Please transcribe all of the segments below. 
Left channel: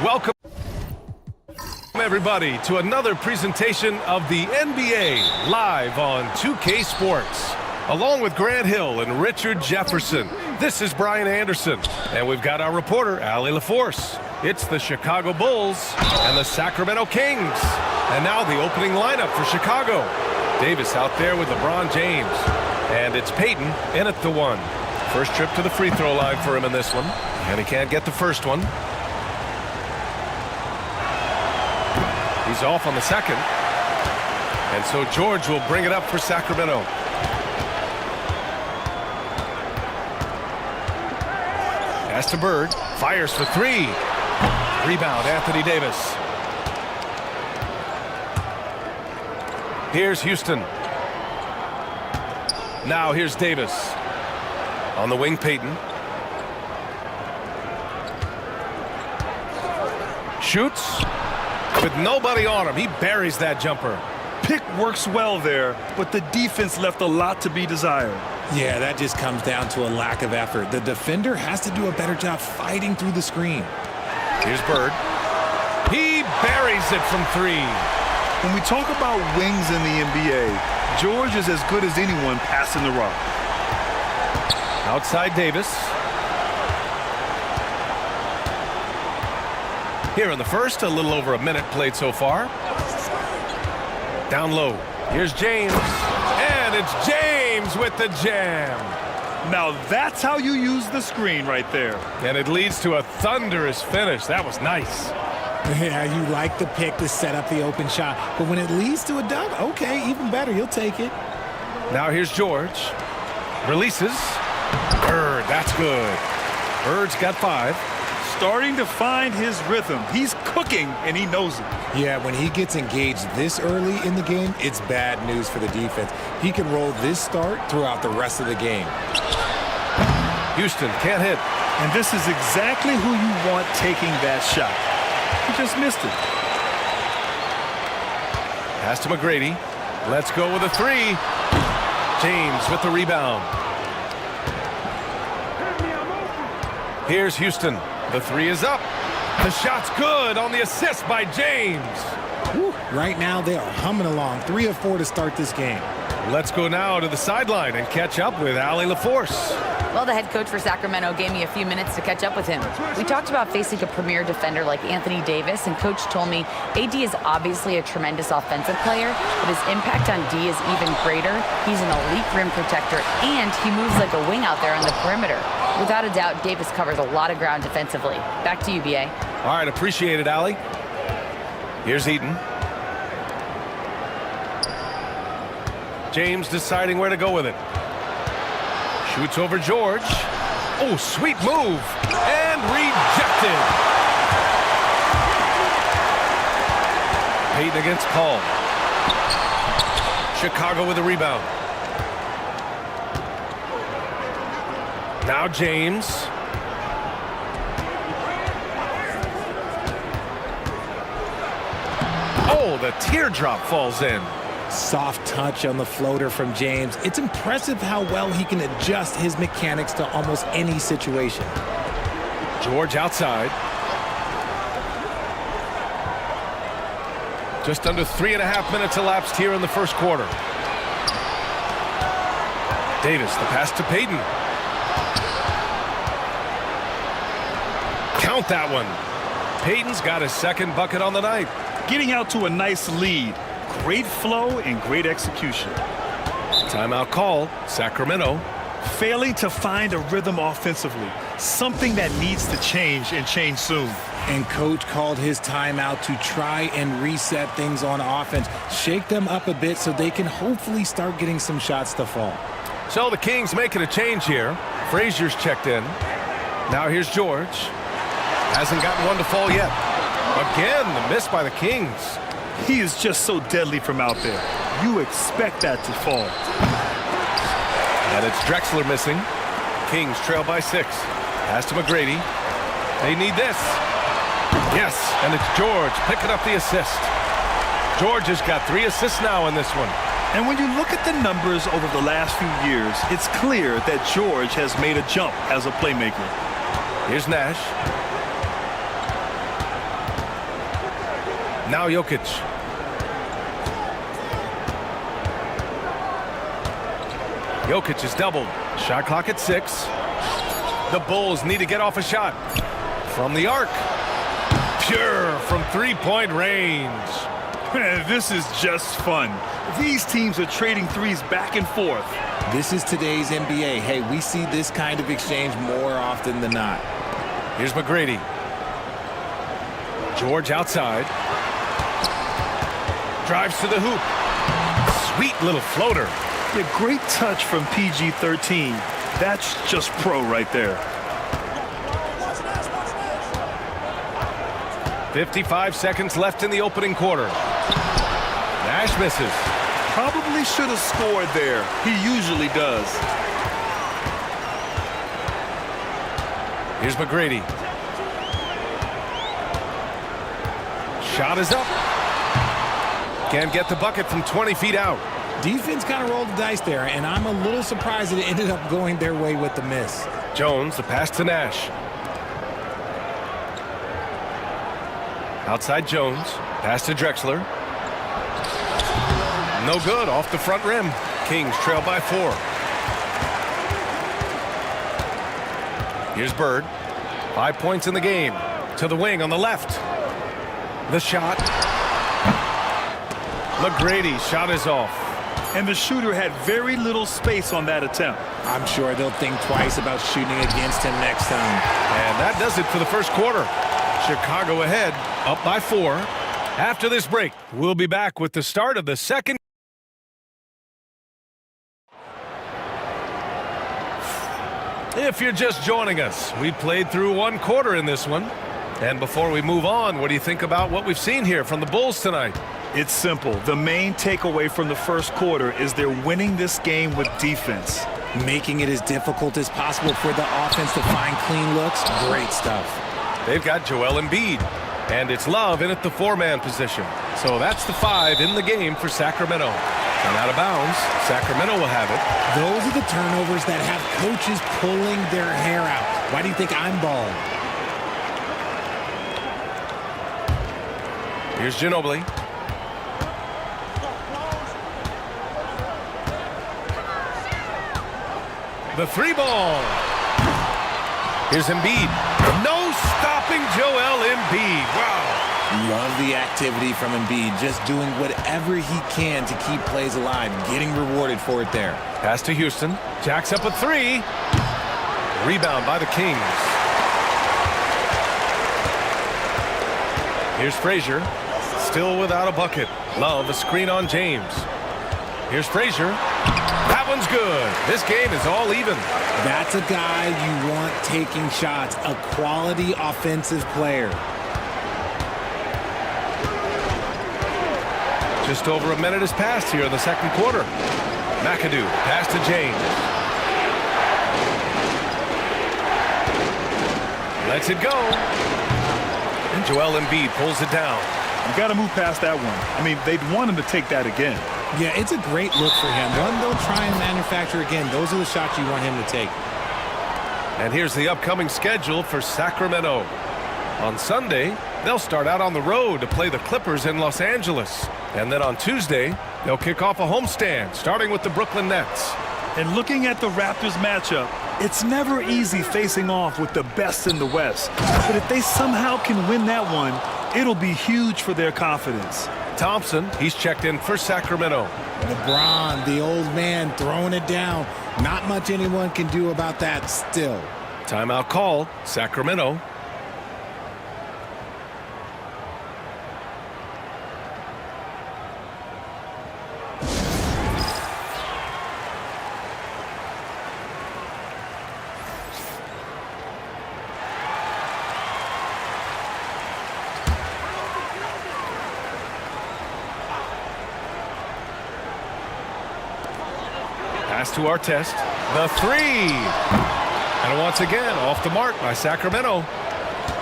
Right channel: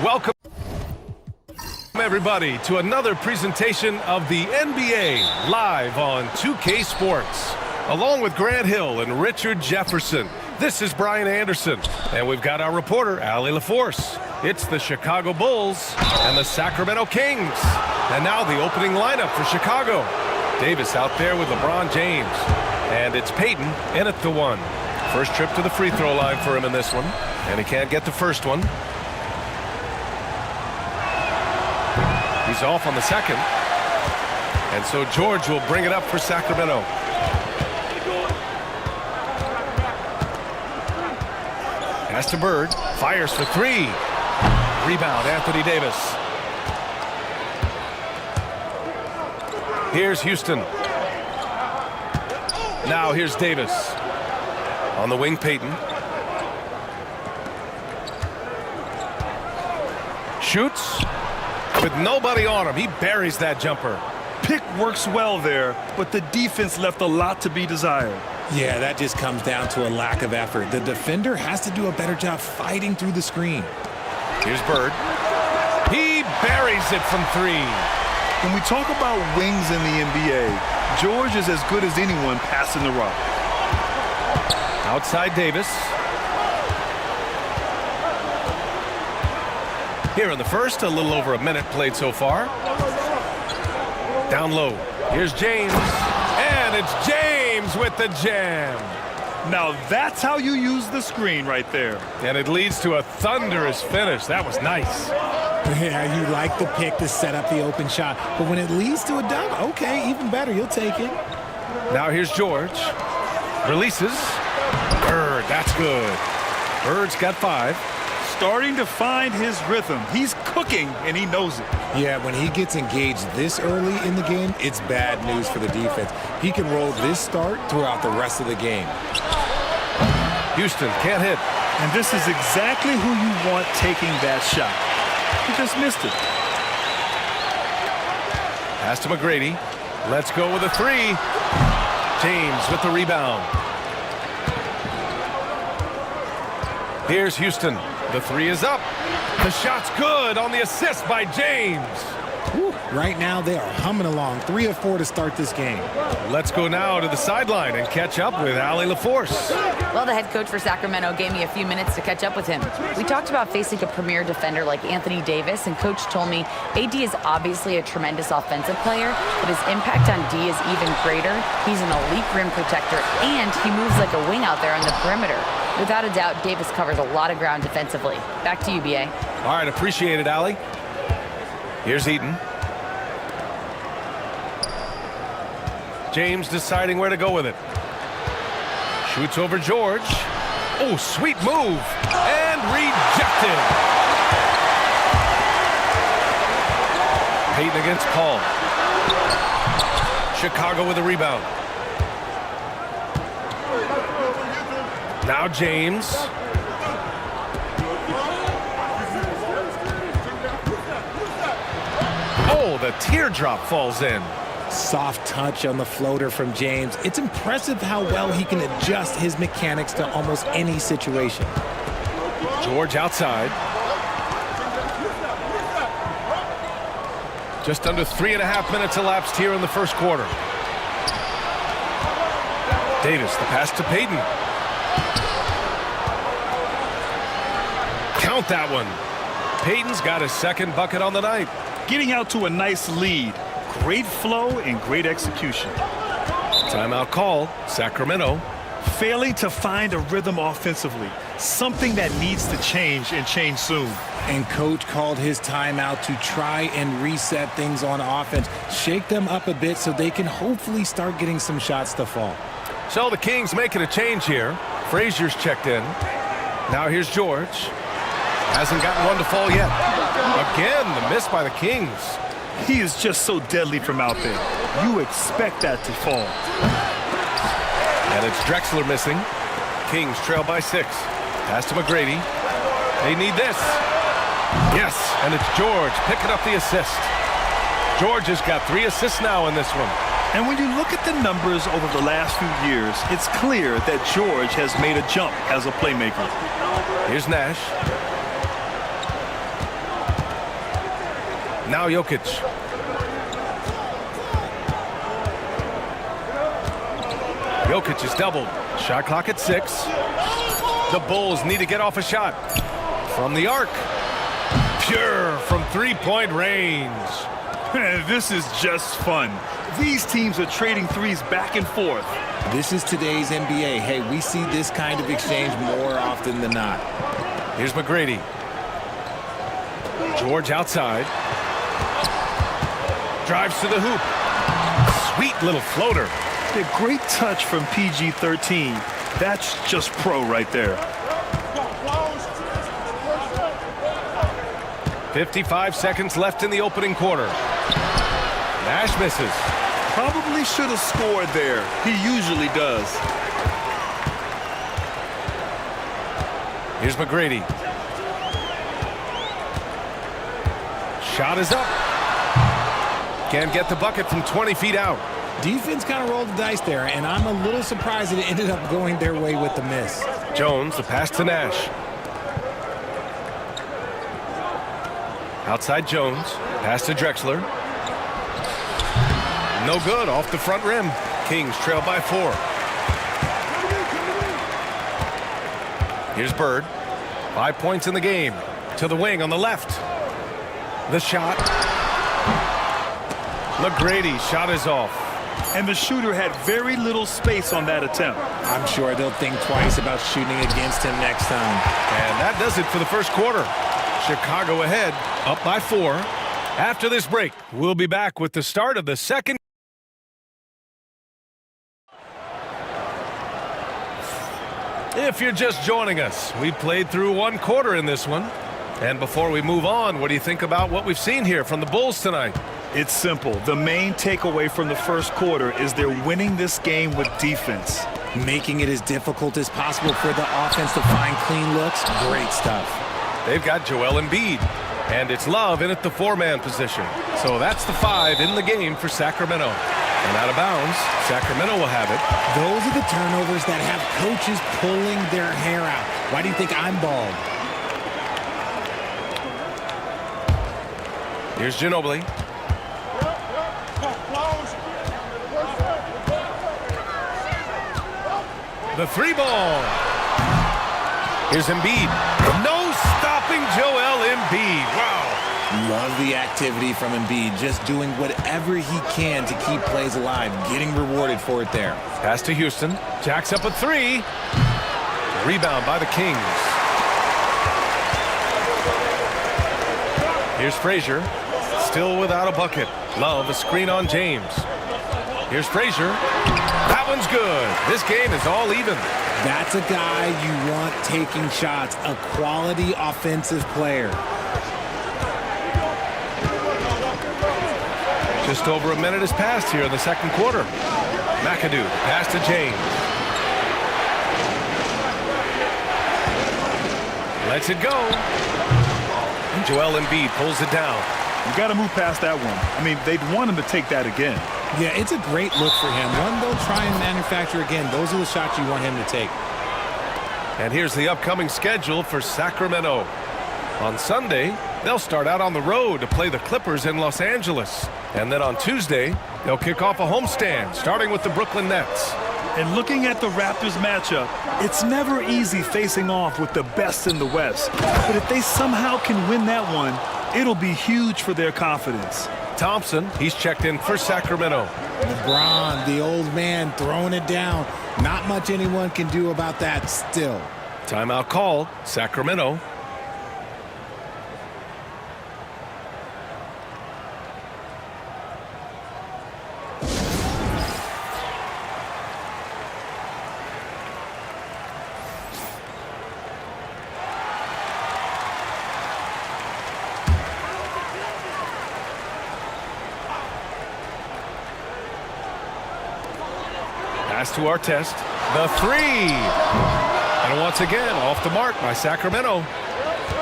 Welcome, everybody, to another presentation of the NBA live on 2K Sports. Along with Grant Hill and Richard Jefferson, this is Brian Anderson, and we've got our reporter, Allie LaForce. It's the Chicago Bulls and the Sacramento Kings. And now the opening lineup for Chicago. Davis out there with LeBron James. And it's Payton in at the one. First trip to the free throw line for him in this one. And he can't get the first one. He's off on the second. And so George will bring it up for Sacramento. Pass to Bird. Fires for three. Rebound, Anthony Davis. Here's Houston. Now here's Davis. On the wing, Payton. Shoots. With nobody on him, he buries that jumper. Pick works well there, but the defense left a lot to be desired. Yeah, that just comes down to a lack of effort. The defender has to do a better job fighting through the screen. Here's Bird. He buries it from three. When we talk about wings in the NBA, George is as good as anyone passing the rock. Outside Davis. Here in the first, a little over a minute played so far. Down low. Here's James. And it's James with the jam. Now that's how you use the screen right there. And it leads to a thunderous finish. That was nice. Yeah, you like the pick to set up the open shot. But when it leads to a dunk, okay, even better. You'll take it. Now here's George. Releases. Bird, that's good. Bird's got 5. Starting to find his rhythm. He's cooking, and he knows it. Yeah, when he gets engaged this early in the game, it's bad news for the defense. He can roll this start throughout the rest of the game. Houston can't hit. And this is exactly who you want taking that shot. He just missed it. Pass to McGrady. Let's go with a 3. James with the rebound. Here's Houston. The 3 is up. The shot's good on the assist by James. Whew. Right now, they are humming along. 3 of 4 to start this game. Let's go now to the sideline and catch up with Allie LaForce. Well, the head coach for Sacramento gave me a few minutes to catch up with him. We talked about facing a premier defender like Anthony Davis, and Coach told me AD is obviously a tremendous offensive player, but his impact on D is even greater. He's an elite rim protector, and he moves like a wing out there on the perimeter. Without a doubt, Davis covers a lot of ground defensively. Back to you, BA. All right, appreciate it, Allie. Here's Eaton. James deciding where to go with it. Shoots over George. Oh, sweet move. And rejected. Payton against Paul. Chicago with a rebound. Now James. Oh, the teardrop falls in. Soft touch on the floater from James. It's impressive how well he can adjust his mechanics to almost any situation. George outside. Just under 3.5 minutes elapsed here in the first quarter. Davis, the pass to Payton. Count that one. Payton's got his second bucket on the night. Getting out to a nice lead. Great flow and great execution. Timeout called. Sacramento. Failing to find a rhythm offensively. Something that needs to change and change soon. And Coach called his timeout to try and reset things on offense. Shake them up a bit so they can hopefully start getting some shots to fall. So the Kings making a change here. Frazier's checked in. Now here's George. Hasn't gotten one to fall yet. Again, the miss by the Kings. He is just so deadly from out there. You expect that to fall. And it's Drexler missing. Kings trail by 6. Pass to McGrady. They need this. Yes, and it's George picking up the assist. George has got 3 assists now in this one. And when you look at the numbers over the last few years, it's clear that George has made a jump as a playmaker. Here's Nash. Now Jokic. Jokic is doubled. Shot clock at 6. The Bulls need to get off a shot. From the arc. Pure from three-point range. This is just fun. These teams are trading threes back and forth. This is today's NBA. Hey, we see this kind of exchange more often than not. Here's McGrady. George outside. Drives to the hoop. Sweet little floater. Yeah, great touch from PG-13. That's just pro right there. 55 seconds left in the opening quarter. Nash misses. Probably should have scored there. He usually does. Here's McGrady. Shot is up. Can't get the bucket from 20 feet out. Defense kind of rolled the dice there, and I'm a little surprised that it ended up going their way with the miss. Jones, the pass to Nash. Outside Jones. Pass to Drexler. No good, off the front rim. Kings trail by 4. Here's Bird. 5 points in the game. To the wing on the left. The shot. McGrady, shot is off. And the shooter had very little space on that attempt. I'm sure they'll think twice about shooting against him next time. And that does it for the first quarter. Chicago ahead, up by 4. After this break, we'll be back with the start of the second. If you're just joining us, we played through 1 quarter in this one. And before we move on, what do you think about what we've seen here from the Bulls tonight? It's simple. The main takeaway from the first quarter is they're winning this game with defense. Making it as difficult as possible for the offense to find clean looks. Great stuff. They've got Joel Embiid, and it's Love in at the 4-man position. So that's the 5 in the game for Sacramento. And out of bounds, Sacramento will have it. Those are the turnovers that have coaches pulling their hair out. Why do you think I'm bald? Here's Ginobili. The 3-ball. Here's Embiid. No stopping Joel Embiid. Wow. Love the activity from Embiid. Just doing whatever he can to keep plays alive. Getting rewarded for it there. Pass to Houston. Jacks up a 3. Rebound by the Kings. Here's Frazier. Still without a bucket. Love a screen on James. Here's Frazier. That one's good. This game is all even. That's a guy you want taking shots. A quality offensive player. Just over a minute has passed here in the second quarter. McAdoo, pass to James. Lets it go. And Joel Embiid pulls it down. You got to move past that one. I mean, they'd want him to take that again. Yeah, it's a great look for him. One they'll try and manufacture again. Those are the shots you want him to take. And here's the upcoming schedule for Sacramento. On Sunday, they'll start out on the road to play the Clippers in Los Angeles. And then on Tuesday, they'll kick off a homestand, starting with the Brooklyn Nets. And looking at the Raptors matchup, it's never easy facing off with the best in the West. But if they somehow can win that one, it'll be huge for their confidence. Thompson, he's checked in for Sacramento. LeBron, the old man, throwing it down. Not much anyone can do about that still. Timeout called, Sacramento. Pass to Artest. The 3. And once again, off the mark by Sacramento.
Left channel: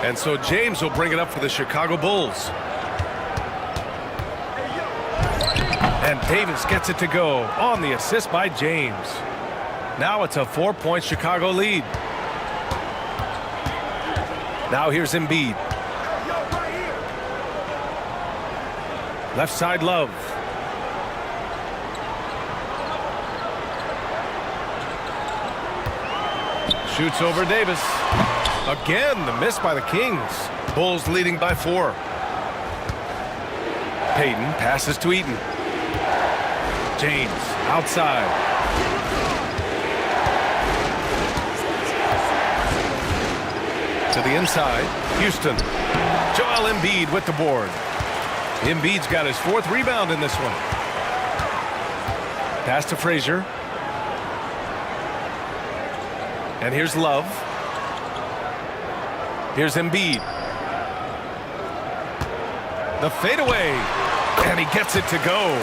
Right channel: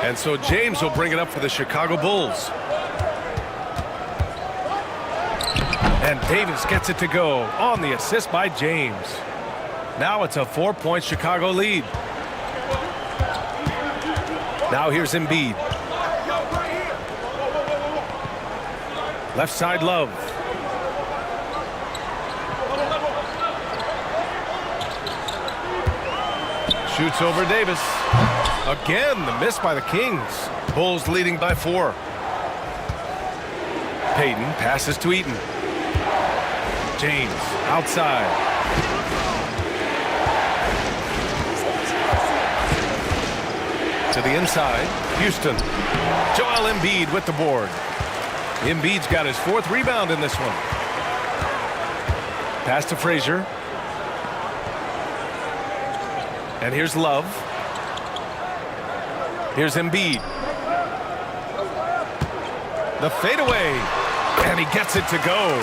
And so James will bring it up for the Chicago Bulls. And Davis gets it to go on the assist by James. Now it's a 4-point Chicago lead. Now here's Embiid. Left side, Love. Shoots over Davis. Again, the miss by the Kings. Bulls leading by 4. Payton passes to Eaton. James outside. To the inside, Houston. Joel Embiid with the board. Embiid's got his 4th rebound in this one. Pass to Frazier. And here's Love. Here's Embiid. The fadeaway. And he gets it to go.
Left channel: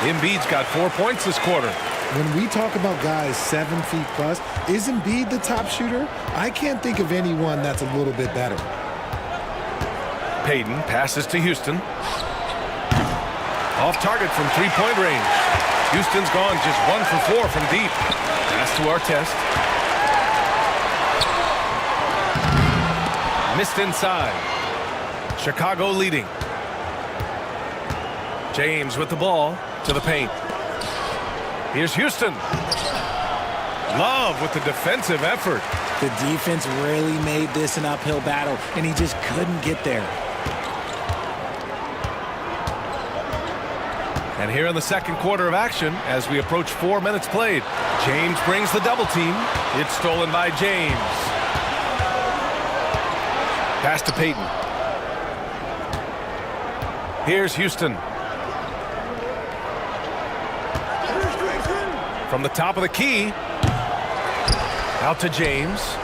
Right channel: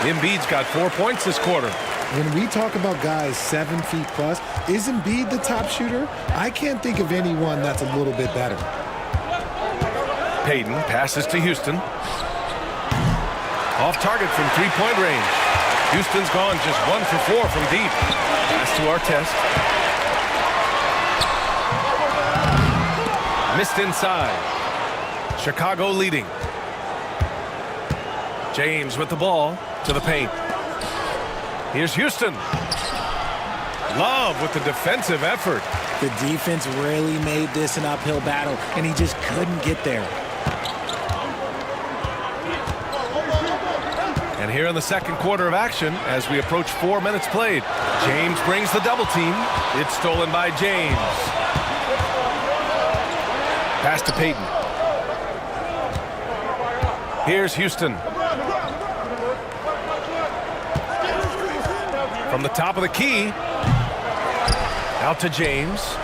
Embiid's got 4 points this quarter. When we talk about guys 7 feet plus, is Embiid the top shooter? I can't think of anyone that's a little bit better. Payton passes to Houston. Off target from 3-point range. Houston's gone just 1 for 4 from deep. Pass to Artest. Missed inside. Chicago leading. James with the ball to the paint. Here's Houston. Love with the defensive effort. The defense really made this an uphill battle, and he just couldn't get there. And here in the second quarter of action, as we approach 4 minutes played, James brings the double team. It's stolen by James. Pass to Payton. Here's Houston. From the top of the key. Out to James.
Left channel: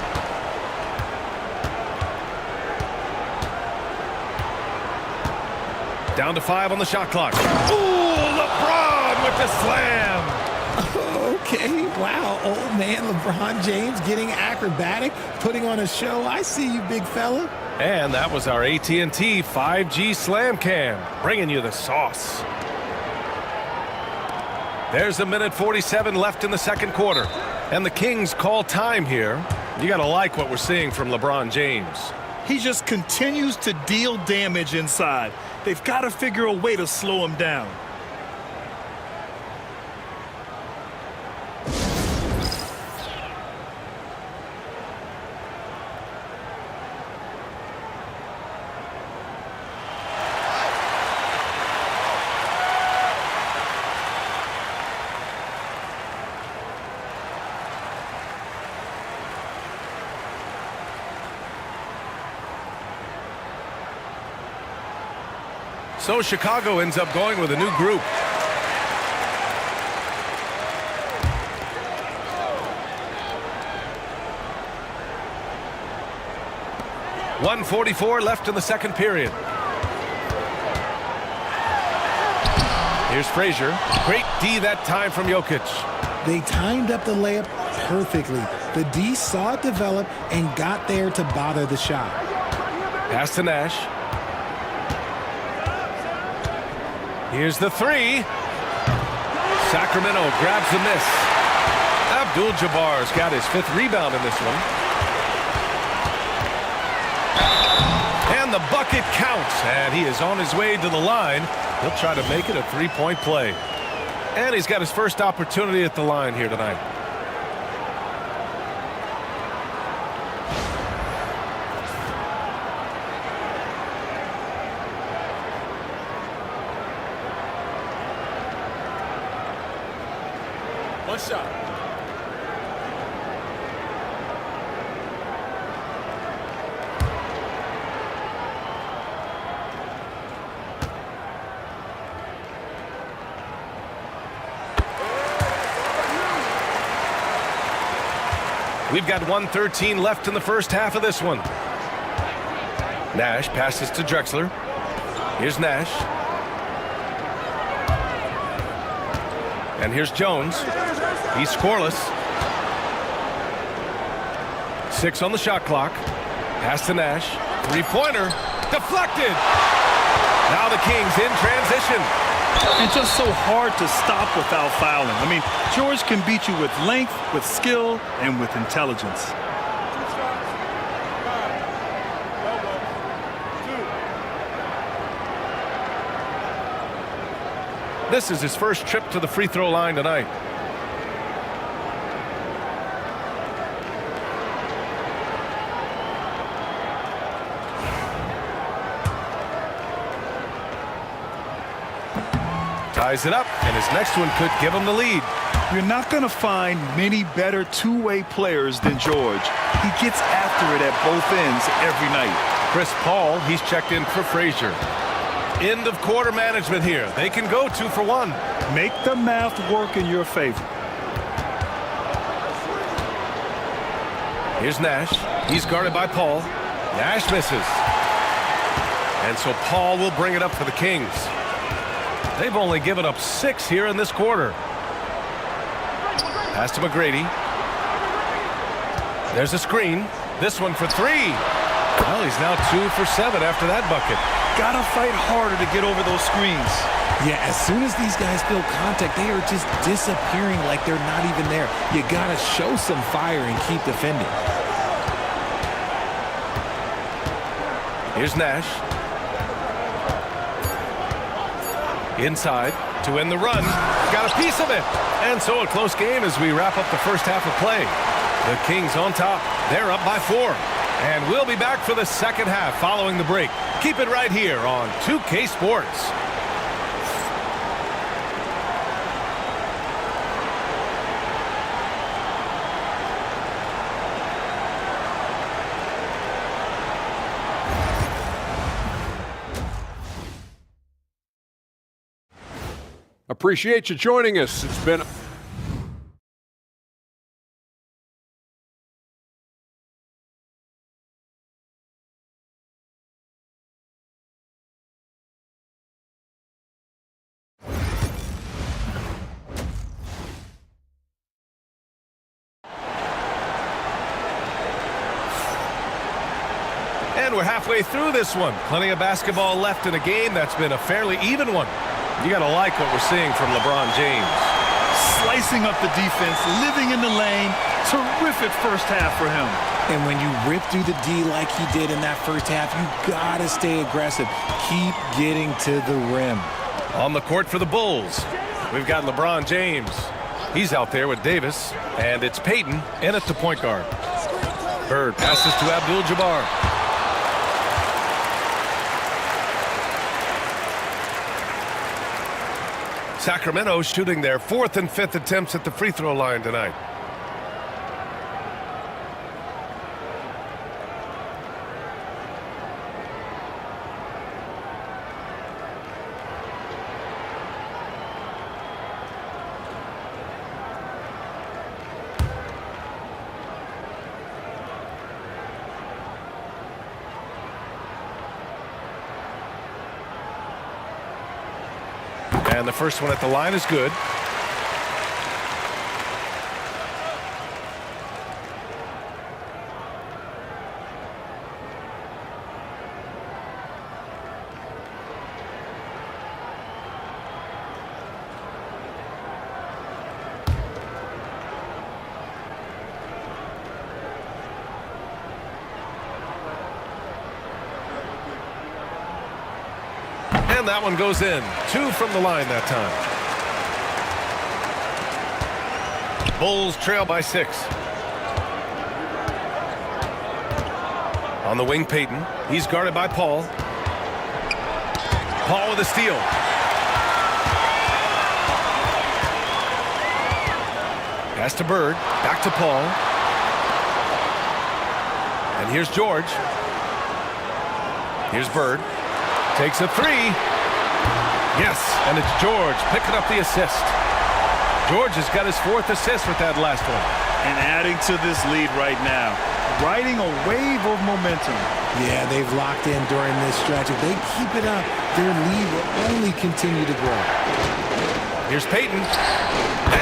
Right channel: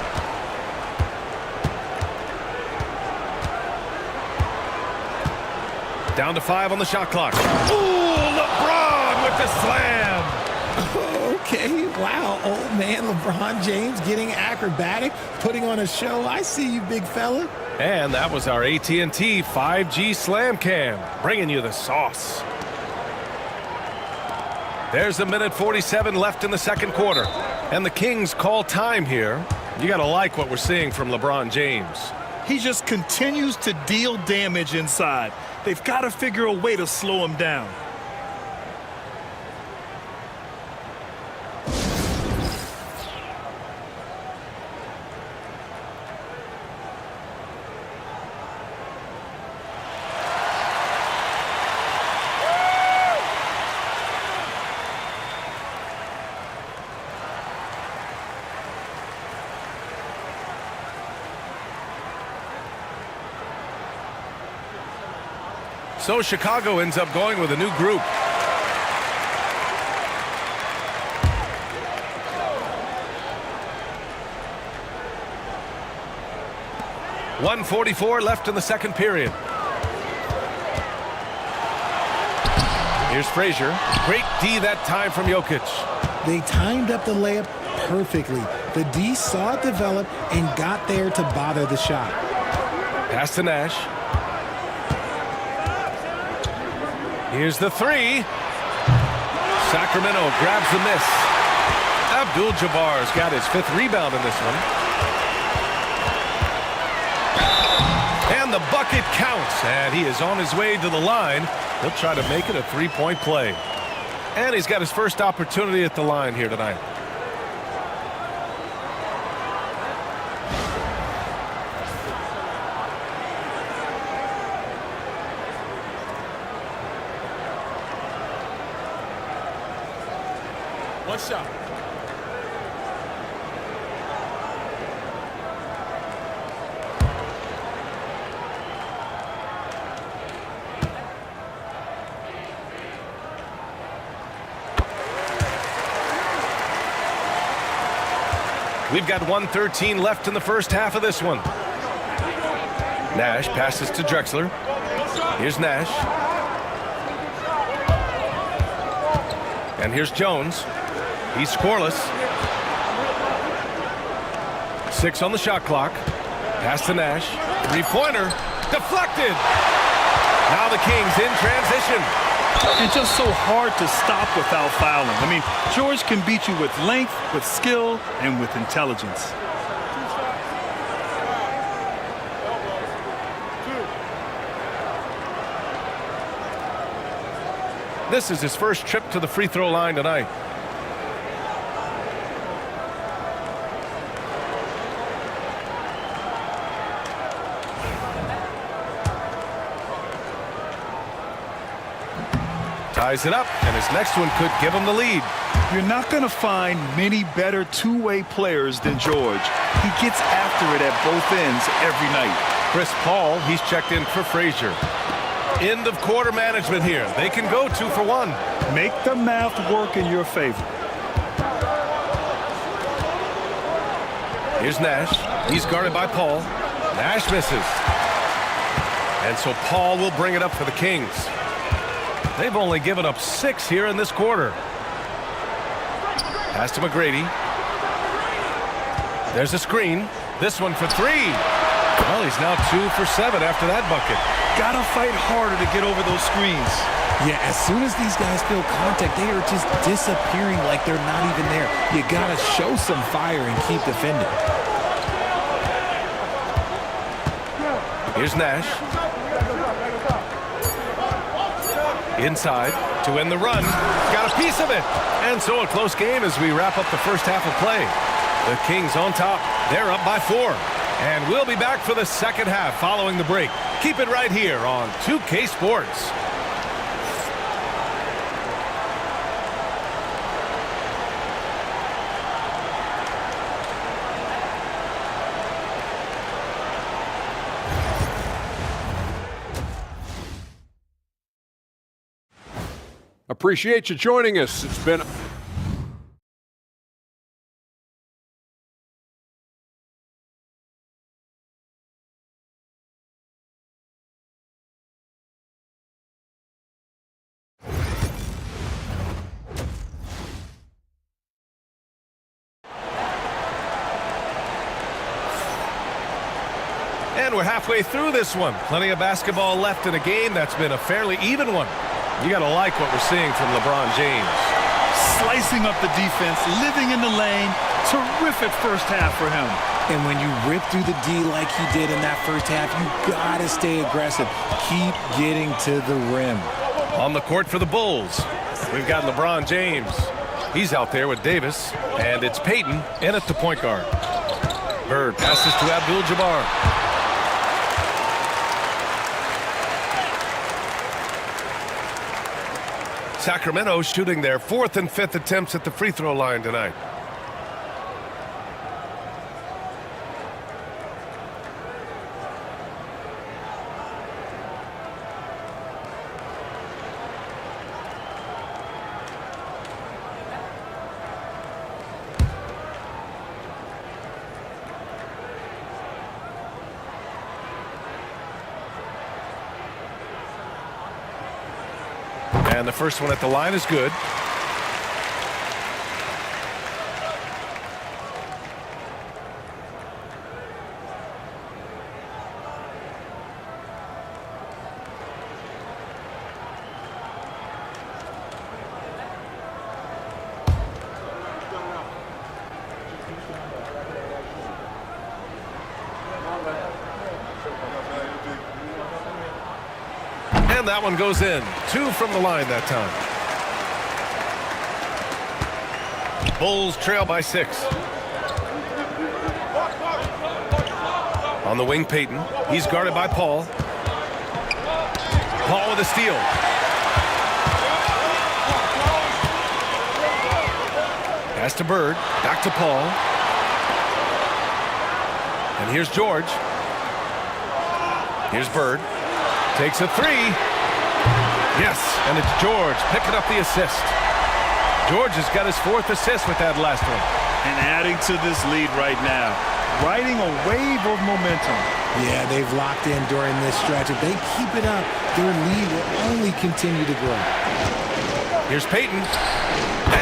Down to 5 on the shot clock. Ooh, LeBron with the slam. Okay, wow, old man LeBron James getting acrobatic, putting on a show. I see you, big fella. And that was our AT&T 5G Slam Cam, bringing you the sauce. There's 1:47 left in the second quarter, and the Kings call time here. You got to like what we're seeing from LeBron James. He just continues to deal damage inside. They've got to figure a way to slow him down. So Chicago ends up going with a new group. .144 left in the second period. Here's Frazier. Great D that time from Jokic. They timed up the layup perfectly. The D saw it develop and got there to bother the shot. Pass to Nash. Here's the 3. Sacramento grabs the miss. Abdul-Jabbar's got his 5th rebound in this one. And the bucket counts, and he is on his way to the line. He'll try to make it a 3-point play. And he's got his first opportunity at the line here tonight. One shot. We've got 1:13 left in the first half of this one. Nash passes to Drexler. Here's Nash. And here's Jones. He's scoreless. 6 on the shot clock. Pass to Nash. 3-pointer. Deflected. Now the Kings in transition. And just so hard to stop without fouling. I mean, George can beat you with length, with skill, and with intelligence. 2 shots. 5. Elbow. 2. This is his first trip to the free throw line tonight. Ties it up, and his next one could give him the lead. You're not going to find many better two-way players than George. He gets after it at both ends every night. Chris Paul, he's checked in for Frazier. End of quarter management here. They can go 2 for 1. Make the math work in your favor. Here's Nash. He's guarded by Paul. Nash misses. And so Paul will bring it up for the Kings. They've only given up 6 here in this quarter. Pass to McGrady. There's a screen. This one for 3. Well, he's now 2 for 7 after that bucket. Gotta fight harder to get over those screens. Yeah, as soon as these guys feel contact, they are just disappearing like they're not even there. You gotta show some fire and keep defending. Here's Nash. Inside to end the run. Got a piece of it. And so a close game as we wrap up the first half of play. The Kings on top. They're up by 4. And we'll be back for the second half following the break. Keep it right here on 2K Sports. Appreciate you joining us. It's been And we're halfway through this one. Plenty of basketball left in a game that's been a fairly even one. You got to like what we're seeing from LeBron James. Slicing up the defense, living in the lane. Terrific first half for him. And when you rip through the D like he did in that first half, you got to stay aggressive. Keep getting to the rim. On the court for the Bulls, we've got LeBron James. He's out there with Davis, and it's Payton in at the point guard. Bird passes to Abdul-Jabbar. Sacramento shooting their 4th and 5th attempts at the free throw line tonight. And the first one at the line is good. And that one goes in. 2 from the line that time. Bulls trail by 6. On the wing, Payton. He's guarded by Paul. Paul with a steal. Pass to Bird. Back to Paul. And here's George. Here's Bird. Takes a 3. Yes, and it's George picking up the assist. George has got his 4th assist with that last one. And adding to this lead right now. Riding a wave of momentum. Yeah, they've locked in during this stretch. If they keep it up, their lead will only continue to grow. Here's Payton.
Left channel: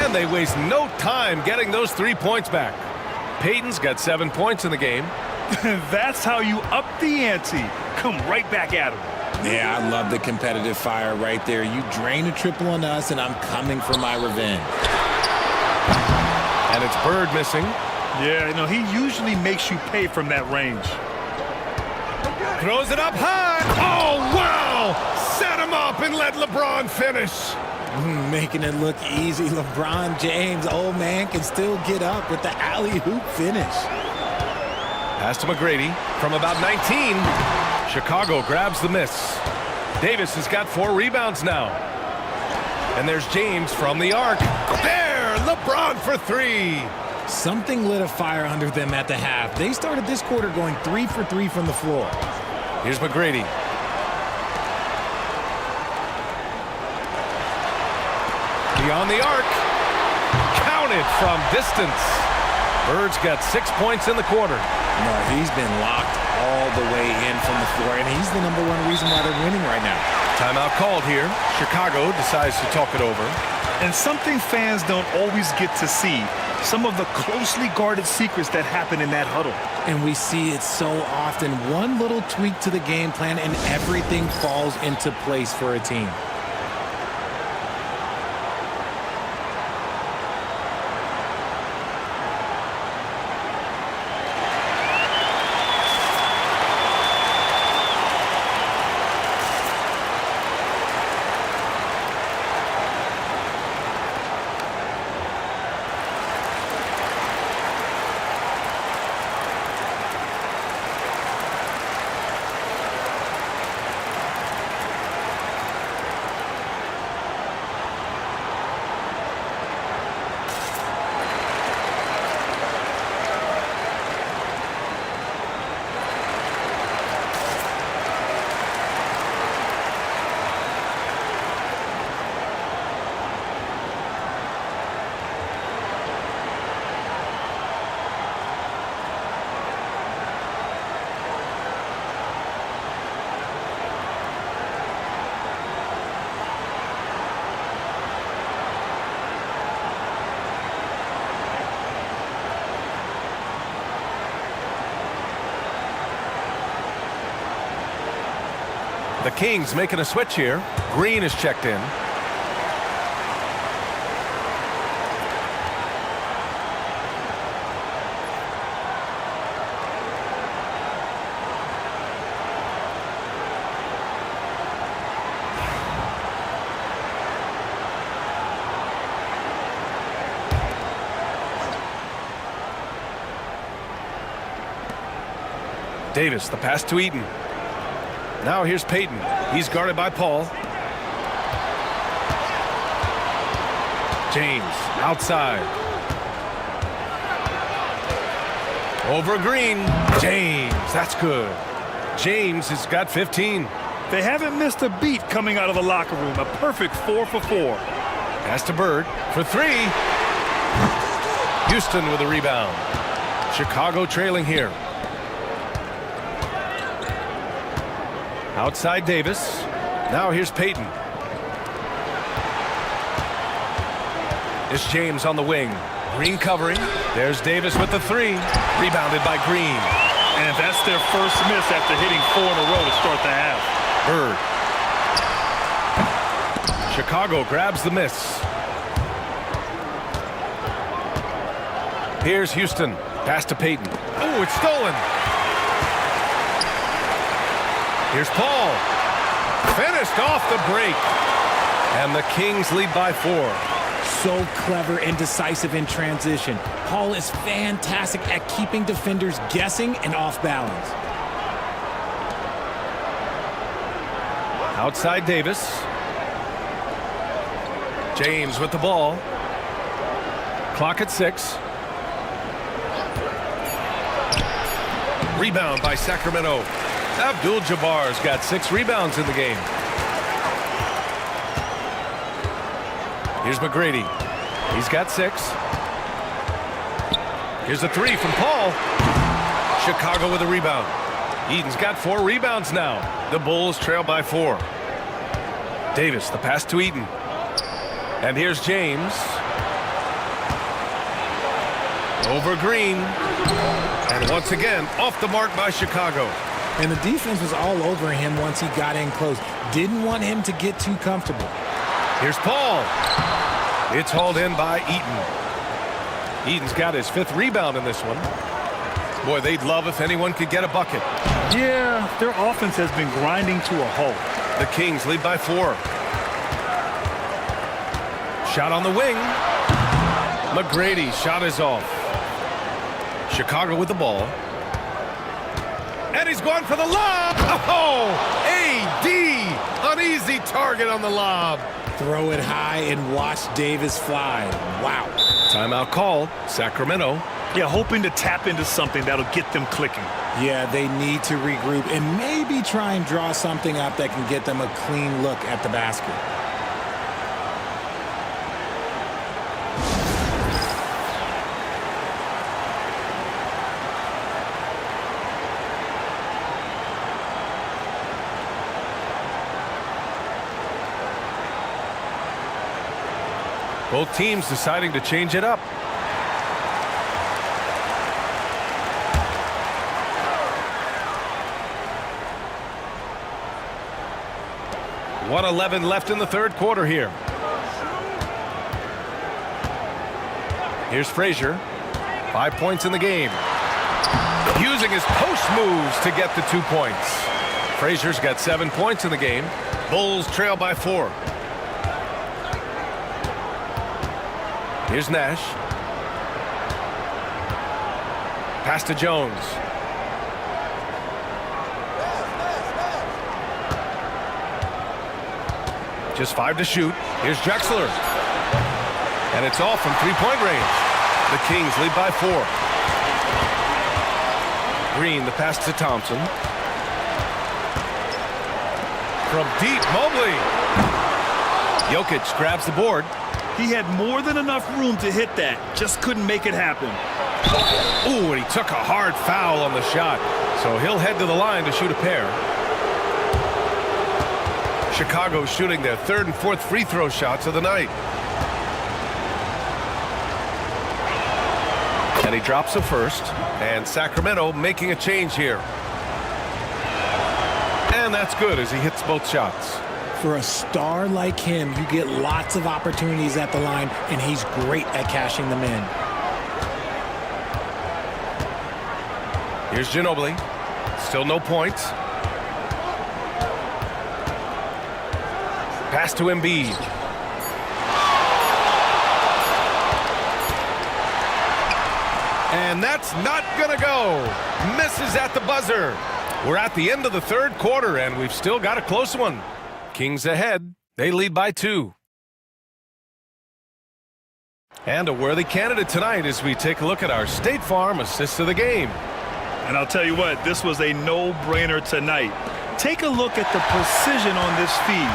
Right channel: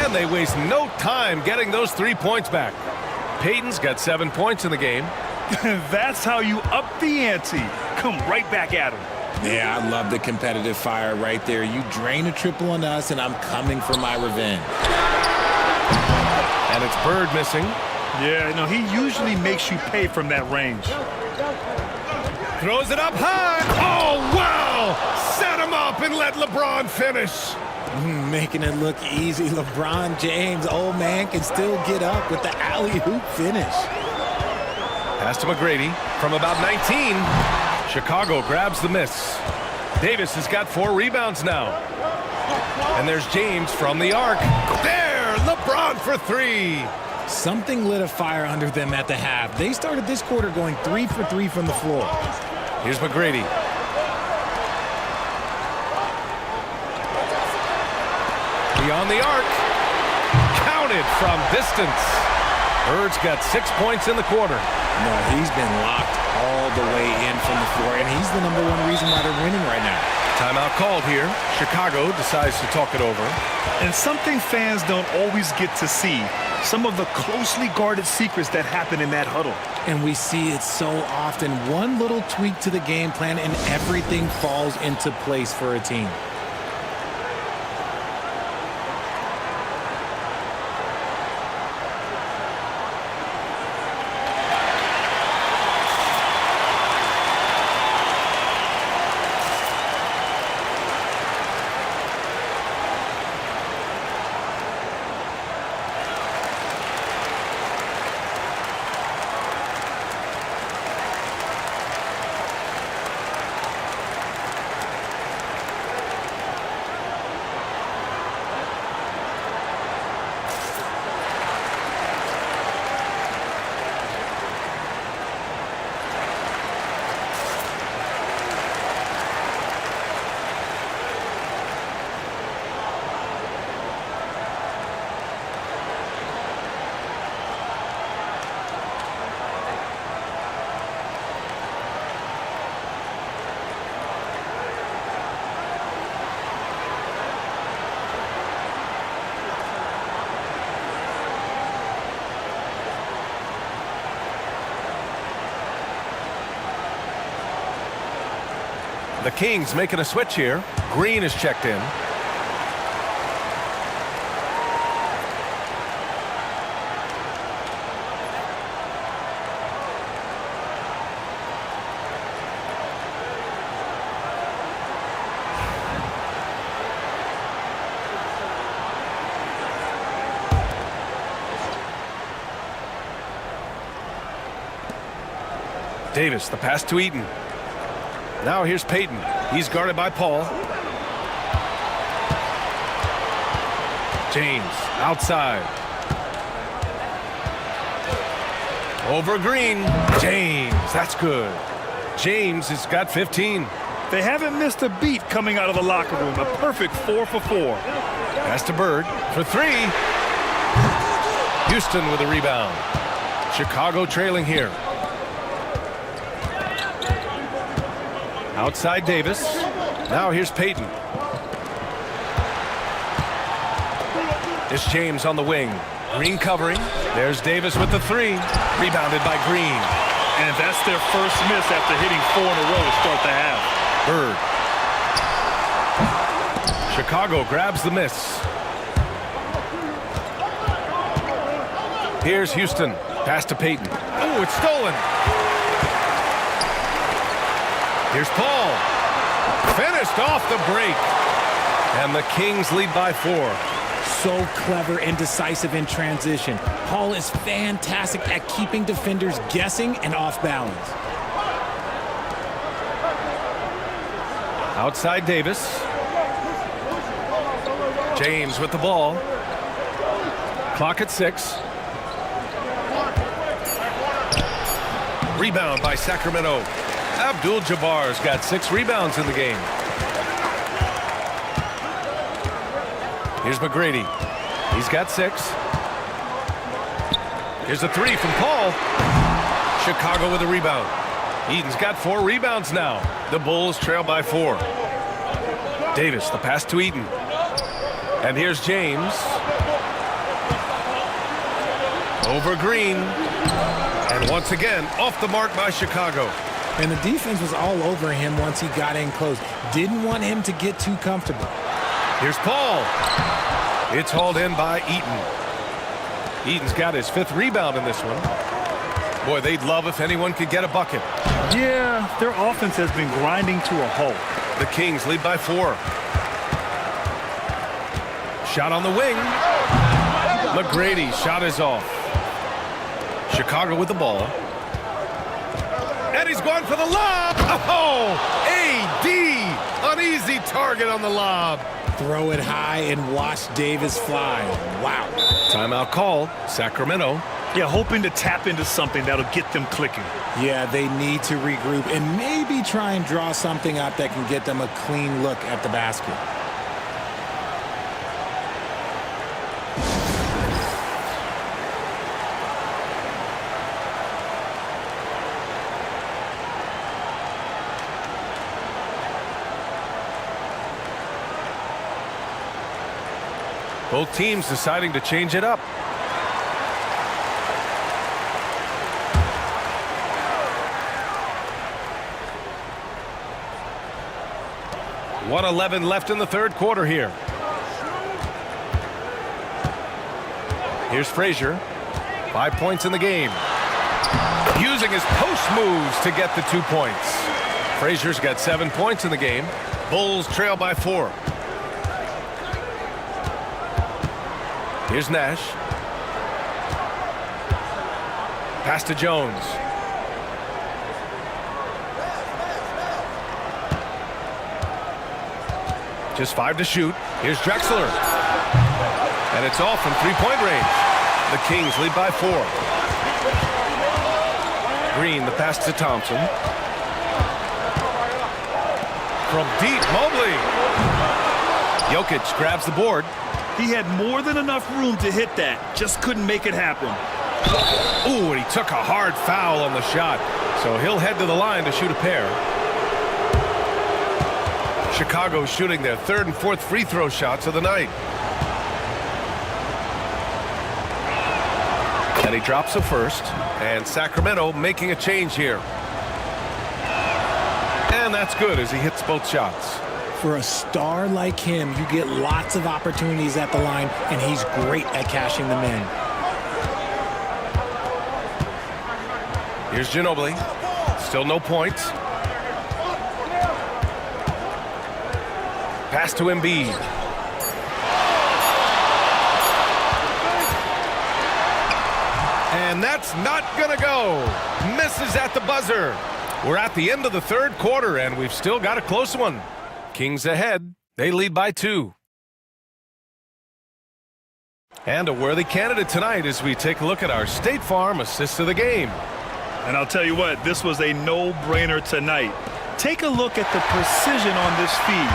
And they waste no time getting those 3 points back. Payton's got 7 points in the game. That's how you up the ante. Come right back at him. Yeah, I love the competitive fire right there. You drain a triple on us, and I'm coming for my revenge. And it's Bird missing. Yeah, no, he usually makes you pay from that range. Throws it up high. Oh, wow! Set him up and let LeBron finish. Making it look easy. LeBron James, old man, can still get up with the alley-oop finish. Pass to McGrady from about 19. Chicago grabs the miss. Davis has got 4 rebounds now. And there's James from the arc. There, LeBron for 3. Something lit a fire under them at the half. They started this quarter going 3 for 3 from the floor. Here's McGrady. Beyond the arc. Counted from distance. Bird's got 6 points in the quarter. No, he's been locked all the way in from the floor, and he's the #1 reason why they're winning right now. Timeout called here. Chicago decides to talk it over. And something fans don't always get to see, some of the closely guarded secrets that happen in that huddle. And we see it so often. One little tweak to the game plan, and everything falls into place for a team. The Kings making a switch here. Green is checked in. Davis, the pass to Eaton. Now here's Payton. He's guarded by Paul. James outside. Over Green. James, that's good. James has got 15. They haven't missed a beat coming out of the locker room. A perfect 4 for 4. Pass to Bird for 3. Houston with a rebound. Chicago trailing here. Outside Davis. Now here's Payton. It's James on the wing. Green covering. There's Davis with the 3. Rebounded by Green. And that's their first miss after hitting 4 in a row to start the half. Bird. Chicago grabs the miss. Here's Houston. Pass to Payton. Oh, it's stolen. Here's Paul. Finished off the break. And the Kings lead by 4. So clever and decisive in transition. Paul is fantastic at keeping defenders guessing and off balance. Outside Davis. James with the ball. Clock at 6. Rebound by Sacramento. Abdul-Jabbar's got 6 rebounds in the game. Here's McGrady. He's got 6. Here's a 3 from Paul. Chicago with a rebound. Eaton's got 4 rebounds now. The Bulls trail by 4. Davis, the pass to Eaton. And here's James. Over Green. And once again, off the mark by Chicago. And the defense was all over him once he got in close. Didn't want him to get too comfortable. Here's Paul. It's hauled in by Eaton. Eaton's got his 5th rebound in this one. Boy, they'd love if anyone could get a bucket. Yeah, their offense has been grinding to a halt. The Kings lead by 4. Shot on the wing. McGrady shot is off. Chicago with the ball. And he's going for the lob. Oh, AD, an easy target on the lob. Throw it high and watch Davis fly. Wow. Timeout called, Sacramento. Yeah, hoping to tap into something that'll get them clicking. Yeah, they need to regroup and maybe try and draw something up that can get them a clean look at the basket. Both teams deciding to change it up. .111 left in the third quarter here. Here's Frazier. 5 points in the game. Using his post moves to get the 2 points. Frazier's got 7 points in the game. Bulls trail by 4. Here's Nash. Pass to Jones. Just 5 to shoot. Here's Drexler. And it's all from three-point range. The Kings lead by 4. Green, the pass to Thompson. From deep, Mobley. Jokic grabs the board. He had more than enough room to hit that. Just couldn't make it happen. Ooh, and he took a hard foul on the shot. So he'll head to the line to shoot a pair. Chicago shooting their third and fourth free throw shots of the night. And he drops a first. And Sacramento making a change here. And that's good as he hits both shots. For a star like him, you get lots of opportunities at the line, and he's great at cashing them in. Here's Ginobili. Still no points. Pass to Embiid. And that's not gonna go. Misses at the buzzer. We're at the end of the third quarter, and we've still got a close one. Kings ahead. They lead by 2. And a worthy candidate tonight as we take a look at our State Farm assist of the game. And I'll tell you what, this was a no-brainer tonight. Take a look at the precision on this feed.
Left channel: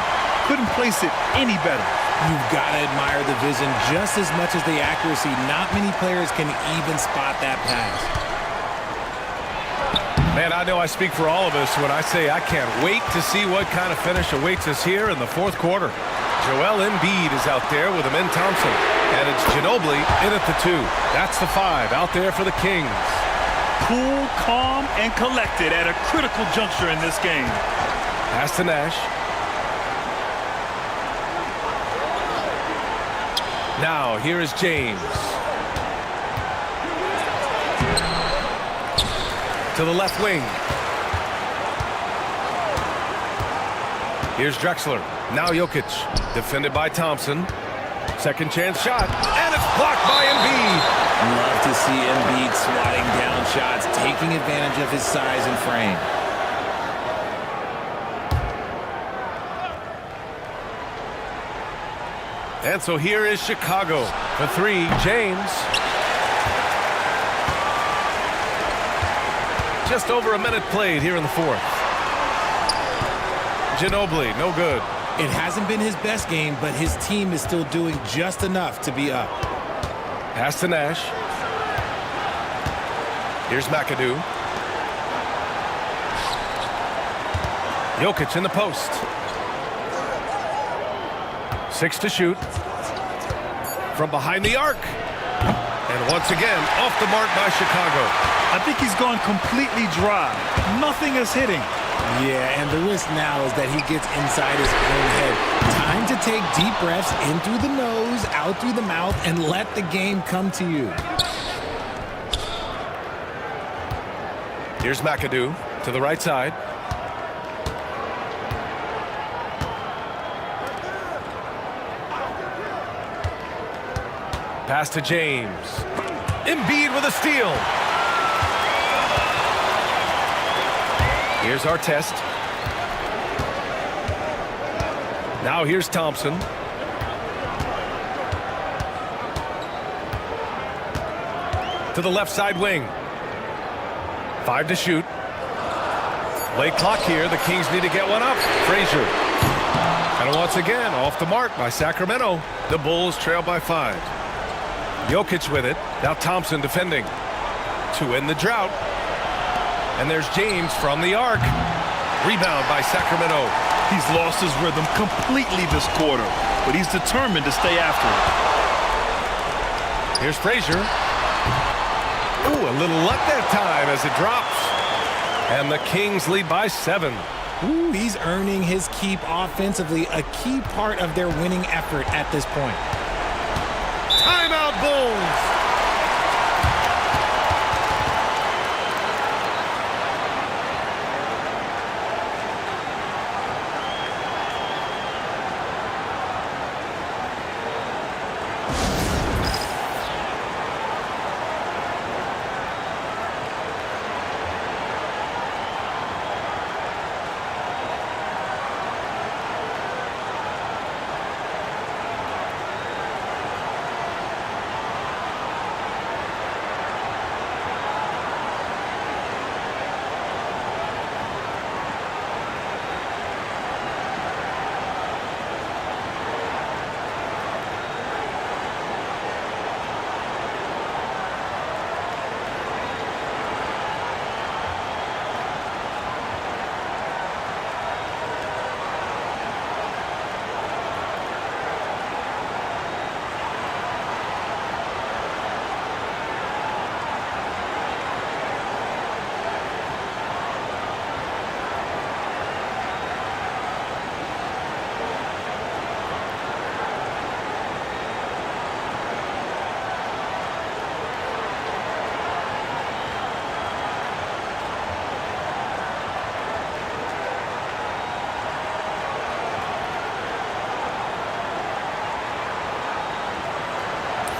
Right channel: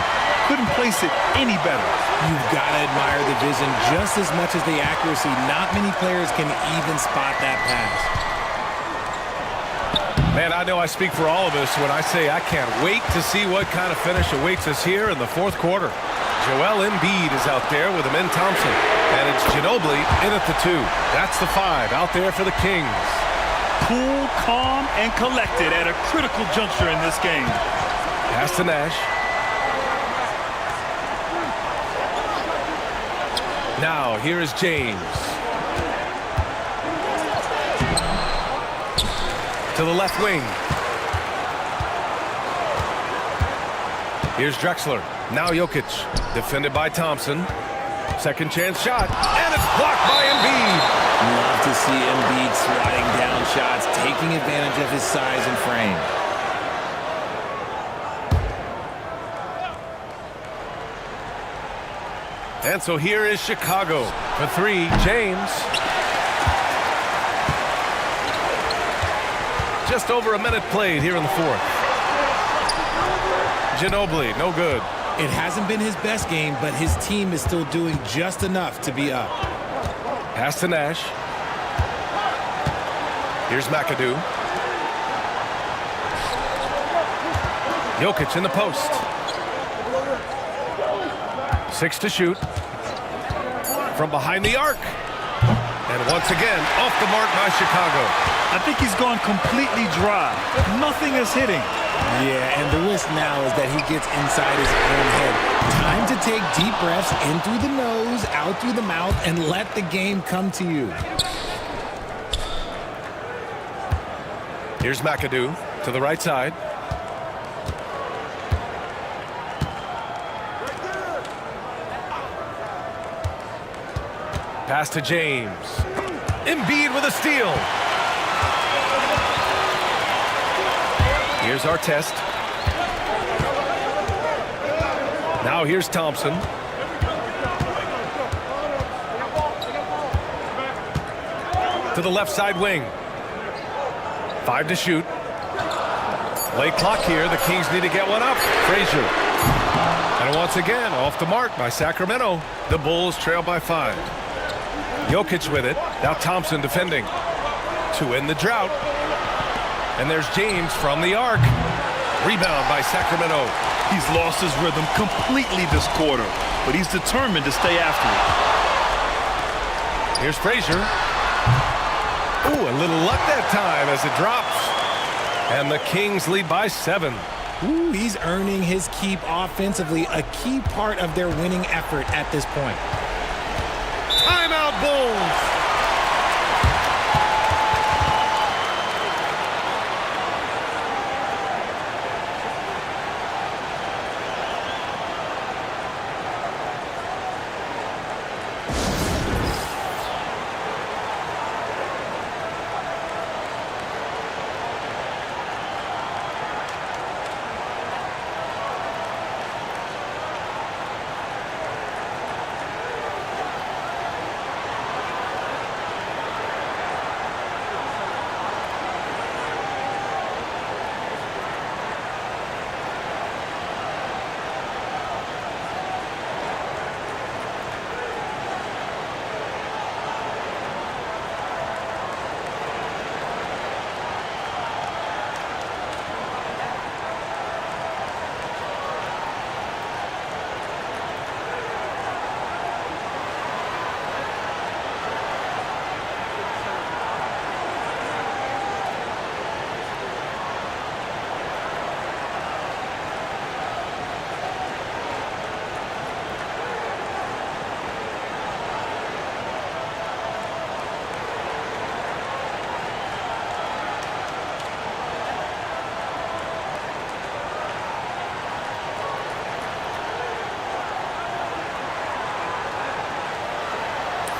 Couldn't place it any better. You've got to admire the vision just as much as the accuracy. Not many players can even spot that pass. Man, I know I speak for all of us when I say I can't wait to see what kind of finish awaits us here in the fourth quarter. Joel Embiid is out there with Amen Thompson. And it's Ginobili in at the 2. That's the 5 out there for the Kings. Cool, calm, and collected at a critical juncture in this game. Pass to Nash. Now, here is James. To the left wing. Here's Drexler. Now Jokic. Defended by Thompson. Second chance shot. And it's blocked by Embiid. Love to see Embiid swatting down shots, taking advantage of his size and frame. And so here is Chicago. For 3, James. Just over a minute played here in the fourth. Ginobili, no good. It hasn't been his best game, but his team is still doing just enough to be up. Pass to Nash. Here's McAdoo. Jokic in the post. 6 to shoot. From behind the arc. And once again, off the mark by Chicago. I think he's gone completely dry. Nothing is hitting. Yeah, and the risk now is that he gets inside his own head. Time to take deep breaths in through the nose, out through the mouth, and let the game come to you. Here's McAdoo to the right side. Pass to James. Embiid with a steal. Here's Artest. Now here's Thompson. To the left side wing. 5 to shoot. Late clock here. The Kings need to get one up. Frazier. And once again, off the mark by Sacramento. The Bulls trail by 5. Jokic with it. Now Thompson defending. To end the drought. And there's James from the arc. Rebound by Sacramento. He's lost his rhythm completely this quarter, but he's determined to stay after it. Here's Frazier. Ooh, a little luck that time as it drops. And the Kings lead by 7. Ooh, he's earning his keep offensively, a key part of their winning effort at this point. Timeout Bulls.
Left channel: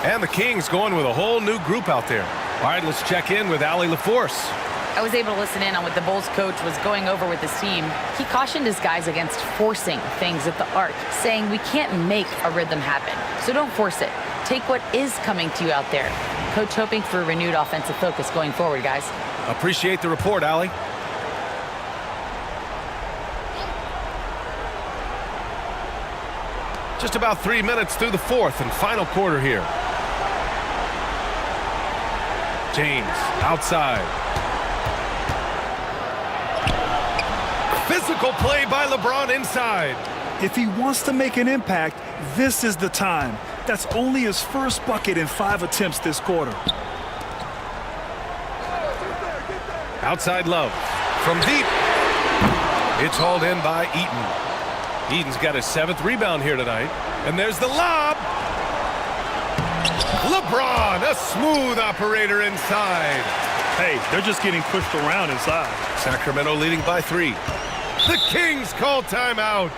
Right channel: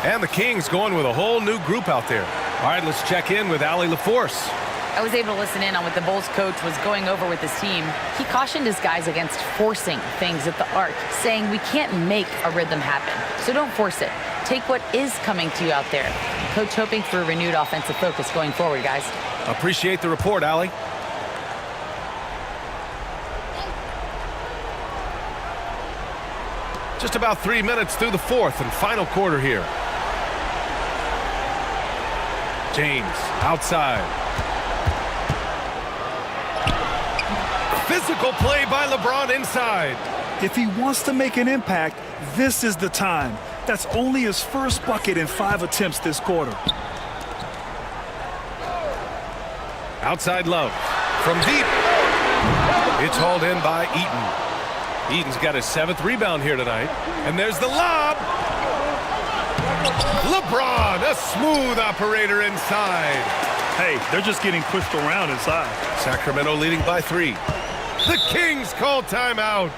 And the Kings going with a whole new group out there. All right, let's check in with Allie LaForce. I was able to listen in on what the Bulls coach was going over with his team. He cautioned his guys against forcing things at the arc, saying we can't make a rhythm happen, so don't force it. Take what is coming to you out there. Coach hoping for a renewed offensive focus going forward, guys. Appreciate the report, Allie. Just about 3 minutes through the fourth and final quarter here. James outside. Physical play by LeBron inside. If he wants to make an impact, this is the time. That's only his first bucket in 5 attempts this quarter. Outside Love from deep. It's hauled in by Eaton. Eaton's got his 7th rebound here tonight. And there's the lob. LeBron, a smooth operator inside. Hey, they're just getting pushed around inside. Sacramento leading by 3. The Kings call timeout.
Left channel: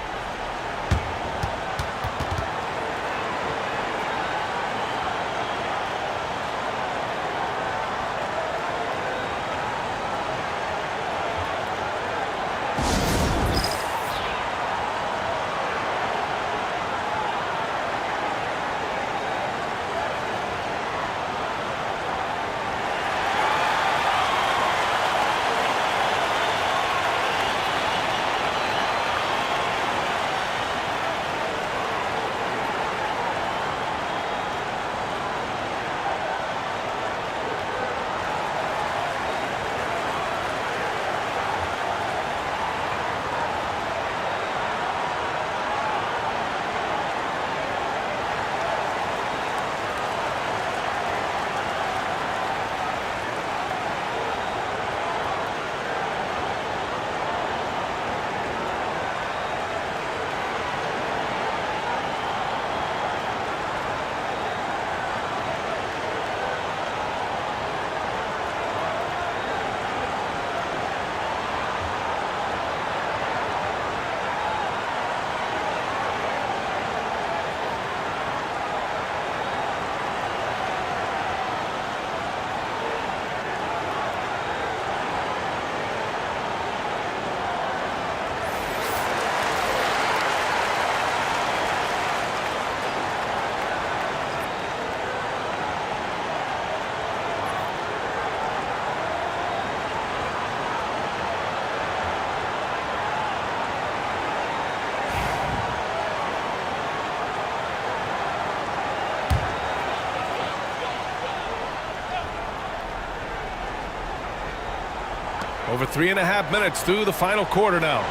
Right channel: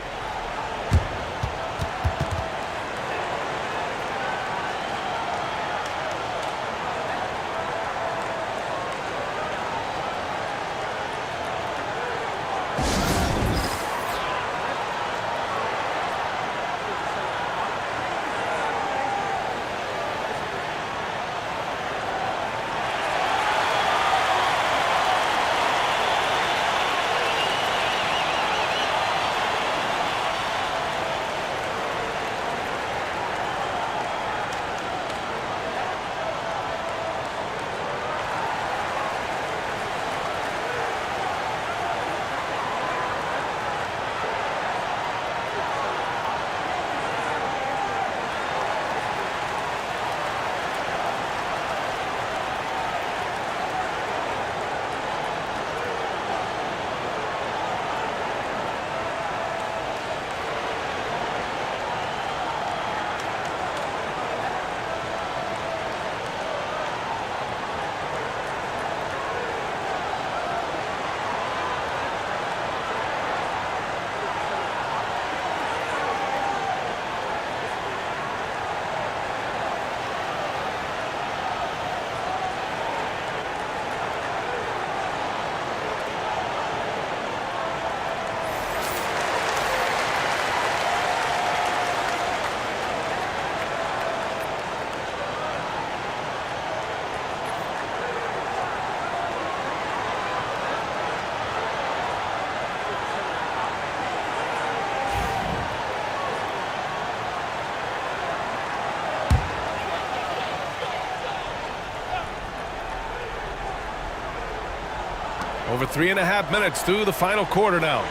Over 3.5 minutes through the final quarter now.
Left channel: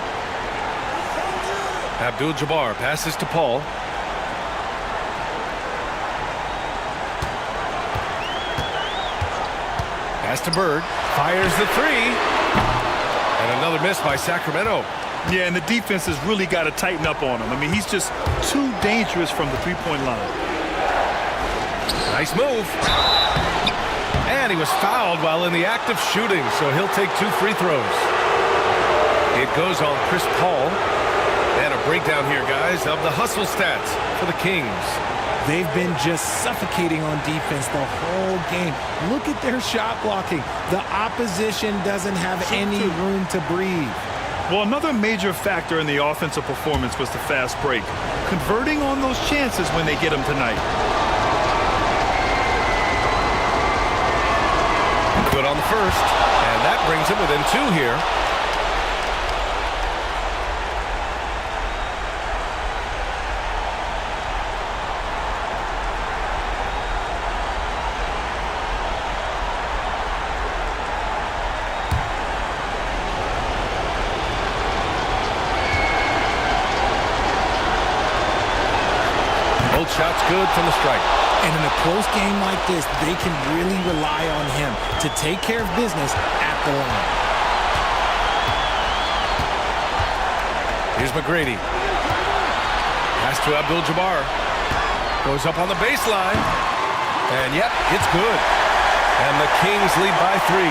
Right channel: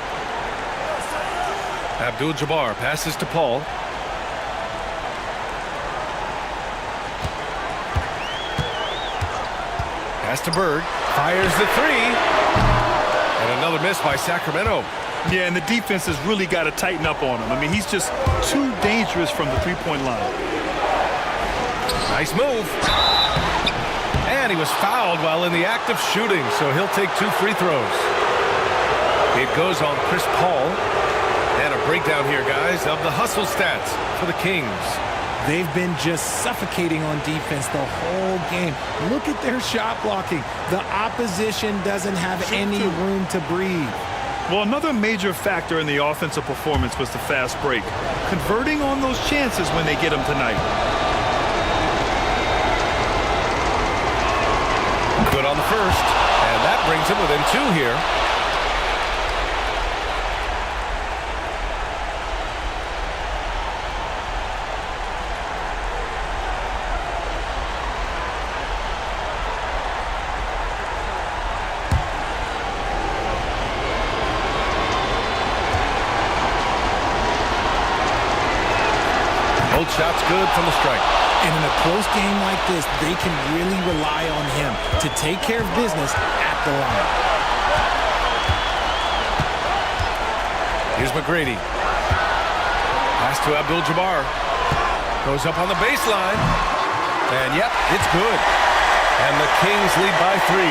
Abdul-Jabbar passes to Paul. Pass to Bird. Fires the three. And another miss by Sacramento. Yeah, and the defense has really got to tighten up on him. I mean, he's just too dangerous from the three-point line. Nice move. And he was fouled while in the act of shooting, so he'll take 2 free throws. It goes on Chris Paul. And a breakdown here, guys, of the hustle stats for the Kings. They've been just suffocating on defense the whole game. Look at their shot blocking. The opposition doesn't have any room to breathe. Well, another major factor in the offensive performance was the fast break. Converting on those chances when they get them tonight. Good on the first, and that brings him within 2 here. Both shots good from the strike. And in a close game like this, they can really rely on him to take care of business at the line. Here's McGrady. Pass to Abdul-Jabbar. Goes up on the baseline. And yep, it's good. And the Kings lead by 3.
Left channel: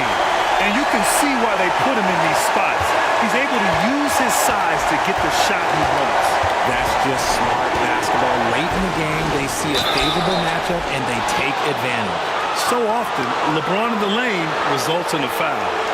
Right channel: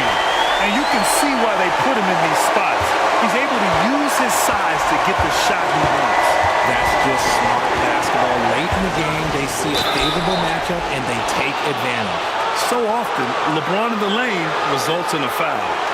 And you can see why they put him in these spots. He's able to use his size to get the shot he wants. That's just smart basketball. Late in the game, they see a favorable matchup, and they take advantage. So often, LeBron in the lane results in a foul.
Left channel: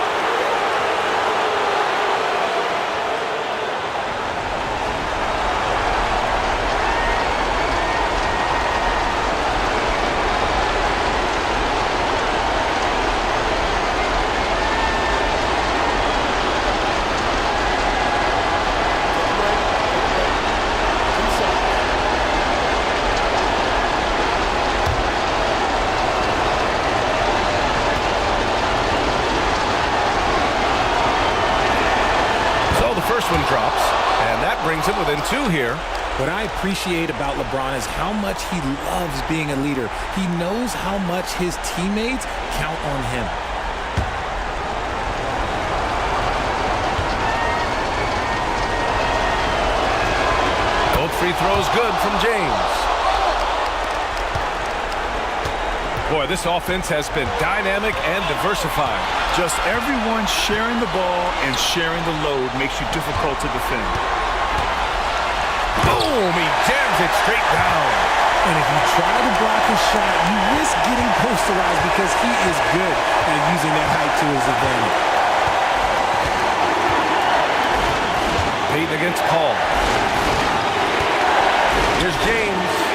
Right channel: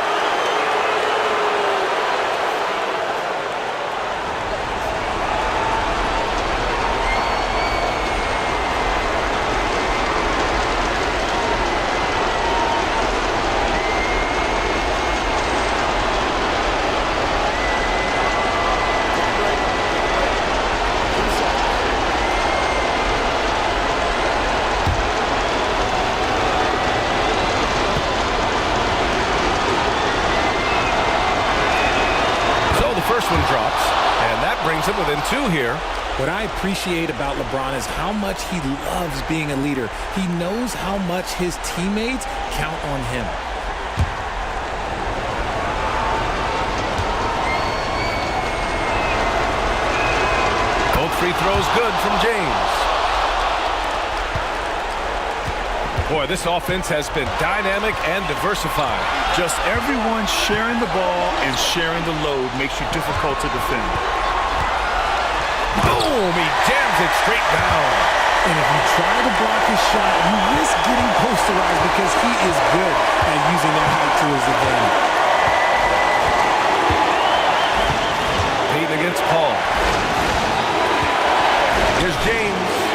First one drops, and that brings him within 2 here. What I appreciate about LeBron is how much he loves being a leader. He knows how much his teammates count on him. Both free throws good from James. Boy, this offense has been dynamic and diversified. Just everyone sharing the ball and sharing the load makes you difficult to defend. Boom! He jams it straight down. And if you try to block his shot, you risk getting posterized because he is good at using that height to his advantage. Payton against Paul. Here's James.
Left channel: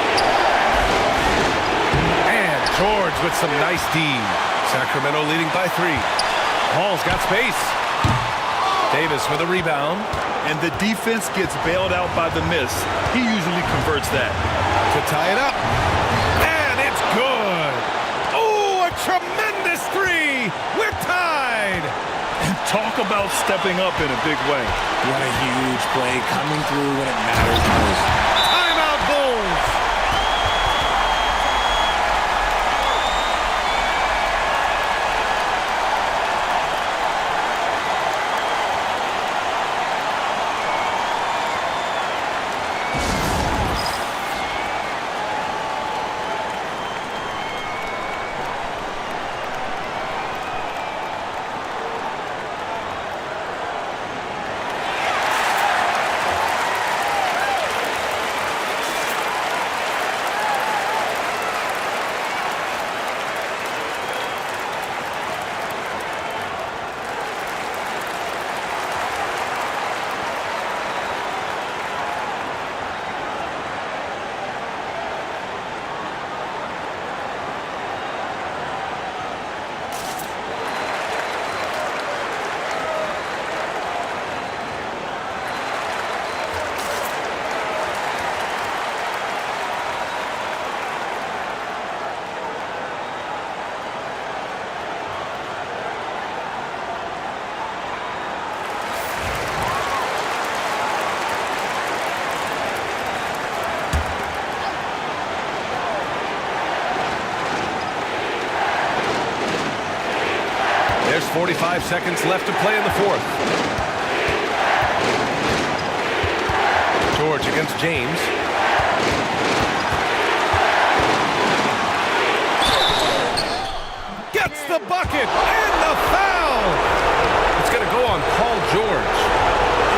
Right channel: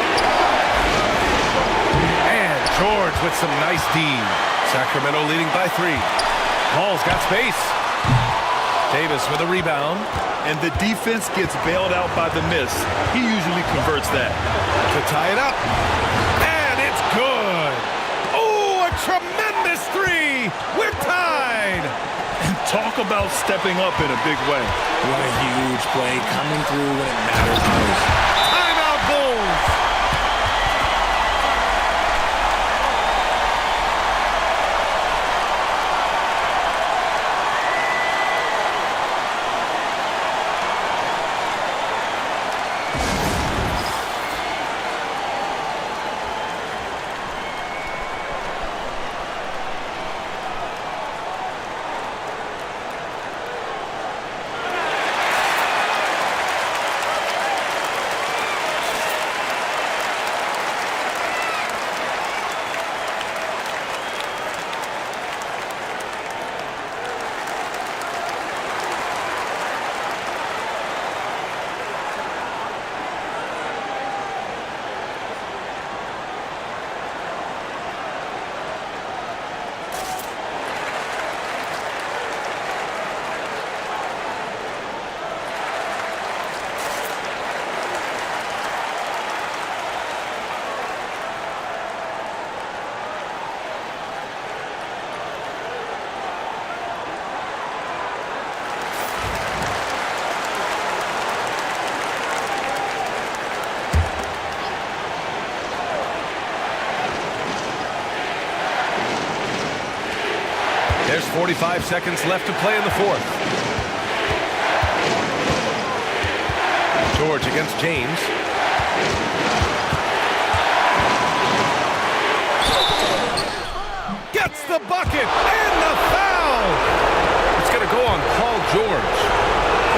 George with some nice D. Sacramento leading by 3. Paul's got space. Davis with a rebound. And the defense gets bailed out by the miss. He usually converts that. To tie it up. And it's good. Oh, a tremendous 3. We're tied. And talk about stepping up in a big way. What a huge play coming through when it matters most. Timeout Bulls. There's 45 seconds left to play in the fourth. George against James. Gets the bucket and the foul. It's going to go on Paul George.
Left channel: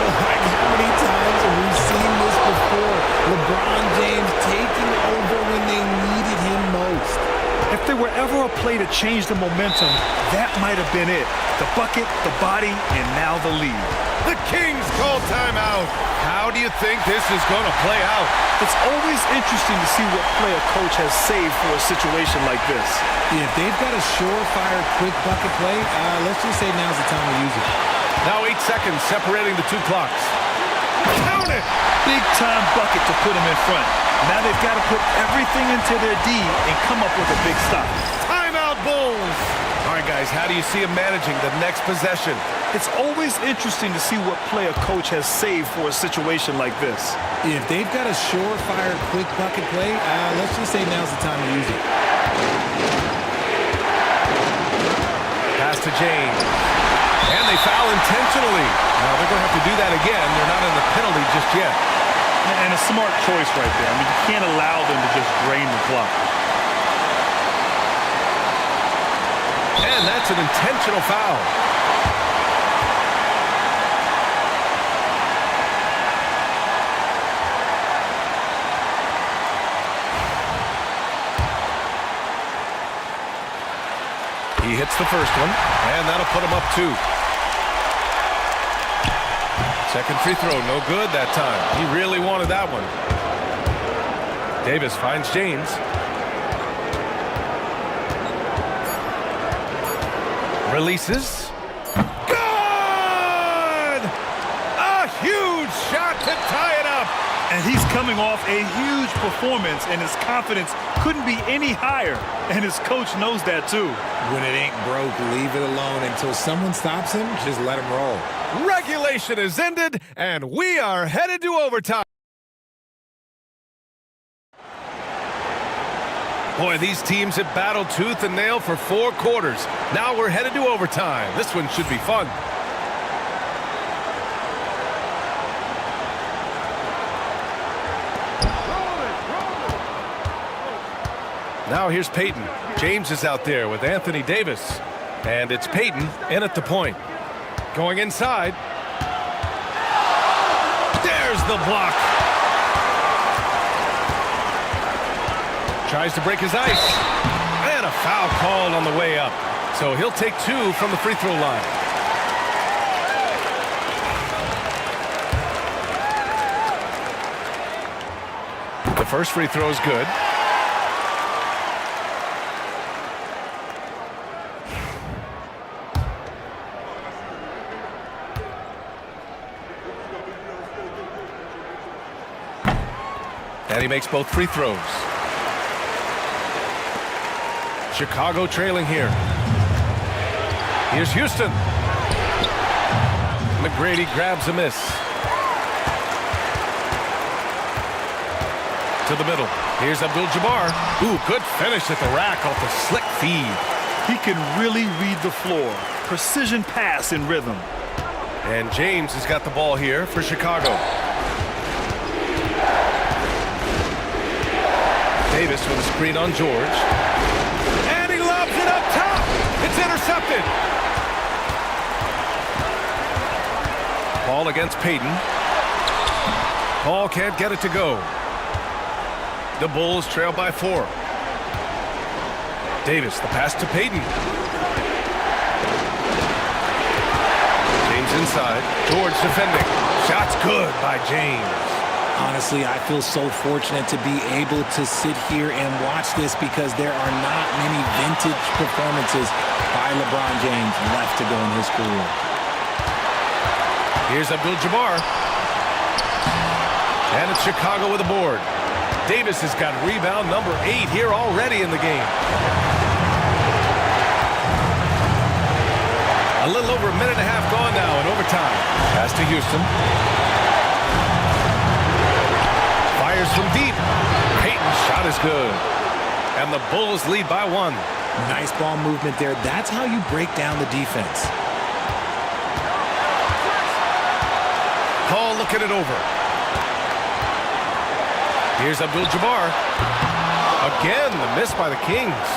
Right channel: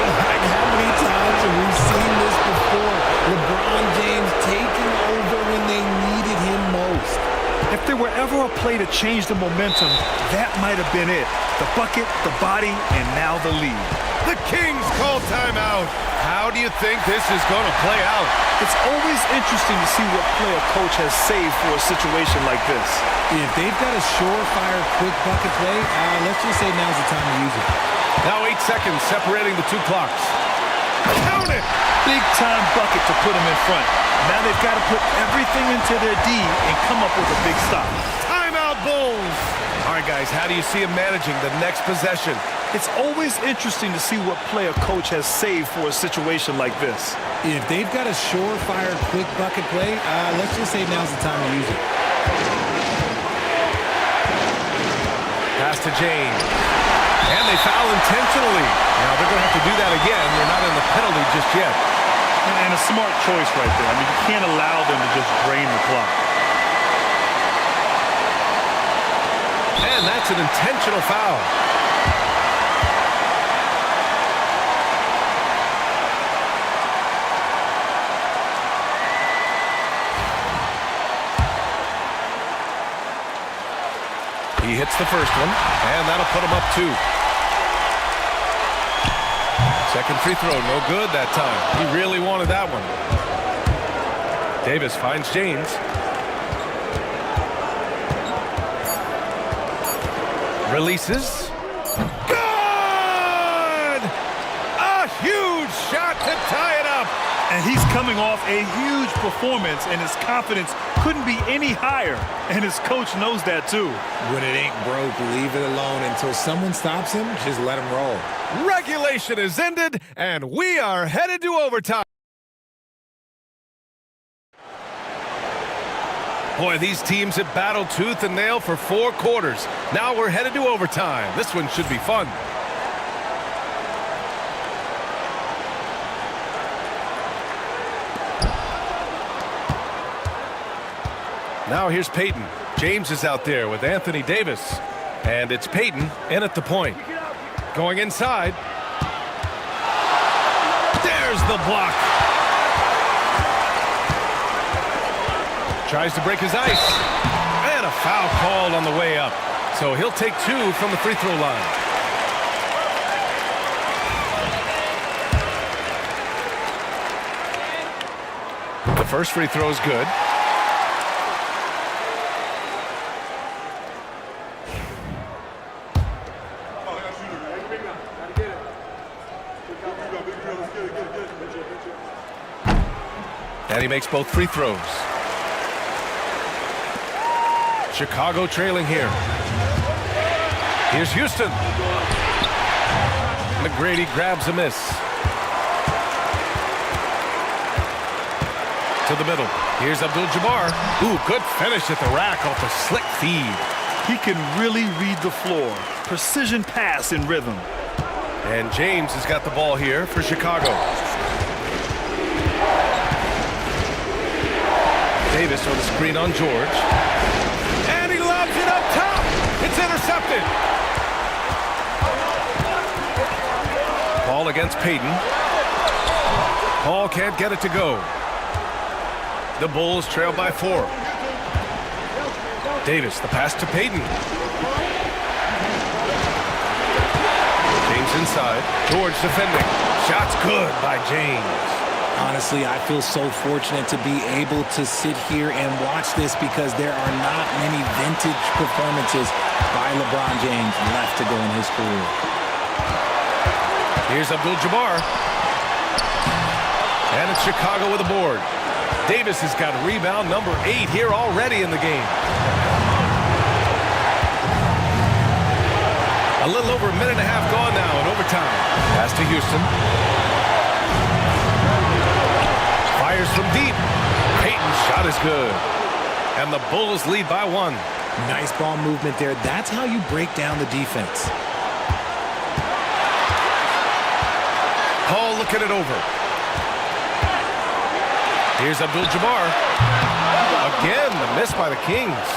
Like, how many times have we seen this before? LeBron James taking over when they needed him most. If there were ever a play to change the momentum, that might have been it. The bucket, the body, and now the lead. The Kings call timeout. How do you think this is going to play out? It's always interesting to see what play a coach has saved for a situation like this. If they've got a surefire quick bucket play, let's just say now's the time to use it. Now 8 seconds separating the two clocks. Count it! Big-time bucket to put them in front. Now they've got to put everything into their D and come up with a big stop. Timeout, Bulls! All right, guys, how do you see him managing the next possession? It's always interesting to see what play a coach has saved for a situation like this. If they've got a surefire quick bucket play, let's just say now's the time to use it. Pass to James. And they foul intentionally. Now they're going to have to do that again. They're not in the penalty just yet. And a smart choice right there. I mean, you can't allow them to just drain the clock. And that's an intentional foul. He hits the first one, and that'll put him up 2. Second free throw, no good that time. He really wanted that one. Davis finds James. Releases. Good! A huge shot to tie it up. And he's coming off a huge performance, and his confidence couldn't be any higher. And his coach knows that, too. When it ain't broke, leave it alone. Until someone stops him, just let him roll. Regulation is ended, and we are headed to overtime. Boy, these teams have battled tooth and nail for 4 quarters. Now we're headed to overtime. This one should be fun. Now here's Peyton. James is out there with Anthony Davis. And it's Peyton in at the point. Going inside. There's the block. Tries to break his ice. And a foul called on the way up. So he'll take 2 from the free throw line. The first free throw is good. And he makes both free throws. Chicago trailing here. Here's Houston. McGrady grabs a miss. To the middle. Here's Abdul-Jabbar. Ooh, good finish at the rack off the slick feed. He can really read the floor. Precision pass in rhythm. And James has got the ball here for Chicago. Davis with a screen on George. And he lobs it up top. It's intercepted. Ball against Peyton. Paul can't get it to go. The Bulls trail by 4. Davis, the pass to Peyton. James inside. George defending. Shot's good by James. Honestly, I feel so fortunate to be able to sit here and watch this because there are not many vintage performances by LeBron James left to go in his career. Here's Abdul-Jabbar. And it's Chicago with a board. Davis has got rebound number 8 here already in the game. A little over a minute and a half gone now in overtime. Pass to Houston. Fires from deep. Peyton's shot is good. And the Bulls lead by 1. Nice ball movement there. That's how you break down the defense. Paul looking it over. Here's Abdul-Jabbar. Again, the miss by the Kings.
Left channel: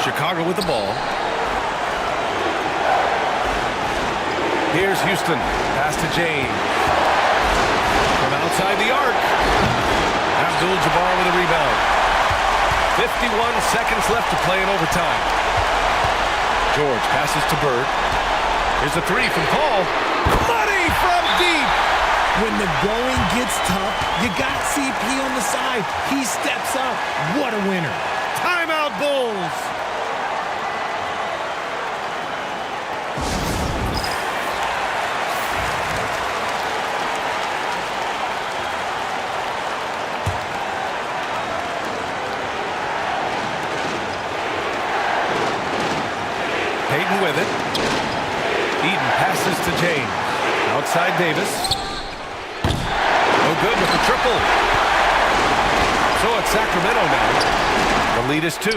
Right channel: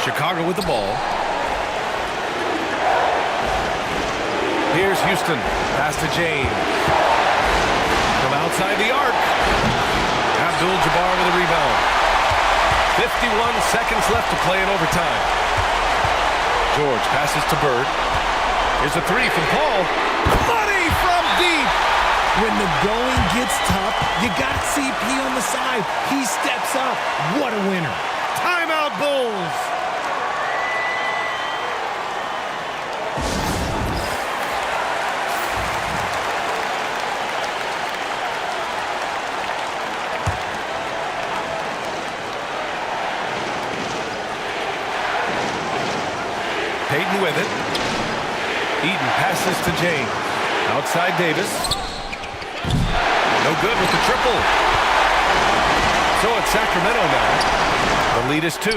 Chicago with the ball. Here's Houston. Pass to James. From outside the arc. Abdul-Jabbar with a rebound. 51 seconds left to play in overtime. George passes to Bird. Here's a three from Paul. Money from deep. When the going gets tough, you got CP on the side. He steps up. What a winner. Timeout, Bulls. Payton with it. Eden passes to James. Outside Davis. No good with the triple. So it's Sacramento now. The lead is 2.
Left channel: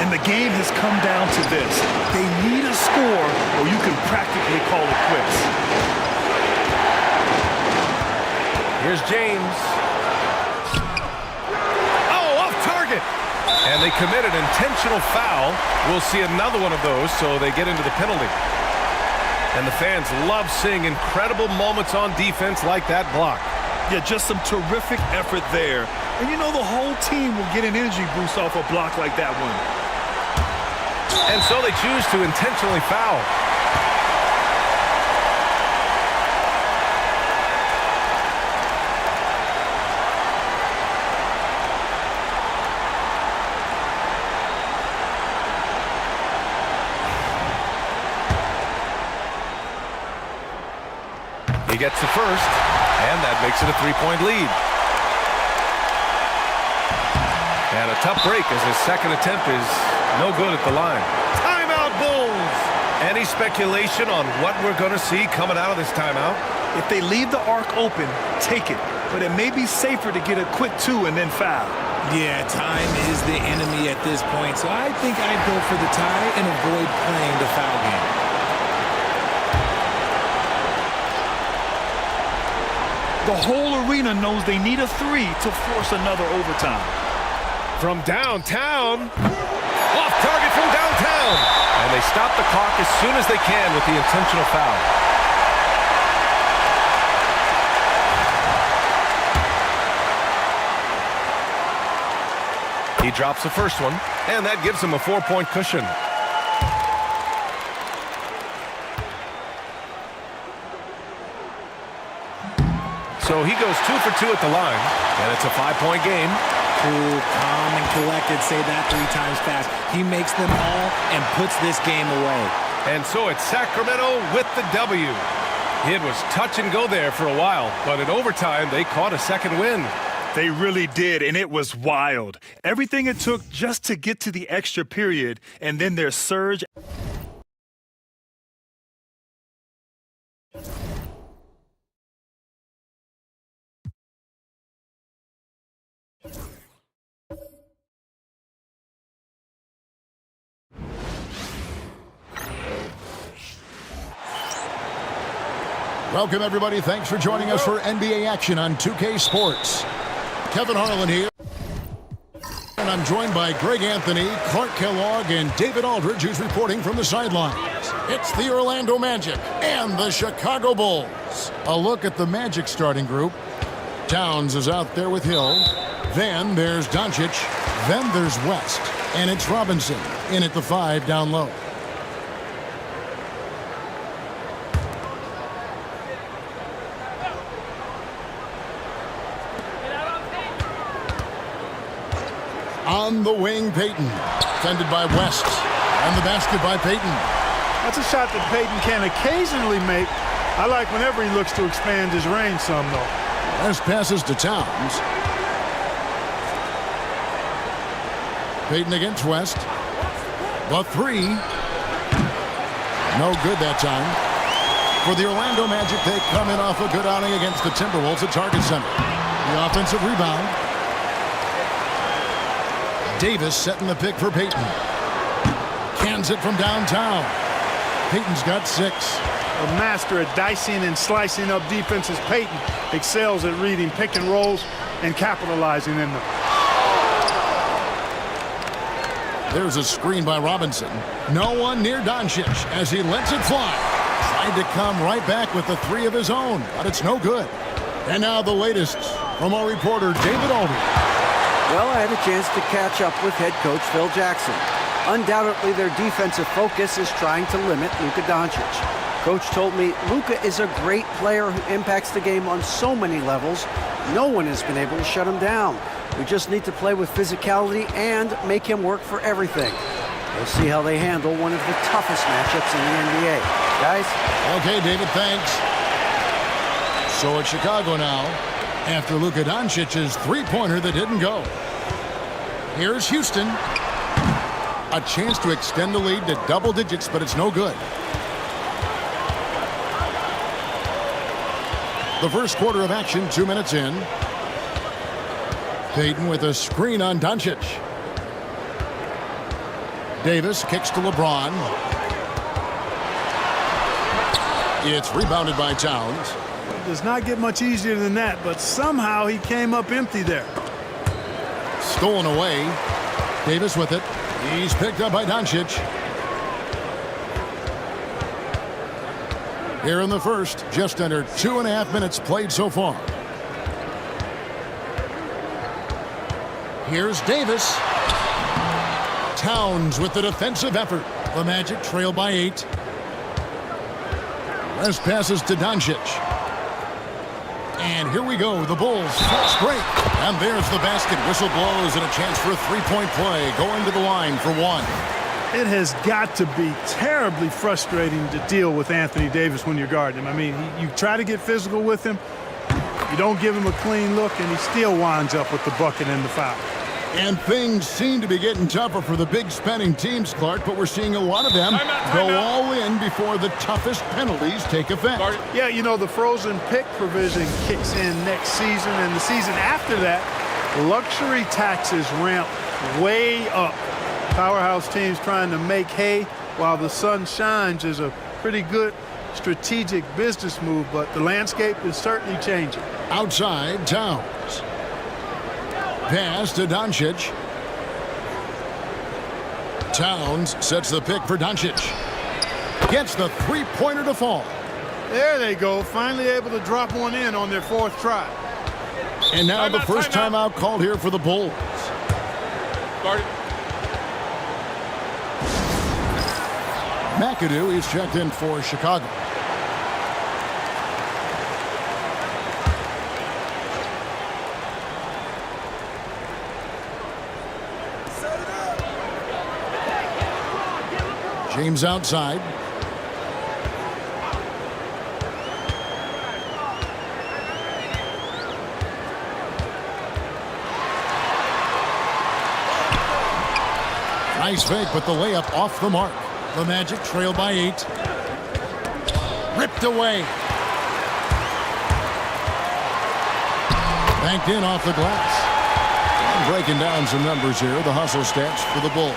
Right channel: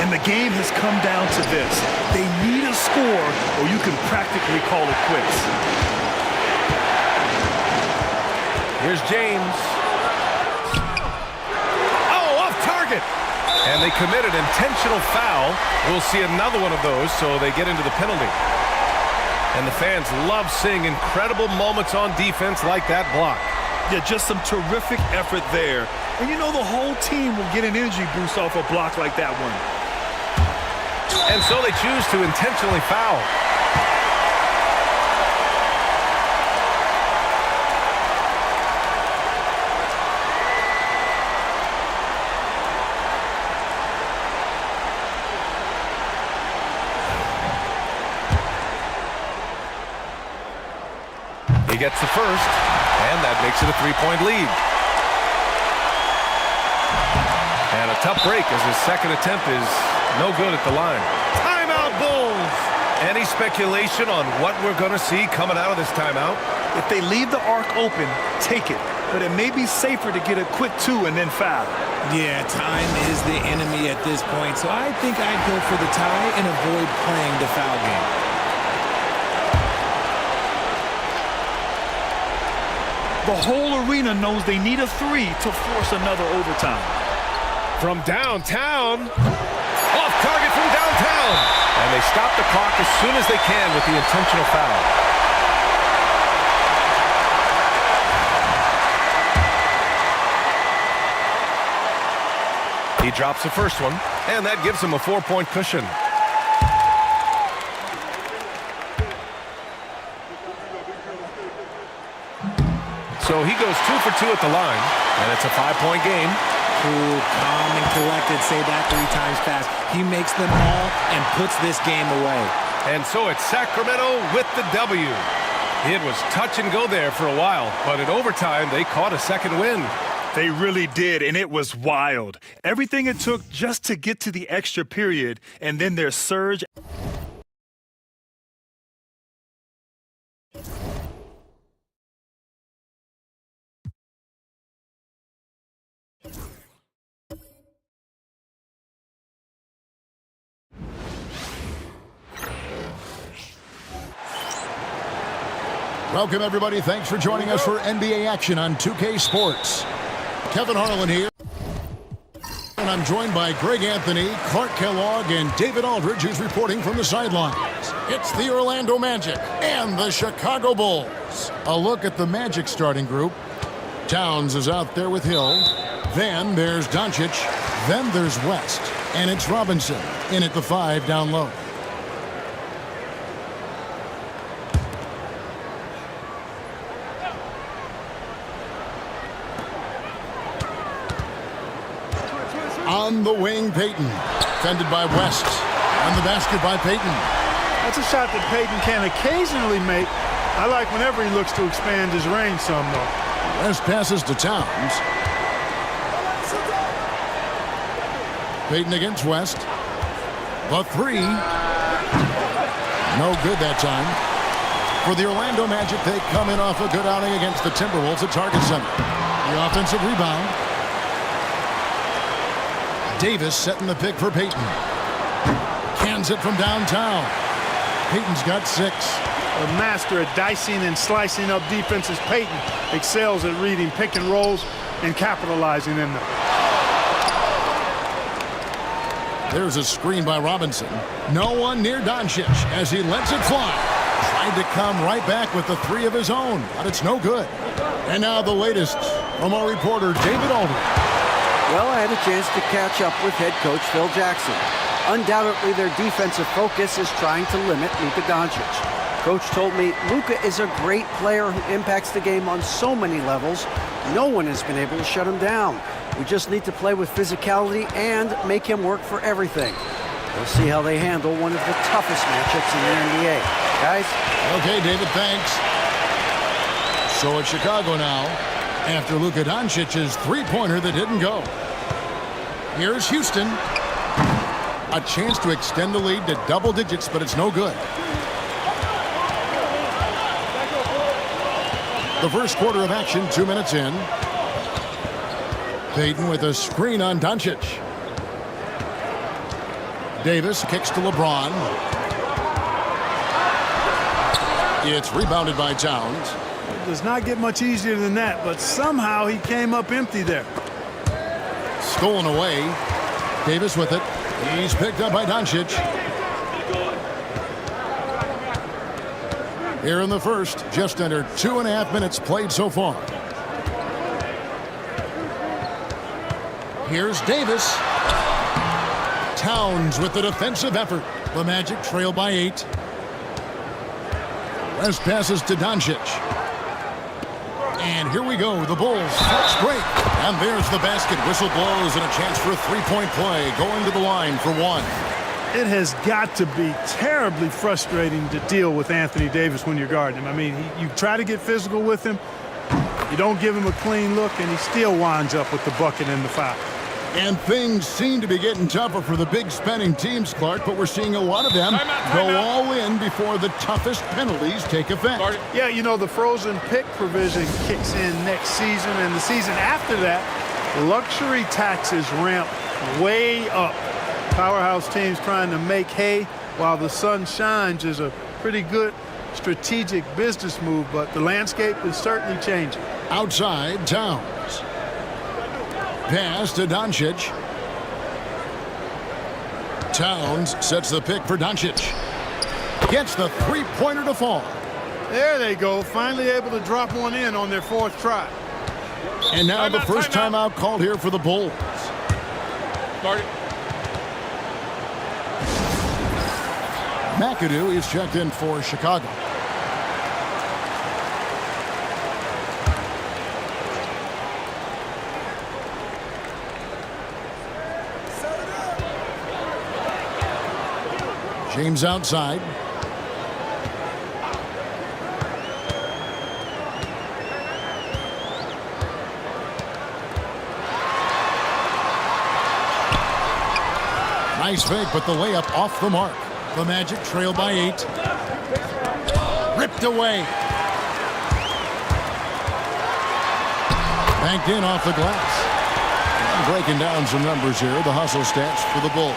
And the game has come down to this. They need a score or you can practically call it quits. Here's James. Oh, off target. And they commit an intentional foul. We'll see another one of those, so they get into the penalty. And the fans love seeing incredible moments on defense like that block. Yeah, just some terrific effort there. And you know the whole team will get an energy boost off a block like that one. And so they choose to intentionally foul. He gets the first, and that makes it a 3-point lead. And a tough break as his second attempt is no good at the line. Timeout, Bulls! Any speculation on what we're going to see coming out of this timeout? If they leave the arc open, take it. But it may be safer to get a quick 2 and then foul. Yeah, time is the enemy at this point, so I think I'd go for the tie and avoid playing the foul game. The whole arena knows they need a 3 to force another overtime. From downtown. Off target from downtown. And they stop the clock as soon as they can with the intentional foul. He drops the first one, and that gives him a 4-point cushion. So he goes 2 for 2 at the line, and it's a 5-point game. Cool, calm, and collected. Say that 3 times fast. He makes them all and puts this game away. And so it's Sacramento with the W. It was touch and go there for a while, but in overtime, they caught a second win. They really did, and it was wild. Everything it took just to get to the extra period, and then their surge. Welcome, everybody. Thanks for joining us for NBA action on 2K Sports. Kevin Harlan here. And I'm joined by Greg Anthony, Clark Kellogg, and David Aldridge, who's reporting from the sidelines. It's the Orlando Magic and the Chicago Bulls. A look at the Magic starting group. Towns is out there with Hill. Then there's Doncic. Then there's West. And it's Robinson in at the 5 down low. On the wing, Payton. Defended by West. And the basket by Payton. That's a shot that Payton can occasionally make. I like whenever he looks to expand his range some, though. West passes to Towns. Payton against West. The 3. No good that time. For the Orlando Magic, they come in off a good outing against the Timberwolves at Target Center. The offensive rebound. Davis setting the pick for Peyton. Cans it from downtown. Peyton's got 6. A master at dicing and slicing up defenses, Peyton excels at reading pick and rolls and capitalizing in them. There's a screen by Robinson. No one near Doncic as he lets it fly. Tried to come right back with the 3 of his own, but it's no good. And now the latest from our reporter, David Aldridge. Well, I had a chance to catch up with head coach Phil Jackson. Undoubtedly, their defensive focus is trying to limit Luka Doncic. Coach told me Luka is a great player who impacts the game on so many levels. No one has been able to shut him down. We just need to play with physicality and make him work for everything. We'll see how they handle one of the toughest matchups in the NBA. Guys? Okay, David, thanks. So it's Chicago now after Luka Doncic's 3-pointer that didn't go. Here's Houston. A chance to extend the lead to double digits, but it's no good. The first quarter of action, 2 minutes in. Peyton with a screen on Doncic. Davis kicks to LeBron. It's rebounded by Towns. It does not get much easier than that, but somehow he came up empty there. Stolen away. Davis with it. He's picked up by Doncic. Here in the first, just under 2.5 minutes played so far. Here's Davis. Towns with the defensive effort. The Magic trail by 8. Rest passes to Doncic. And here we go, the Bulls fast break. And there's the basket. Whistle blows and a chance for a 3-point play. Going to the line for 1. It has got to be terribly frustrating to deal with Anthony Davis when you're guarding him. I mean, you try to get physical with him, you don't give him a clean look, and he still winds up with the bucket and the foul. And things seem to be getting tougher for the big spending teams, Clark, but we're seeing a lot of them go all in before the toughest penalties take effect. Yeah, you know, the frozen pick provision kicks in next season, and the season after that, luxury taxes ramp way up. Powerhouse teams trying to make hay while the sun shines is a pretty good strategic business move, but the landscape is certainly changing. Outside, Towns. Pass to Doncic. Towns sets the pick for Doncic. Gets the 3-pointer to fall. There they go, finally able to drop one in on their 4th try. And now the first timeout called here for the Bulls. Start it. McAdoo is checked in for Chicago. James outside. Nice fake, but the layup off the mark. The Magic trail by 8. Ripped away. Banked in off the glass. And breaking down some numbers here, the hustle stats for the Bulls.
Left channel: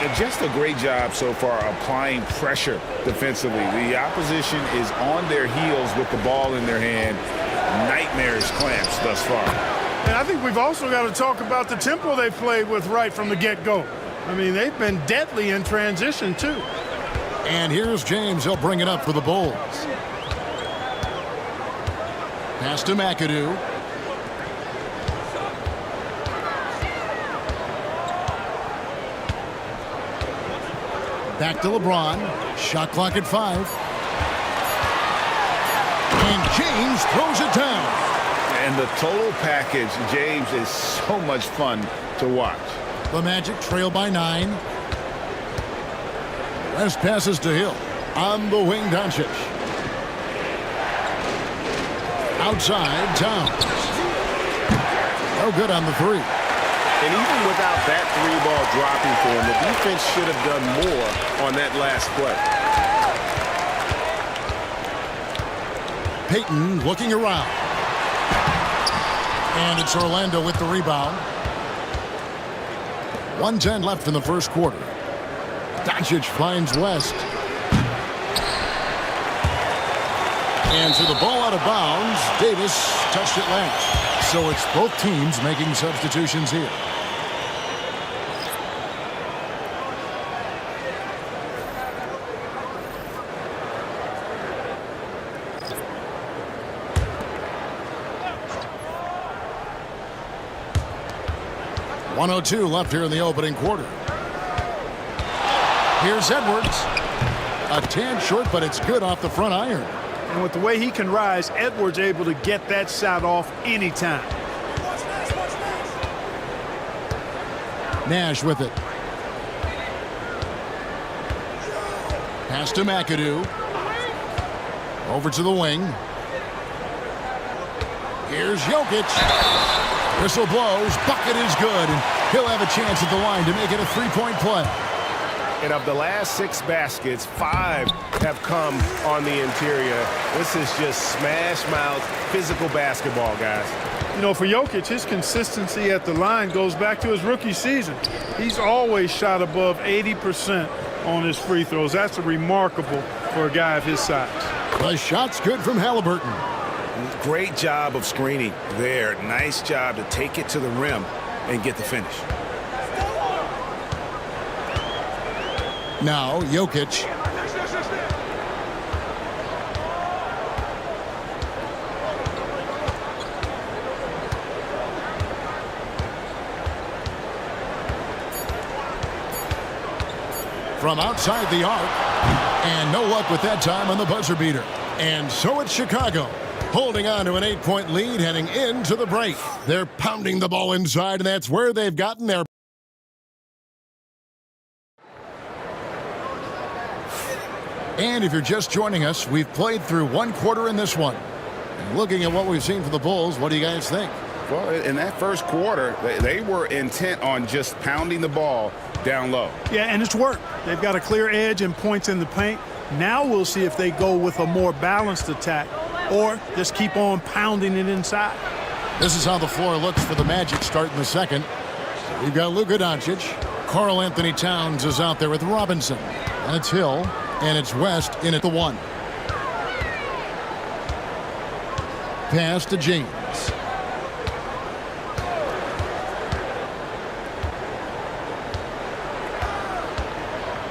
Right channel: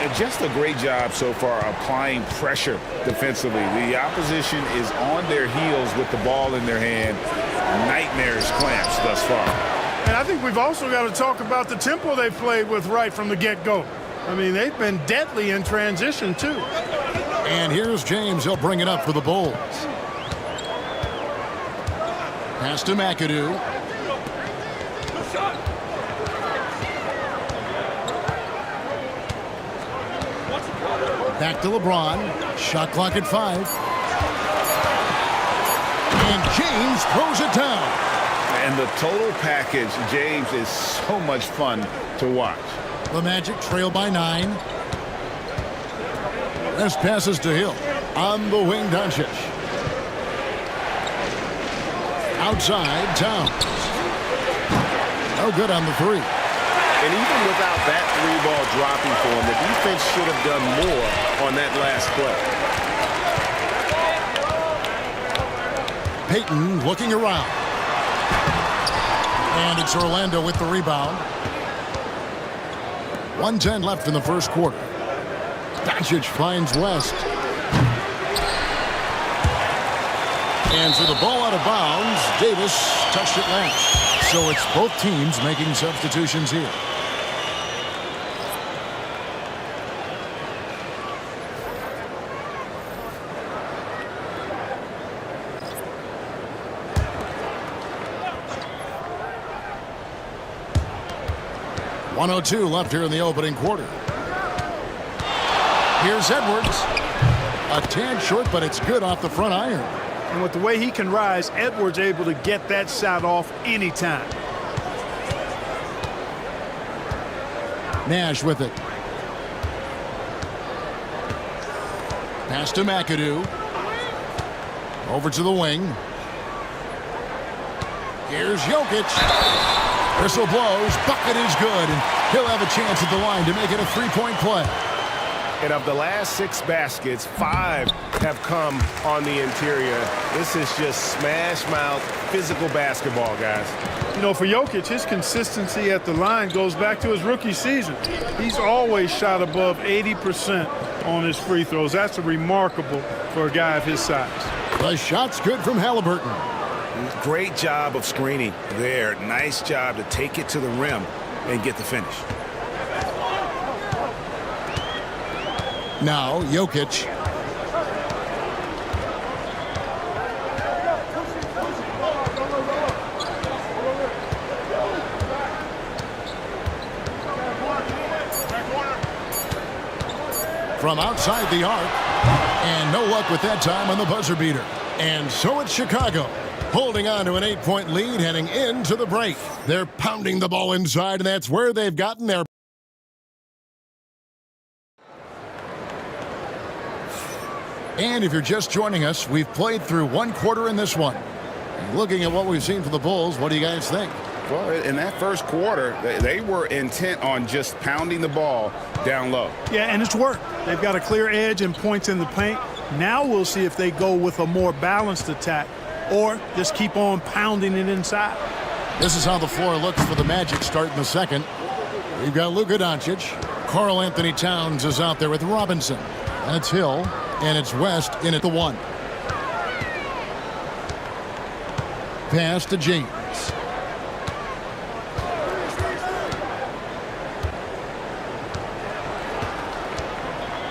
And just a great job so far applying pressure defensively. The opposition is on their heels with the ball in their hand. Nightmarish clamps thus far. And I think we've also got to talk about the tempo they played with right from the get-go. I mean, they've been deadly in transition, too. And here's James. He'll bring it up for the Bulls. Pass to McAdoo. Back to LeBron. Shot clock at 5. And James throws it down. And the total package, James, is so much fun to watch. The Magic trail by 9. Rest passes to Hill. On the wing, Doncic. Outside, Towns. No good on the 3. And even without that 3-ball dropping for him, the defense should have done more on that last play. Peyton looking around. And it's Orlando with the rebound. 1:10 left in the first quarter. Doncic finds West. And for the ball out of bounds, Davis touched it last. So it's both teams making substitutions here. .102 left here in the opening quarter. Here's Edwards. A tad short, but it's good off the front iron. And with the way he can rise, Edwards able to get that shot off anytime. Nash with it. Pass to McAdoo. Over to the wing. Here's Jokic. Whistle blows. Bucket is good. And he'll have a chance at the line to make it a three-point play. And of the last 6 baskets, 5 have come on the interior. This is just smash mouth, physical basketball, guys. You know, for Jokic, his consistency at the line goes back to his rookie season. He's always shot above 80% on his free throws. That's remarkable for a guy of his size. The shot's good from Halliburton. Great job of screening there. Nice job to take it to the rim and get the finish. Now, Jokic. From outside the arc. And no luck with that time on the buzzer beater. And so it's Chicago, holding on to an 8-point lead heading into the break. They're pounding the ball inside, and that's where they've gotten their... And if you're just joining us, we've played through 1 quarter in this one. And looking at what we've seen from the Bulls, what do you guys think? Well, in that first quarter, they were intent on just pounding the ball down low. Yeah, and it's worked. They've got a clear edge and points in the paint. Now we'll see if they go with a more balanced attack or just keep on pounding it inside. This is how the floor looks for the Magic starting the second. We've got Luka Doncic. Karl Anthony Towns is out there with Robinson. And it's Hill. And it's West in at the 1. Pass to James.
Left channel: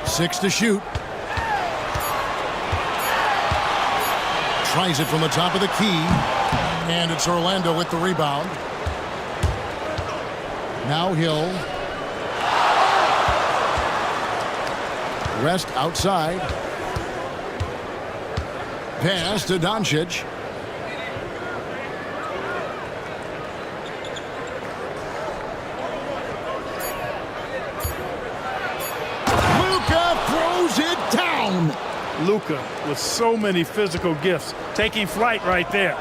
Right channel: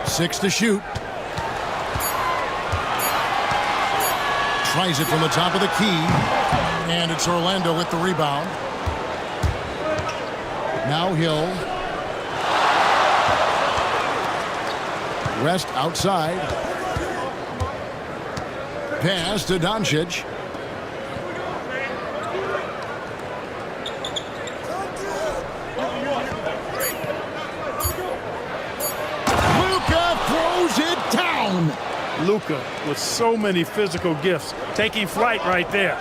Six to shoot. Tries it from the top of the key. And it's Orlando with the rebound. Now Hill. West outside. Pass to Doncic. Luka throws it down. Luka with so many physical gifts, taking flight right there.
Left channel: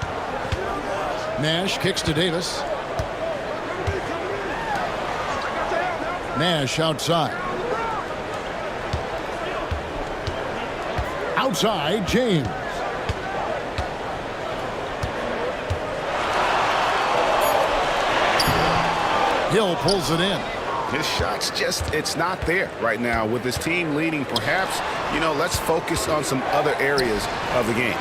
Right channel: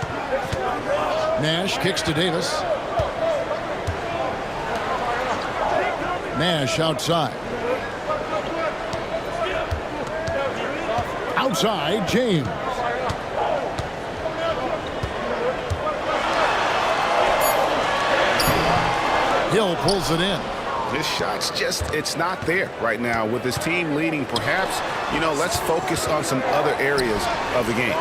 Nash kicks to Davis. Nash outside. Outside, James. Hill pulls it in. His shot's just, it's not there right now. With his team leading, perhaps, let's focus on some other areas of the game.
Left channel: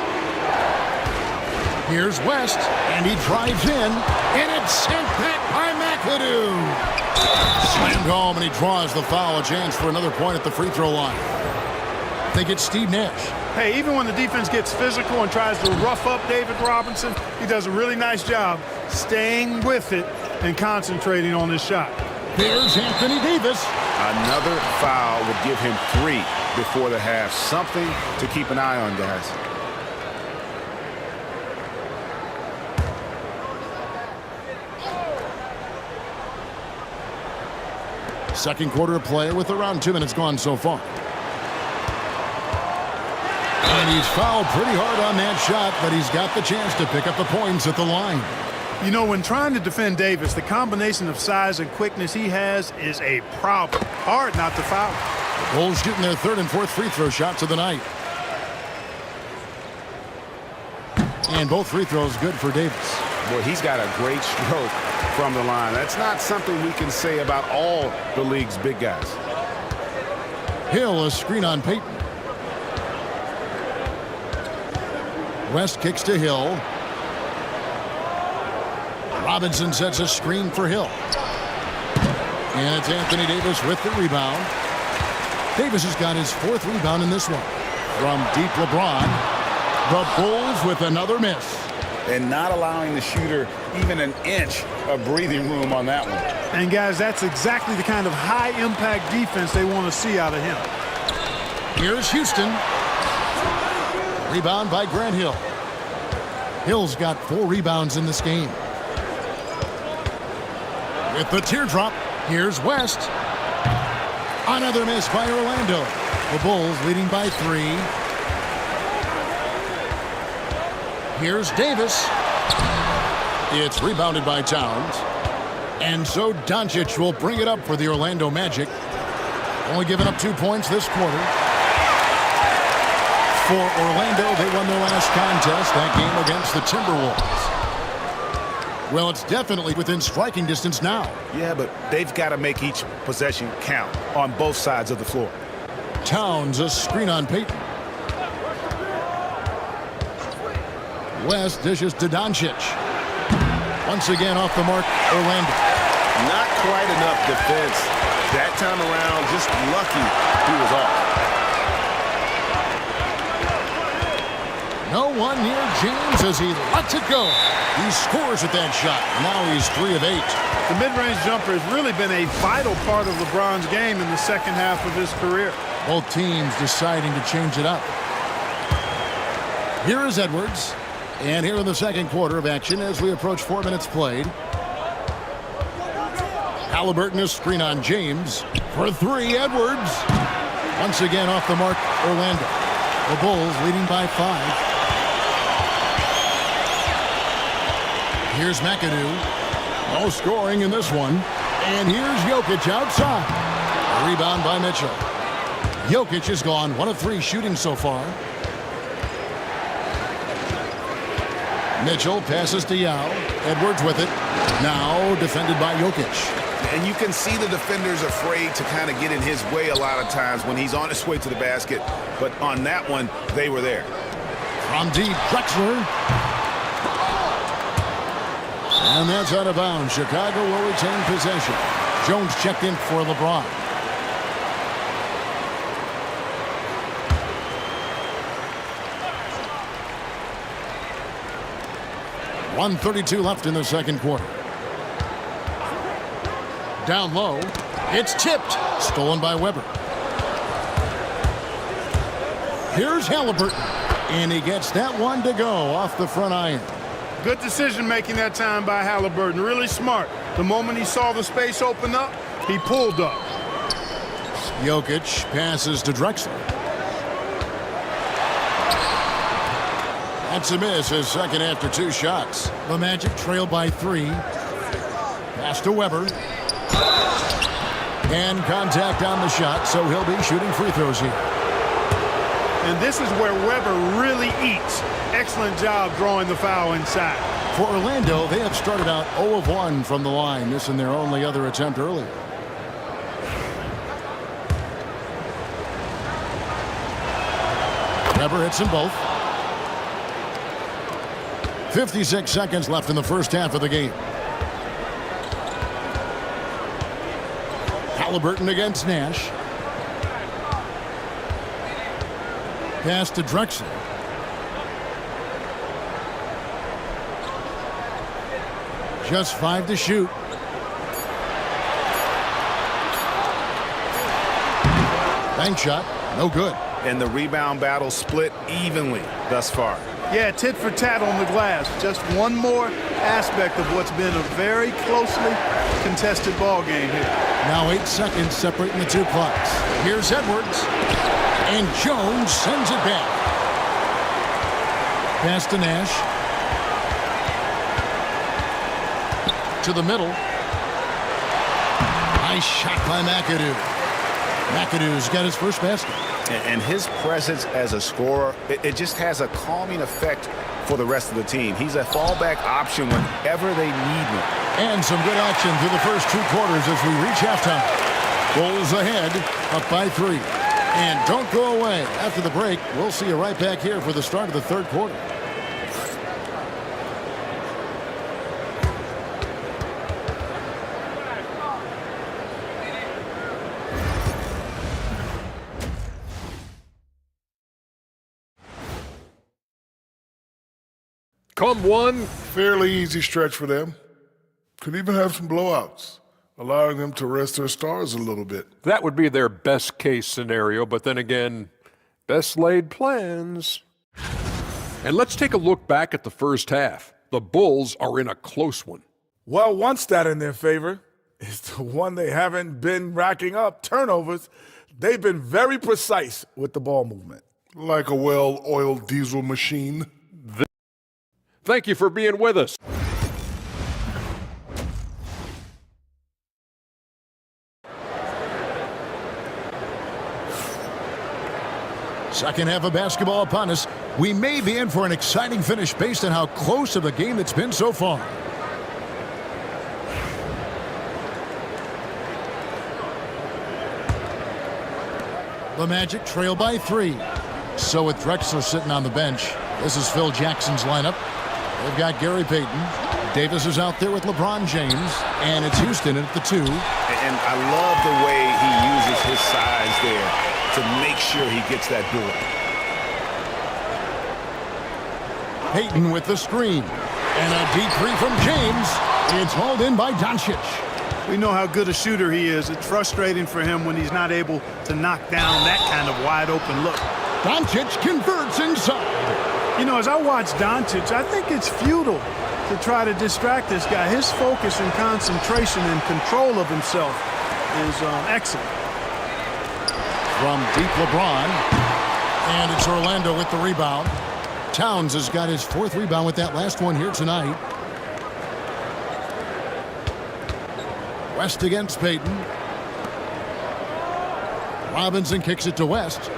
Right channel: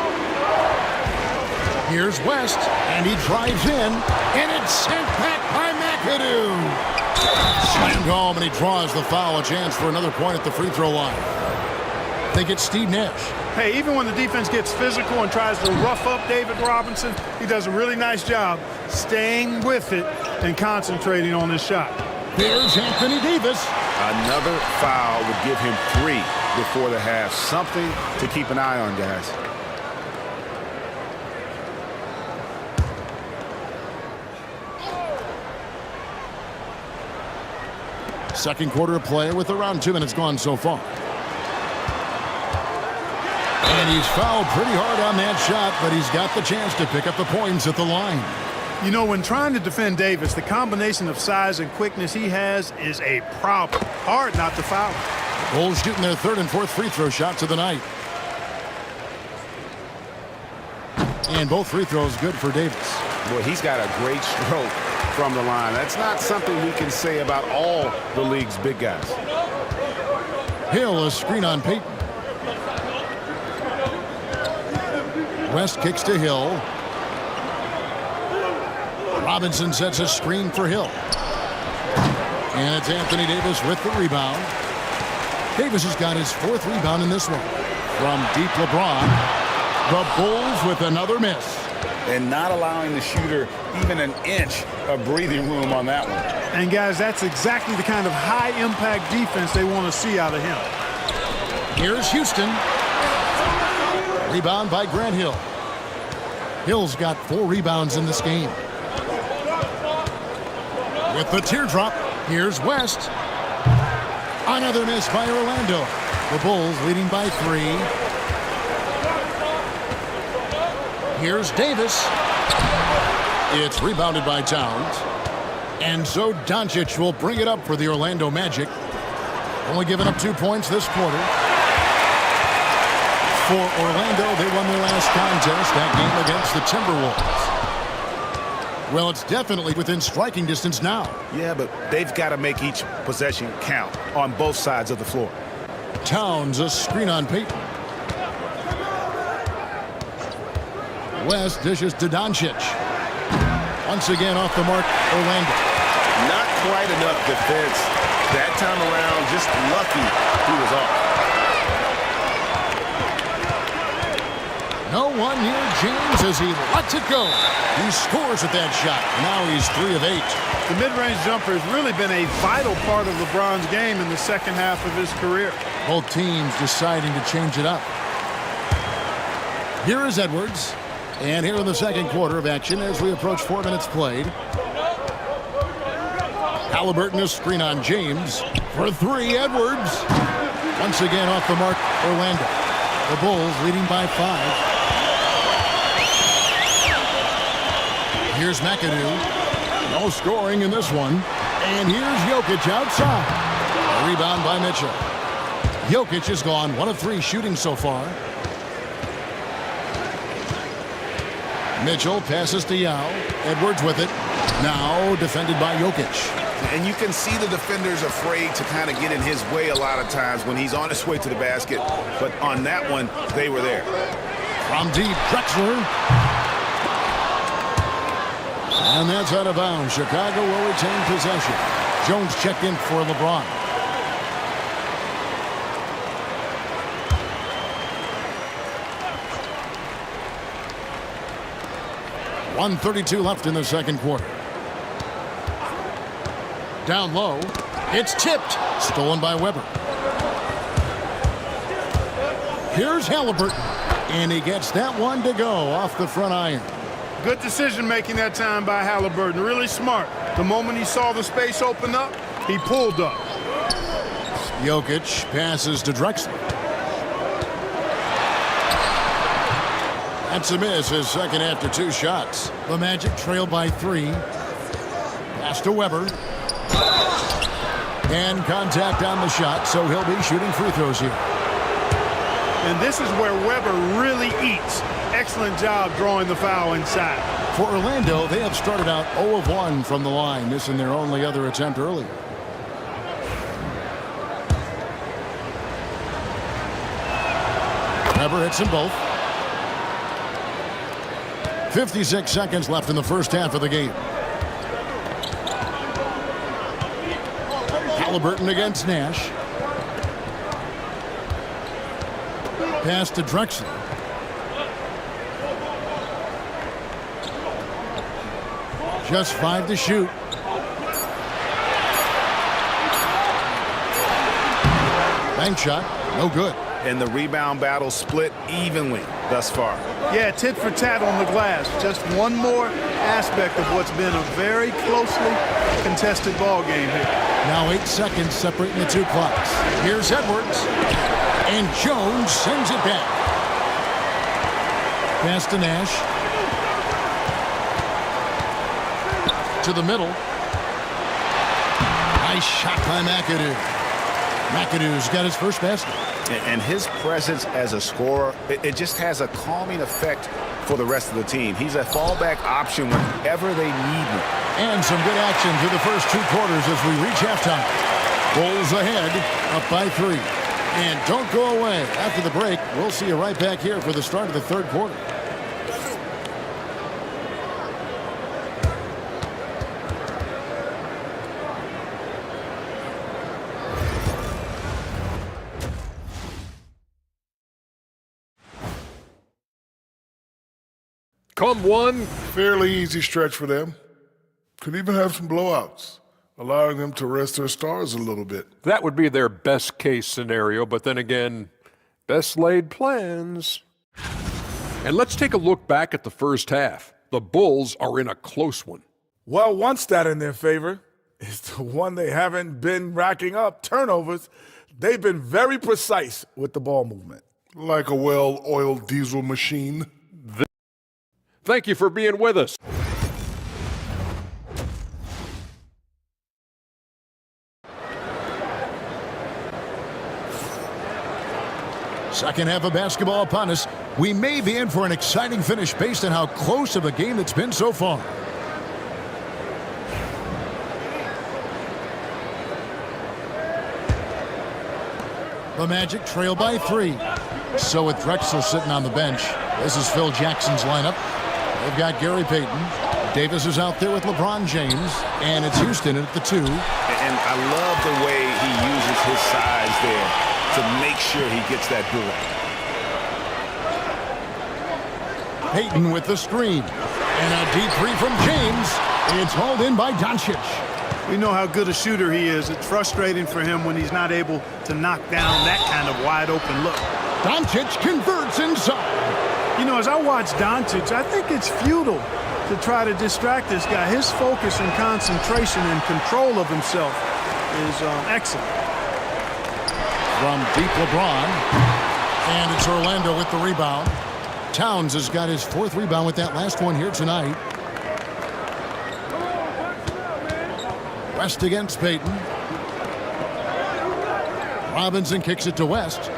Here's West, and he drives in, and it's sent back by McAdoo. Slammed home, and he draws the foul. A chance for another point at the free throw line. They get Steve Nash. Hey, even when the defense gets physical and tries to rough up David Robinson, he does a really nice job staying with it and concentrating on his shot. There's Anthony Davis. Another foul would give him 3 before the half. Something to keep an eye on, guys. Second quarter of play with around 2 minutes gone so far. And he's fouled pretty hard on that shot, but he's got the chance to pick up the points at the line. You know, when trying to defend Davis, the combination of size and quickness he has is a problem. Hard not to foul him. The Bulls shooting their 3rd and 4th free throw shots of the night. And both free throws good for Davis. Boy, he's got a great stroke from the line. That's not something we can say about all the league's big guys. Hill, a screen on Peyton. West kicks to Hill. Robinson sets a screen for Hill. And it's Anthony Davis with the rebound. Davis has got his 4th rebound in this one. From deep LeBron, the Bulls with another miss. And not allowing the shooter even an inch of breathing room on that one. And guys, that's exactly the kind of high-impact defense they want to see out of him. Here's Houston. Rebound by Grant Hill. Hill's got 4 rebounds in this game. With the teardrop, here's West. Another miss by Orlando. The Bulls leading by 3. Here's Davis. It's rebounded by Towns. And so Doncic will bring it up for the Orlando Magic. Only giving up 2 points this quarter. For Orlando, they won their last contest, that game against the Timberwolves. Well, it's definitely within striking distance now. Yeah, but they've got to make each possession count on both sides of the floor. Towns, a screen on Peyton. West dishes to Doncic. Once again off the mark, Orlando. Not quite enough defense that time around. Just lucky he was off. No one near James as he lets it go. He scores with that shot. Now he's 3 of 8. The mid-range jumper has really been a vital part of LeBron's game in the second half of his career. Both teams deciding to change it up. Here is Edwards. And here in the second quarter of action as we approach 4 minutes played. Halliburton, a screen on James. For 3, Edwards. Once again off the mark, Orlando. The Bulls leading by 5. Here's McAdoo. No scoring in this one. And here's Jokic outside. A rebound by Mitchell. Jokic has gone 1 of 3 shooting so far. Mitchell passes to Yao. Edwards with it. Now defended by Jokic. And you can see the defenders afraid to kind of get in his way a lot of times when he's on his way to the basket. But on that one, they were there. From deep, Drexler. And that's out of bounds. Chicago will retain possession. Jones checked in for LeBron. .132 left in the second quarter. Down low. It's tipped. Stolen by Weber. Here's Halliburton. And he gets that one to go off the front iron. Good decision making that time by Halliburton. Really smart. The moment he saw the space open up, he pulled up. Jokic passes to Drexler. That's a miss, his second after 2 shots. The Magic trail by 3. Pass to Weber. And contact on the shot, so he'll be shooting free throws here. And this is where Weber really eats. Excellent job drawing the foul inside. For Orlando, they have started out 0 of 1 from the line, missing their only other attempt earlier. Weber hits them both. 56 seconds left in the first half of the game. Halliburton against Nash. Pass to Drexler. Just 5 to shoot. Bank shot, no good. And the rebound battle split evenly thus far. Yeah, tit for tat on the glass. Just one more aspect of what's been a very closely contested ball game here. Now 8 seconds separating the 2 clocks. Here's Edwards. And Jones sends it back. Pass to Nash. To the middle. Nice shot by McAdoo. McAdoo's got his first basket. And his presence as a scorer, it just has a calming effect for the rest of the team. He's a fallback option whenever they need one. And some good action through the first 2 quarters as we reach halftime. Bulls ahead, up by 3. And don't go away. After the break, we'll see you right back here for the start of the 3rd quarter. Come one fairly easy stretch for them. Could even have some blowouts, allowing them to rest their stars a little bit. That would be their best case scenario, but then again, best laid plans. And let's take a look back at the first half. The Bulls are in a close one. Well, one stat in their favor is the one they haven't been racking up, turnovers. They've been very precise with the ball movement. Like a well-oiled diesel machine. Thank you for being with us. Second half of basketball upon us. We may be in for an exciting finish based on how close of a game it's been so far. The Magic trail by 3. So with Drexler sitting on the bench, this is Phil Jackson's lineup. They've got Gary Payton. Davis is out there with LeBron James. And it's Houston at the 2. And I love the way he uses his size there to make sure he gets that board. Payton with the screen. And a deep 3 from James. It's hauled in by Doncic. We know how good a shooter he is. It's frustrating for him when he's not able to knock down that kind of wide-open look. Doncic converts inside. You know, as I watch Doncic, I think it's futile to try to distract this guy. His focus and concentration and control of himself is excellent. From deep LeBron. And it's Orlando with the rebound. Towns has got his 4th rebound with that last one here tonight. West against Payton. Robinson kicks it to West.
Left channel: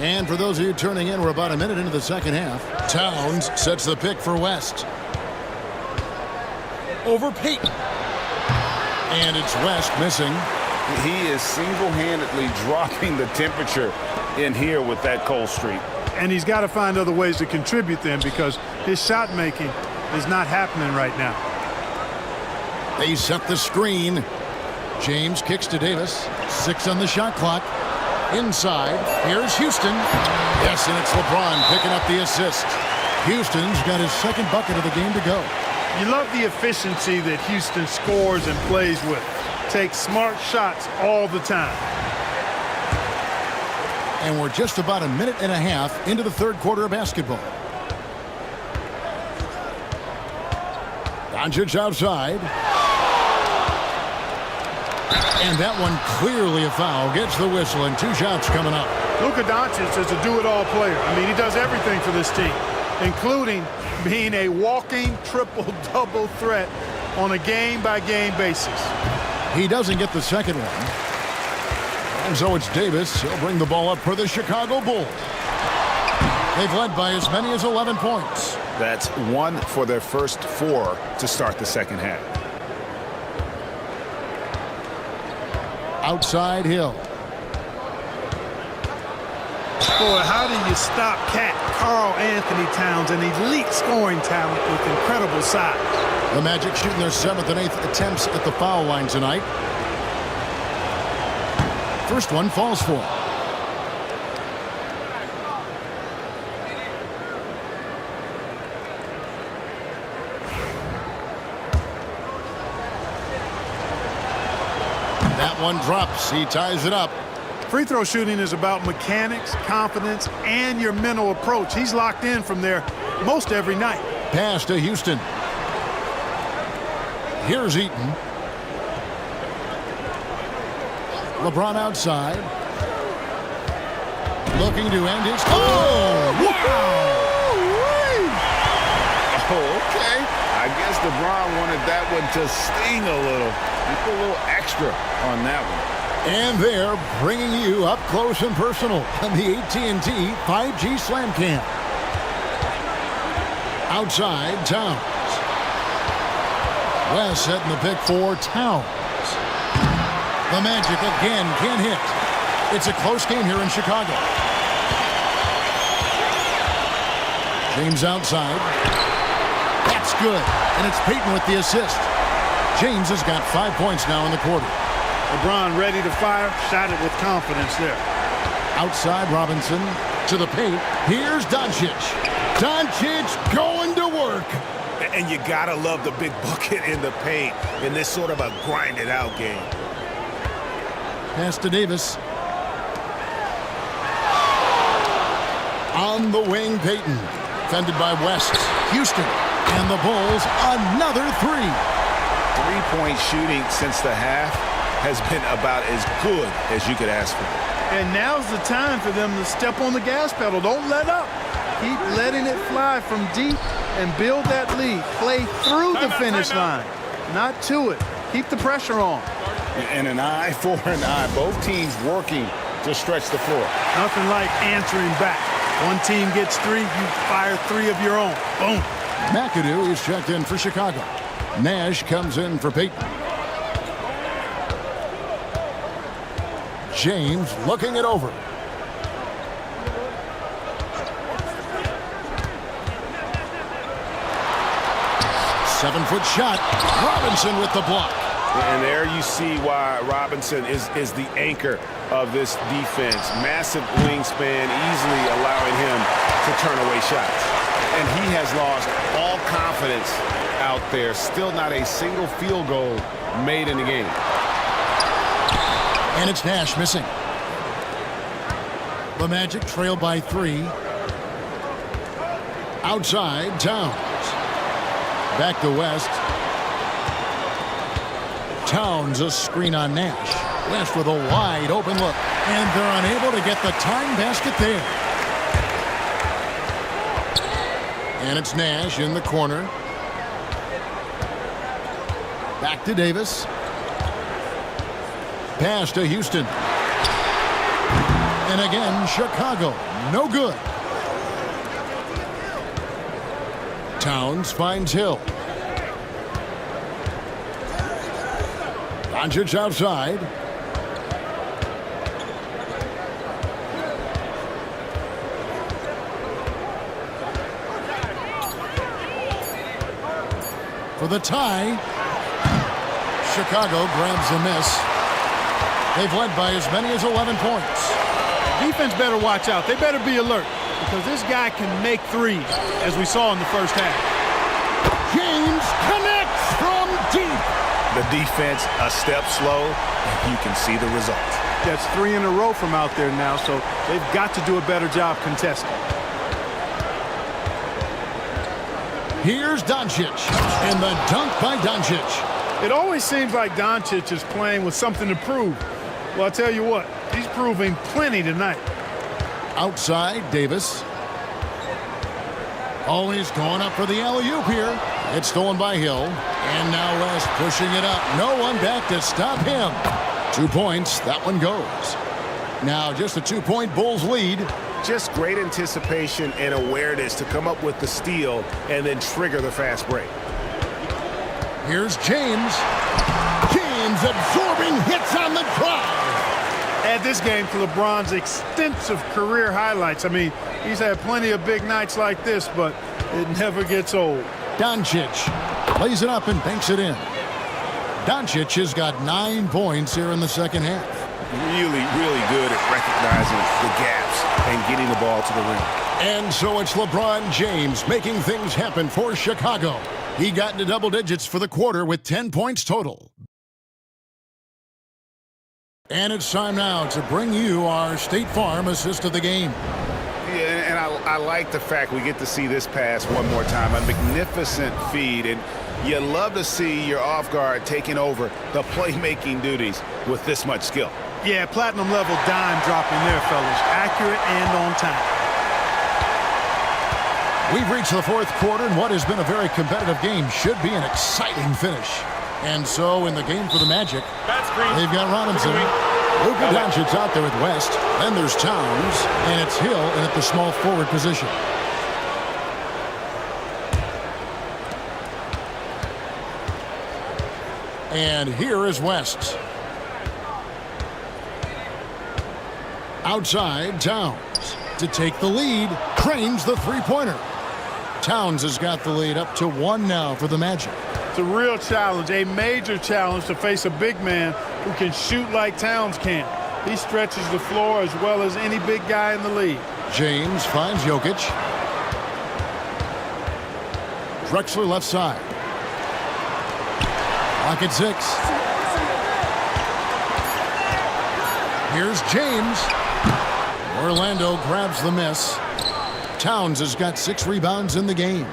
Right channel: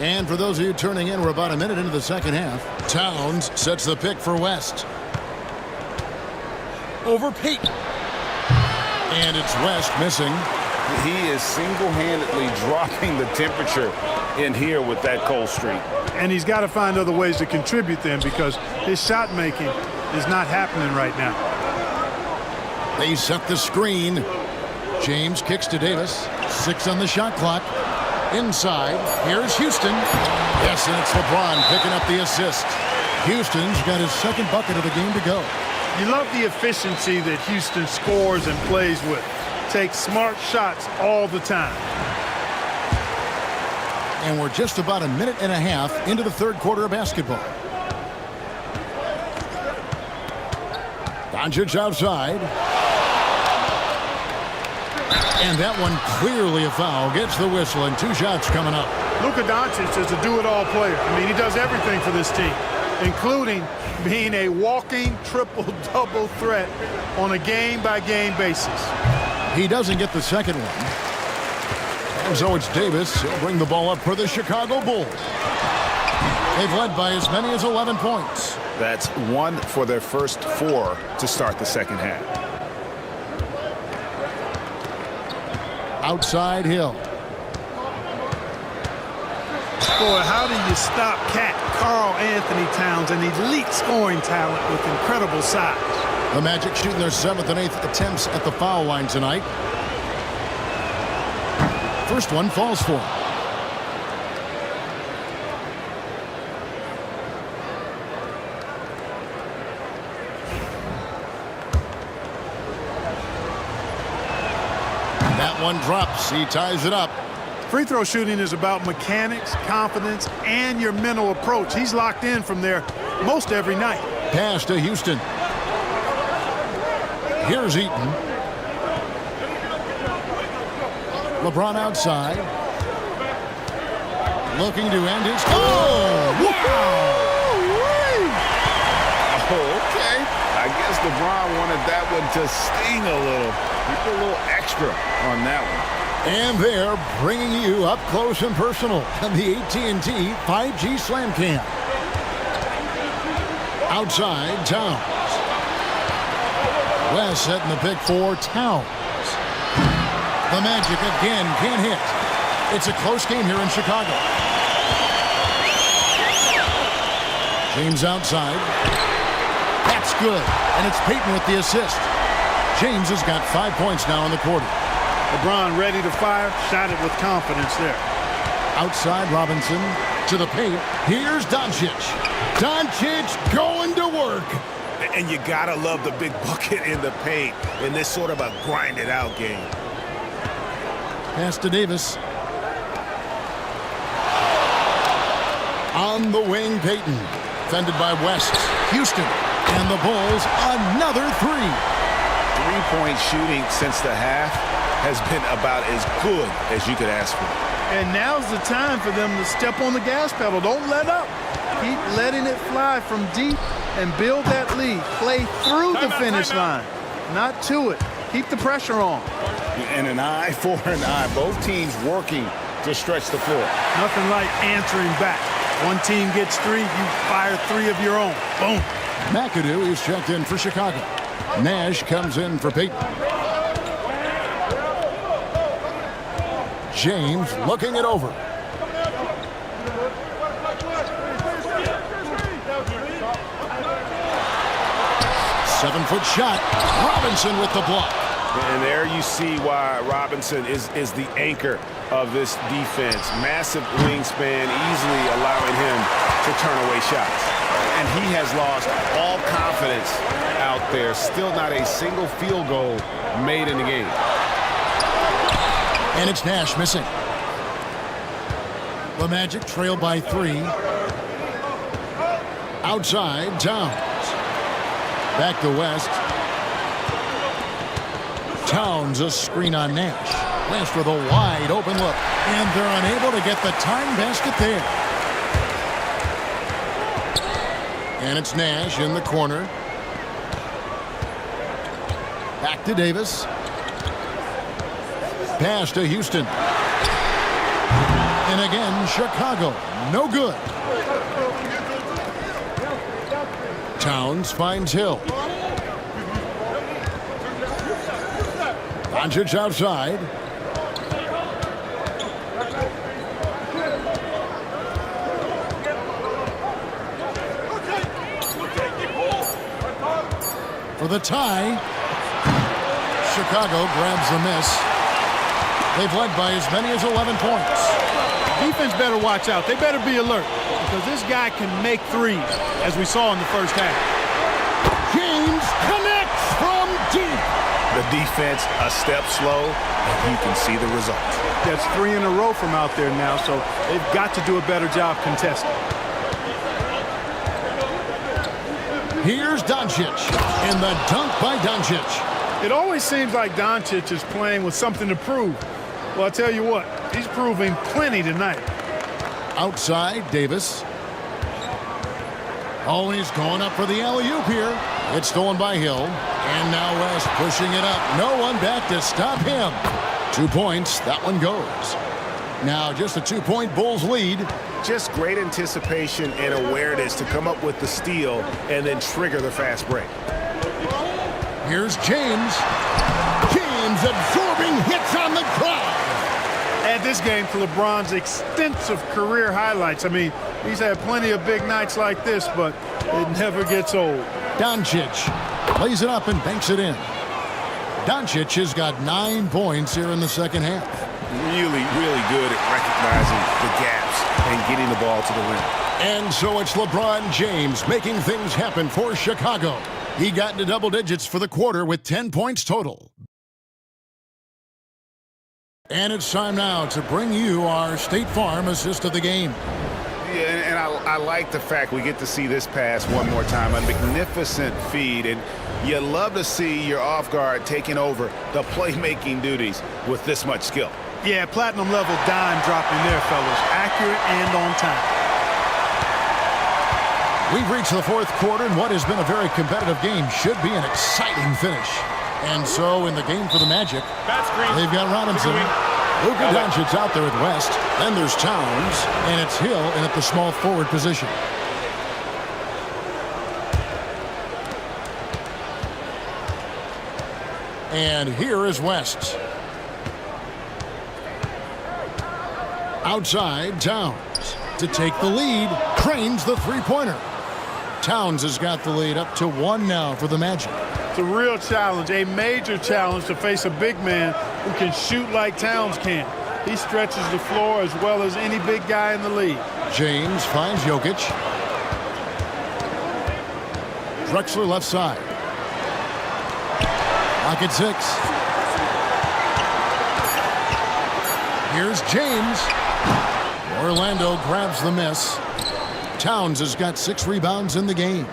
And for those of you turning in, we're about a minute into the second half. Towns sets the pick for West. Over Payton. And it's West missing. He is single-handedly dropping the temperature in here with that cold streak. And he's got to find other ways to contribute then, because his shot making is not happening right now. They set the screen. James kicks to Davis. 6 on the shot clock. Inside, here's Houston. Yes, and it's LeBron picking up the assist. Houston's got his 2nd bucket of the game to go. You love the efficiency that Houston scores and plays with. Takes smart shots all the time. And we're just about a minute and a half into the 3rd quarter of basketball. Doncic outside. And that one clearly a foul. Gets the whistle, and 2 shots coming up. Luka Doncic is a do-it-all player. I mean, he does everything for this team, including being a walking triple-double threat on a game-by-game basis. He doesn't get the second one. And so it's Davis. He'll bring the ball up for the Chicago Bulls. They've led by as many as 11 points. That's 1 for their first 4 to start the second half. Outside Hill. Boy, how do you stop Cat Karl Anthony Towns, an elite scoring talent with incredible size? The Magic shooting their 7th and 8th attempts at the foul line tonight. First one falls for him. That one drops. He ties it up. Free throw shooting is about mechanics, confidence, and your mental approach. He's locked in from there most every night. Pass to Houston. Here's Eaton. LeBron outside. Looking to end his... Oh! Wow! Okay. I guess LeBron wanted that one to sting a little. He put a little extra on that one. And they're bringing you up close and personal on the AT&T 5G Slam Cam. Outside, Towns. West setting the pick for Towns. The Magic again can't hit. It's a close game here in Chicago. James outside. That's good. And it's Payton with the assist. James has got 5 points now in the quarter. LeBron ready to fire. Shot it with confidence there. Outside, Robinson to the paint. Here's Doncic. Doncic going to work. And you gotta love the big bucket in the paint in this sort of a grinded out game. Pass to Davis. On the wing, Payton. Fended by West. Houston. And the Bulls, another three. Three-point shooting since the half has been about as good as you could ask for. And now's the time for them to step on the gas pedal. Don't let up. Keep letting it fly from deep and build that lead. Play through the finish line, not to it. Keep the pressure on. And an eye for an eye. Both teams working to stretch the floor. Nothing like answering back. One team gets three, you fire three of your own. Boom. McAdoo is checked in for Chicago. Nash comes in for Payton. James looking it over. Seven-foot shot. Robinson with the block. And there you see why Robinson is the anchor of this defense. Massive wingspan, easily allowing him to turn away shots. And he has lost all confidence out there. Still not a single field goal made in the game. And it's Nash missing. The Magic trail by 3. Outside, Towns. Back to West. Towns, a screen on Nash. West with a wide open look. And they're unable to get the tying basket there. And it's Nash in the corner. Back to Davis. Pass to Houston. And again, Chicago. No good. Towns finds Hill. Doncic outside. For the tie. Chicago grabs the miss. They've led by as many as 11 points. Defense better watch out. They better be alert because this guy can make threes, as we saw in the first half. James connects from deep. The defense a step slow, and you can see the result. That's 3 in a row from out there now, so they've got to do a better job contesting. Here's Doncic, and the dunk by Doncic. It always seems like Doncic is playing with something to prove. Well, I'll tell you what, he's proving plenty tonight. Outside, Davis. Always going up for the alley-oop here. It's stolen by Hill. And now West pushing it up. No one back to stop him. 2 points. That one goes. Now just a 2-point Bulls lead. Just great anticipation and awareness to come up with the steal and then trigger the fast break. Here's James. James absorbing hits on the drive. Add this game to LeBron's extensive career highlights. I mean, he's had plenty of big nights like this, but it never gets old. Doncic lays it up and banks it in. Doncic has got 9 points here in the second half. Really, really good at recognizing the gaps and getting the ball to the rim. And so it's LeBron James making things happen for Chicago. He got into double digits for the quarter with 10 points total. And it's time now to bring you our State Farm assist of the game. Yeah, and I like the fact we get to see this pass one more time. A magnificent feed, and you love to see your off guard taking over the playmaking duties with this much skill. Yeah, platinum level dime dropping there, fellas. Accurate and on time. We've reached the fourth quarter, and what has been a very competitive game should be an exciting finish. And so in the game for the Magic, they've got Robinson. Luka Doncic's out there with West. Then there's Towns, and it's Hill in at the small forward position. And here is West. Outside, Towns to take the lead. Cranes the three-pointer. Towns has got the lead up to 1 now for the Magic. It's a real challenge, a major challenge to face a big man who can shoot like Towns can. He stretches the floor as well as any big guy in the league. James finds Jokic. Drexler left side. Clock at 6. Here's James. Orlando grabs the miss. Towns has got 6 rebounds in the game.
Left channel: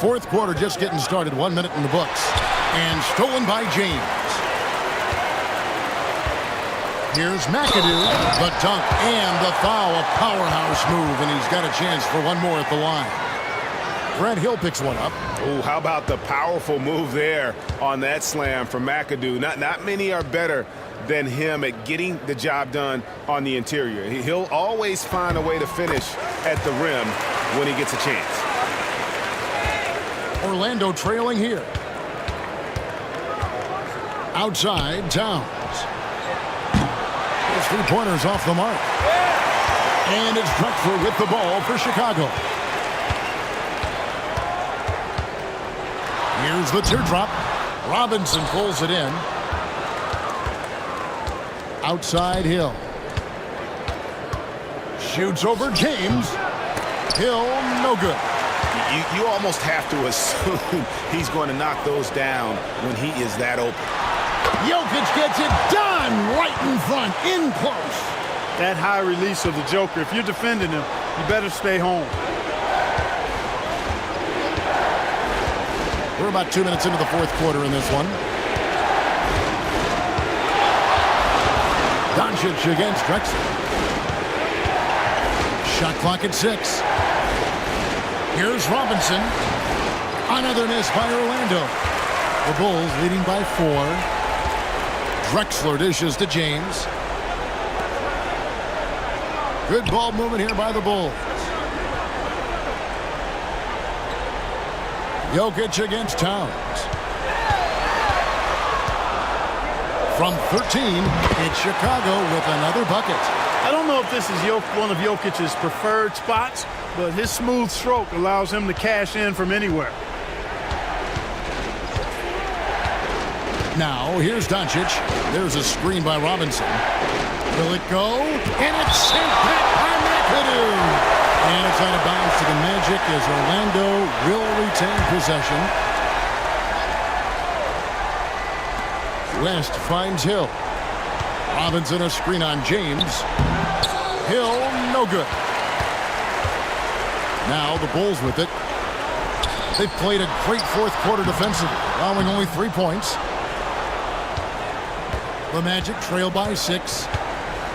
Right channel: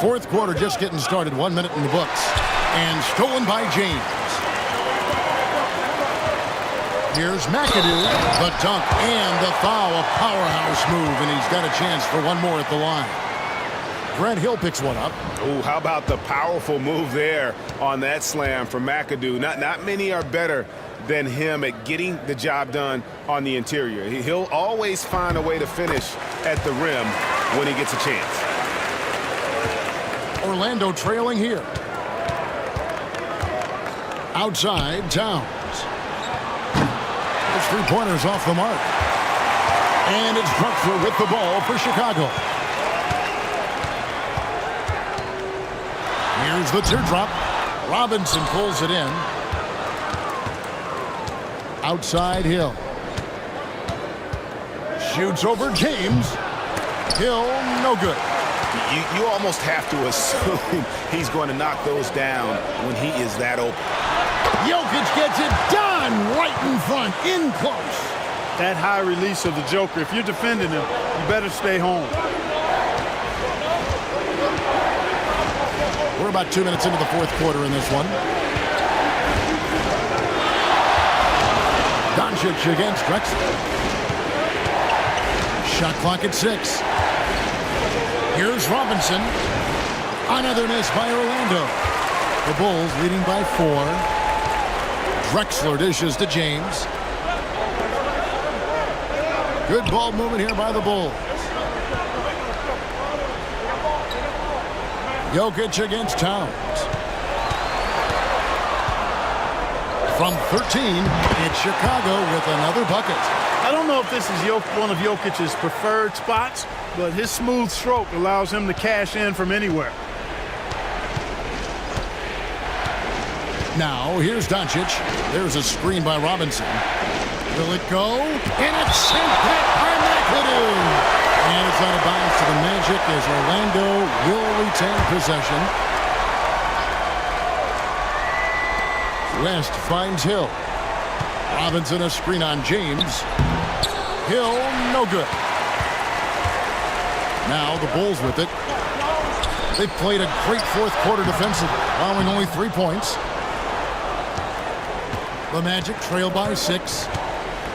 Fourth quarter just getting started. 1 minute in the books. And stolen by James. Here's McAdoo. The dunk and the foul. A powerhouse move. And he's got a chance for one more at the line. Grant Hill picks one up. Oh, how about the powerful move there on that slam from McAdoo? Not many are better than him at getting the job done on the interior. He'll always find a way to finish at the rim when he gets a chance. Orlando trailing here. Outside, Towns. His three-pointer's off the mark. And it's Drexler with the ball for Chicago. Here's the teardrop. Robinson pulls it in. Outside Hill. Shoots over James. Hill, no good. You almost have to assume he's going to knock those down when he is that open. Jokic gets it done right in front, in close. That high release of the Joker, if you're defending him, you better stay home. We're about 2 minutes into the fourth quarter in this one. Doncic against Drexler. Shot clock at 6. Here's Robinson. Another miss by Orlando. The Bulls leading by 4. Drexler dishes to James. Good ball movement here by the Bulls. Jokic against Towns. From 13, it's Chicago with another bucket. I don't know if this is one of Jokic's preferred spots, but his smooth stroke allows him to cash in from anywhere. Now, here's Doncic. There's a screen by Robinson. Will it go? And it's sent back by McAdoo. And it's out of bounds to the Magic as Orlando will retain possession. West finds Hill. Robinson a screen on James. Hill, no good. Now the Bulls with it. They've played a great fourth quarter defensively, allowing only 3 points. The Magic trail by 6.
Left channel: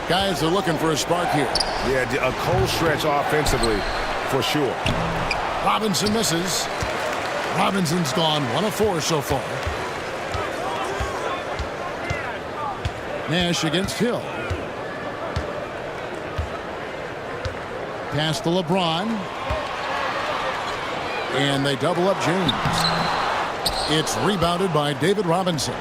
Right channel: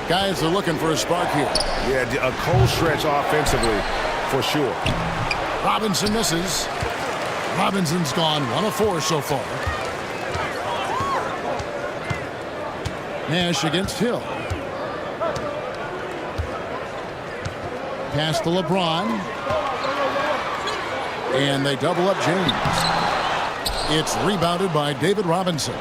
Guys are looking for a spark here. Yeah, a cold stretch offensively for sure. Robinson misses. Robinson's gone 1 of 4 so far. Nash against Hill. Pass to LeBron. And they double up James. It's rebounded by David Robinson.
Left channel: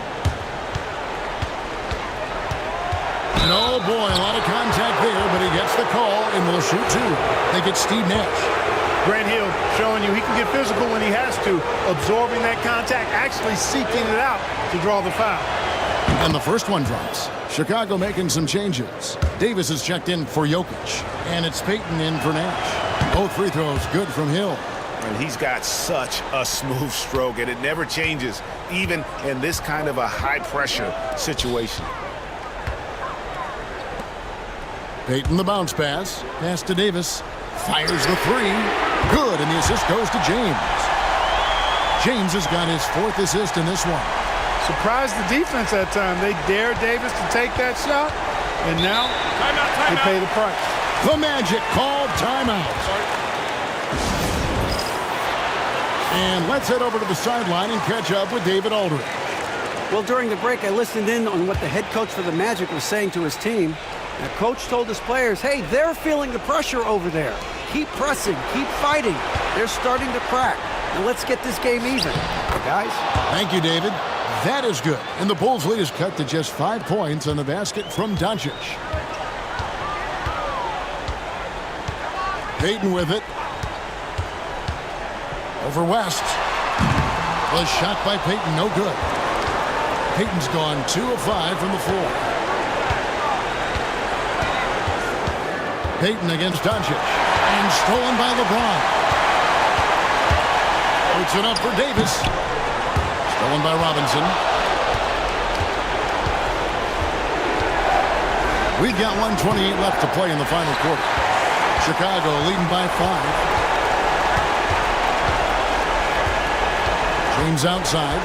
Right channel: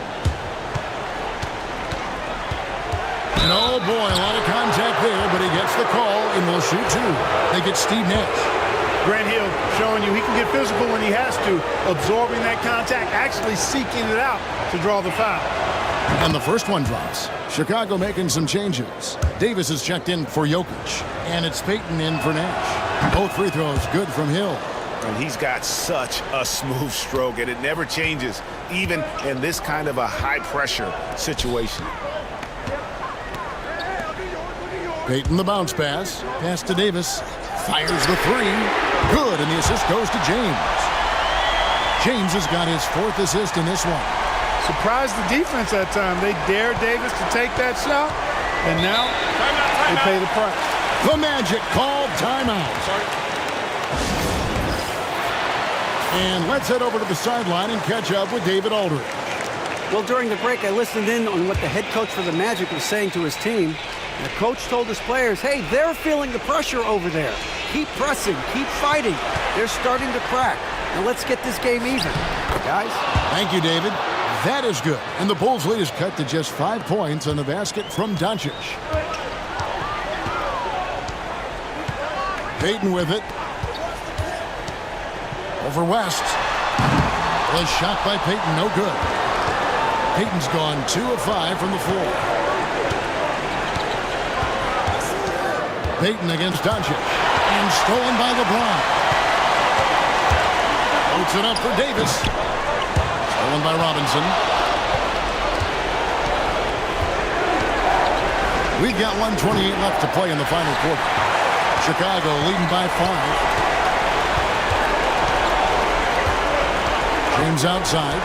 And oh boy, a lot of contact there, but he gets the call and will shoot 2. They get Steve Nash. Grant Hill showing you he can get physical when he has to, absorbing that contact, actually seeking it out to draw the foul. And the first one drops. Chicago making some changes. Davis is checked in for Jokic. And it's Payton in for Nash. Both free throws good from Hill. And he's got such a smooth stroke, and it never changes, even in this kind of a high-pressure situation. Payton the bounce pass. Pass to Davis. Fires the 3. Good, and the assist goes to James. James has got his 4th assist in this one. Surprised the defense that time. They dared Davis to take that shot, and now they pay the price. The Magic called timeout. And let's head over to the sideline and catch up with David Aldridge. Well, during the break, I listened in on what the head coach for the Magic was saying to his team. The coach told his players, hey, they're feeling the pressure over there. Keep pressing, keep fighting. They're starting to crack. Now let's get this game even, guys. Thank you, David. That is good. And the Bulls' lead is cut to just 5 points on the basket from Doncic. Payton with it. Over West. Was shot by Payton, no good. Payton's gone 2 of 5 from the floor. Payton against Doncic. And stolen by LeBron. Floats it up for Davis. Stolen by Robinson. We've got 1:28 left to play in the final quarter. Chicago leading by 5. James outside.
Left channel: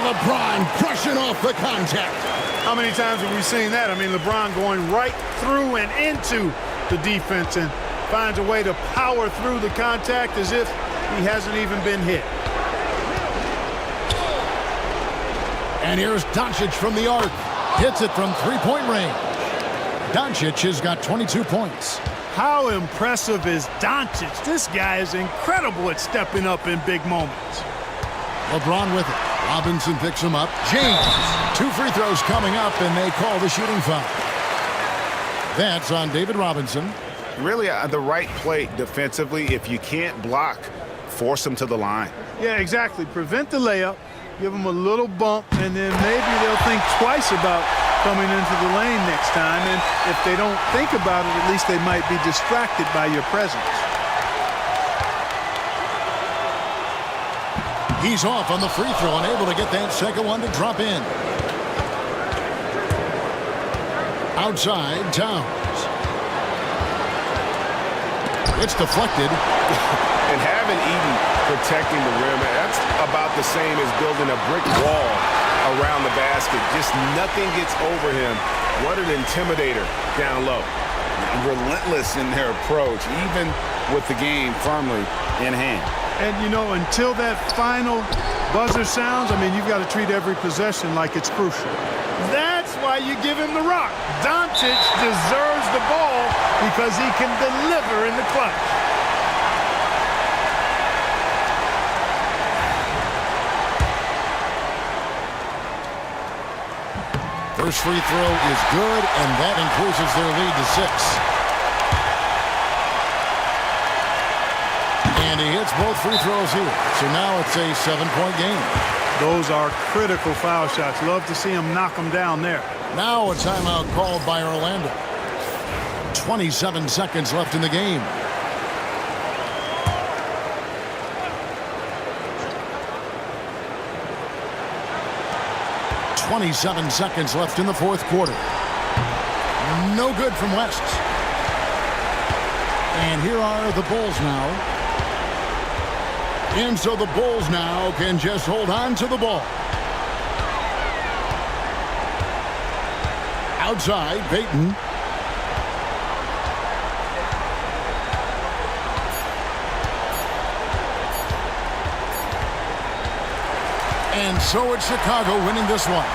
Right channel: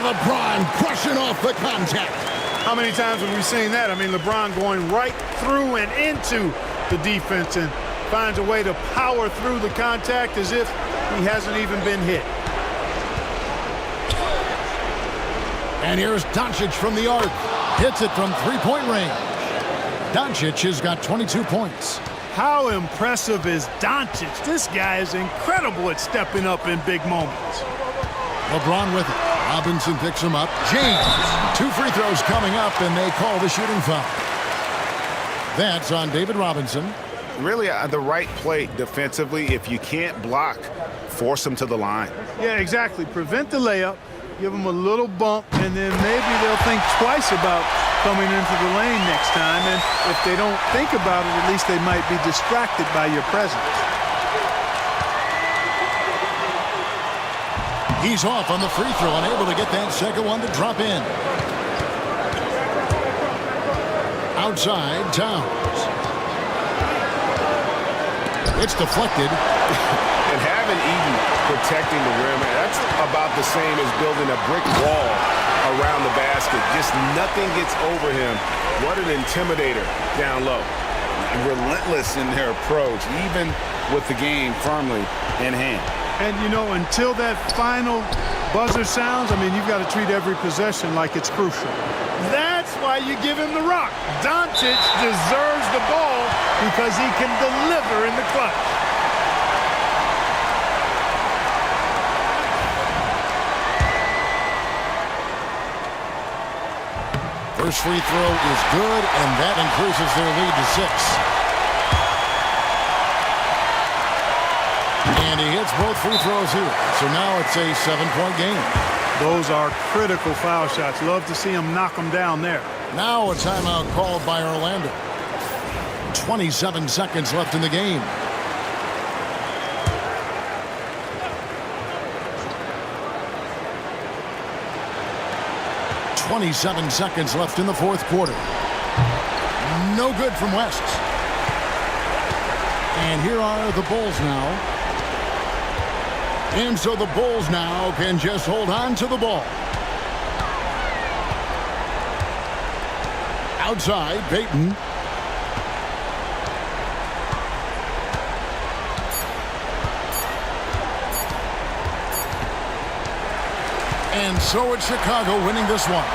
LeBron brushing off the contact. How many times have we seen that? I mean, LeBron going right through and into the defense and finds a way to power through the contact as if he hasn't even been hit. And here's Doncic from the arc. Hits it from three-point range. Doncic has got 22 points. How impressive is Doncic? This guy is incredible at stepping up in big moments. LeBron with it. Robinson picks him up. James. 2 free throws coming up, and they call the shooting foul. That's on David Robinson. Really the right play defensively. If you can't block, force him to the line. Yeah, exactly. Prevent the layup, give them a little bump, and then maybe they'll think twice about coming into the lane next time. And if they don't think about it, at least they might be distracted by your presence. He's off on the free throw and able to get that second one to drop in. Outside, Towns. It's deflected. And having Eden protecting the rim, that's about the same as building a brick wall around the basket. Just nothing gets over him. What an intimidator down low. Relentless in their approach, even with the game firmly in hand. And, you know, until that final buzzer sounds, I mean, you've got to treat every possession like it's crucial. That's why you give him the rock. Doncic deserves the ball because he can deliver in the clutch. First free throw is good, and that increases their lead to 6. And he hits both free throws here. So now it's a 7-point game. Those are critical foul shots. Love to see him knock them down there. Now a timeout called by Orlando. 27 seconds left in the game. .27 seconds left in the fourth quarter. No good from West. And here are the Bulls now. And so the Bulls now can just hold on to the ball. Outside, Payton. And so it's Chicago winning this one.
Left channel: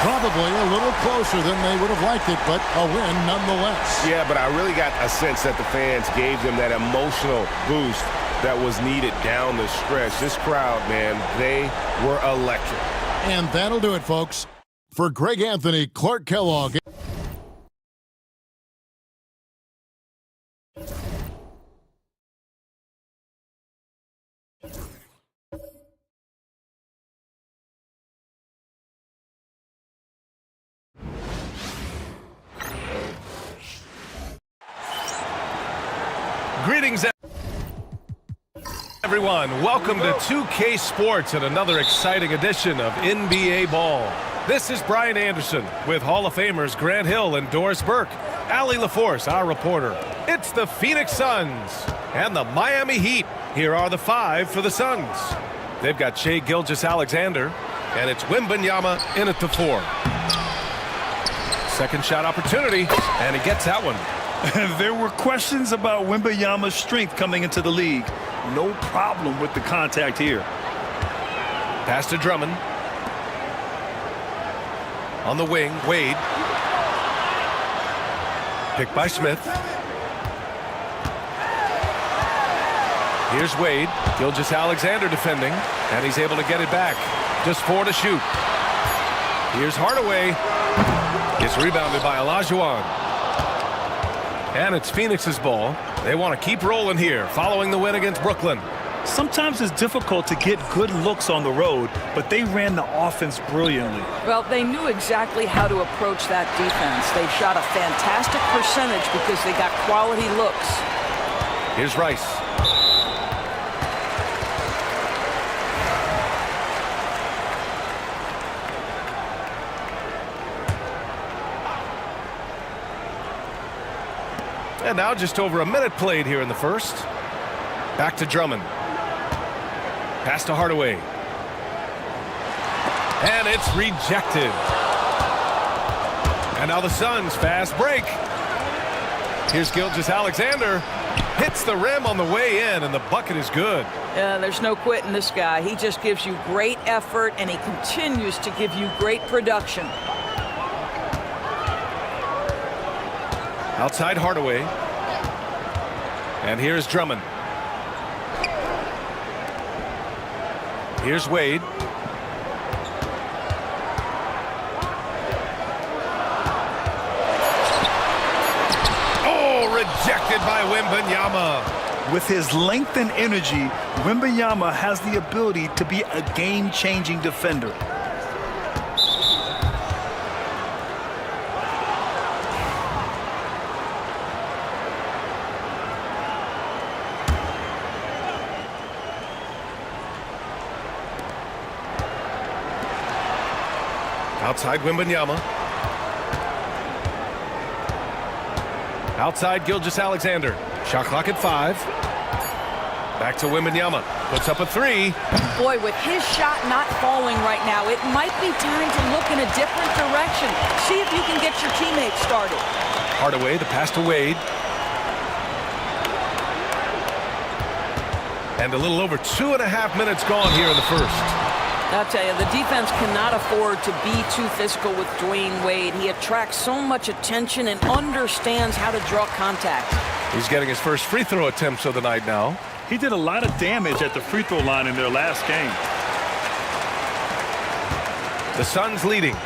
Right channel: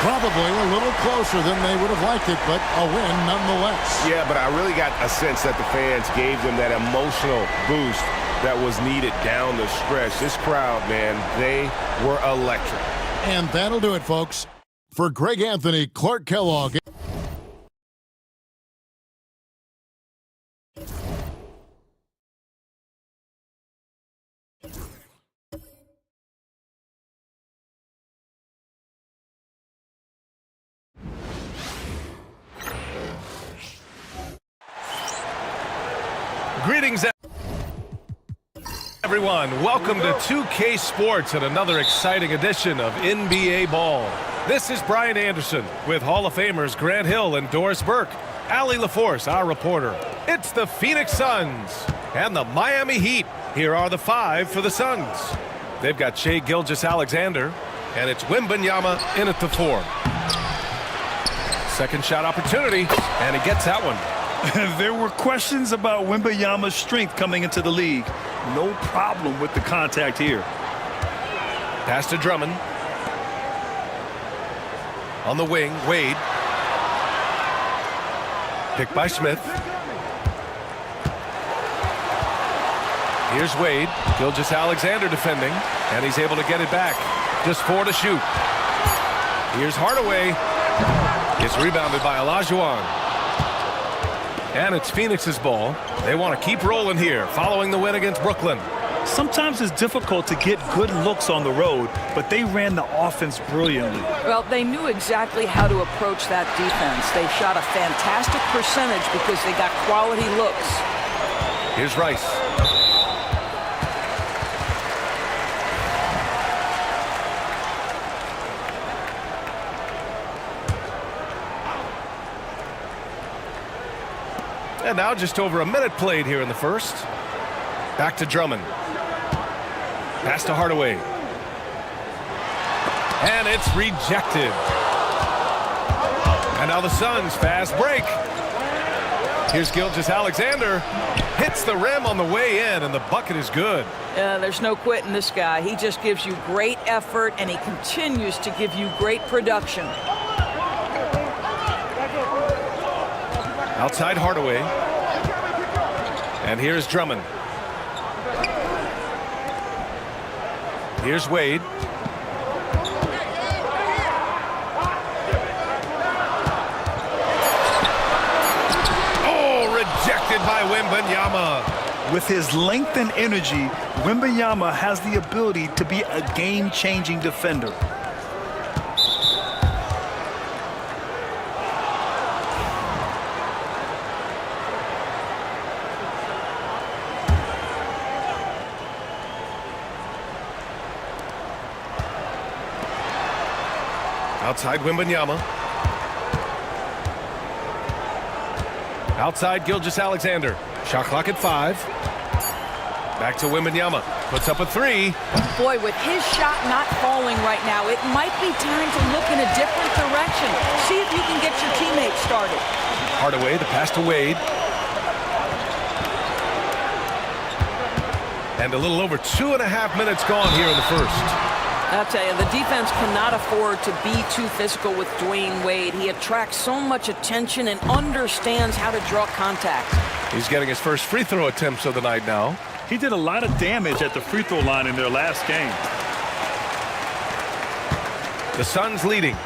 Probably a little closer than they would have liked it, but a win nonetheless. Yeah, but I really got a sense that the fans gave them that emotional boost that was needed down the stretch. This crowd, man, they were electric. And that'll do it, folks. For Greg Anthony, Clark Kellogg. Greetings, everyone. Welcome to 2K Sports and another exciting edition of NBA Ball. This is Brian Anderson with Hall of Famers Grant Hill and Doris Burke. Allie LaForce, our reporter. It's the Phoenix Suns and the Miami Heat. Here are the 5 for the Suns. They've got Shai Gilgeous-Alexander, and it's Wembanyama in at the 4. Second shot opportunity, and he gets that one. There were questions about Wembanyama's strength coming into the league. No problem with the contact here. Pass to Drummond. On the wing, Wade. Picked by Smith. Here's Wade. Gilgeous-Alexander defending, and he's able to get it back. Just 4 to shoot. Here's Hardaway. It's rebounded by Olajuwon. And it's Phoenix's ball. They want to keep rolling here, following the win against Brooklyn. Sometimes it's difficult to get good looks on the road, but they ran the offense brilliantly. Well, they knew exactly how to approach that defense. They shot a fantastic percentage because they got quality looks. Here's Rice. And now just over a minute played here in the first. Back to Drummond. Pass to Hardaway. And it's rejected. And now the Suns fast break. Here's Gilgeous-Alexander. Hits the rim on the way in, and the bucket is good. There's no quitting this guy. He just gives you great effort, and he continues to give you great production. Outside Hardaway. And here's Drummond. Here's Wade. Oh, rejected by Wembanyama. With his length and energy, Wembanyama has the ability to be a game-changing defender. Outside Wembanyama. Outside Gilgeous-Alexander. Shot clock at 5. Back to Wembanyama. Puts up a 3. Boy, with his shot not falling right now, it might be time to look in a different direction. See if you can get your teammates started. Hardaway, the pass to Wade. And a little over 2.5 minutes gone here in the first. I'll tell you, the defense cannot afford to be too physical with Dwayne Wade. He attracts so much attention and understands how to draw contact. He's getting his first free throw attempts of the night now. He did a lot of damage at the free throw line in their last game. The Suns leading.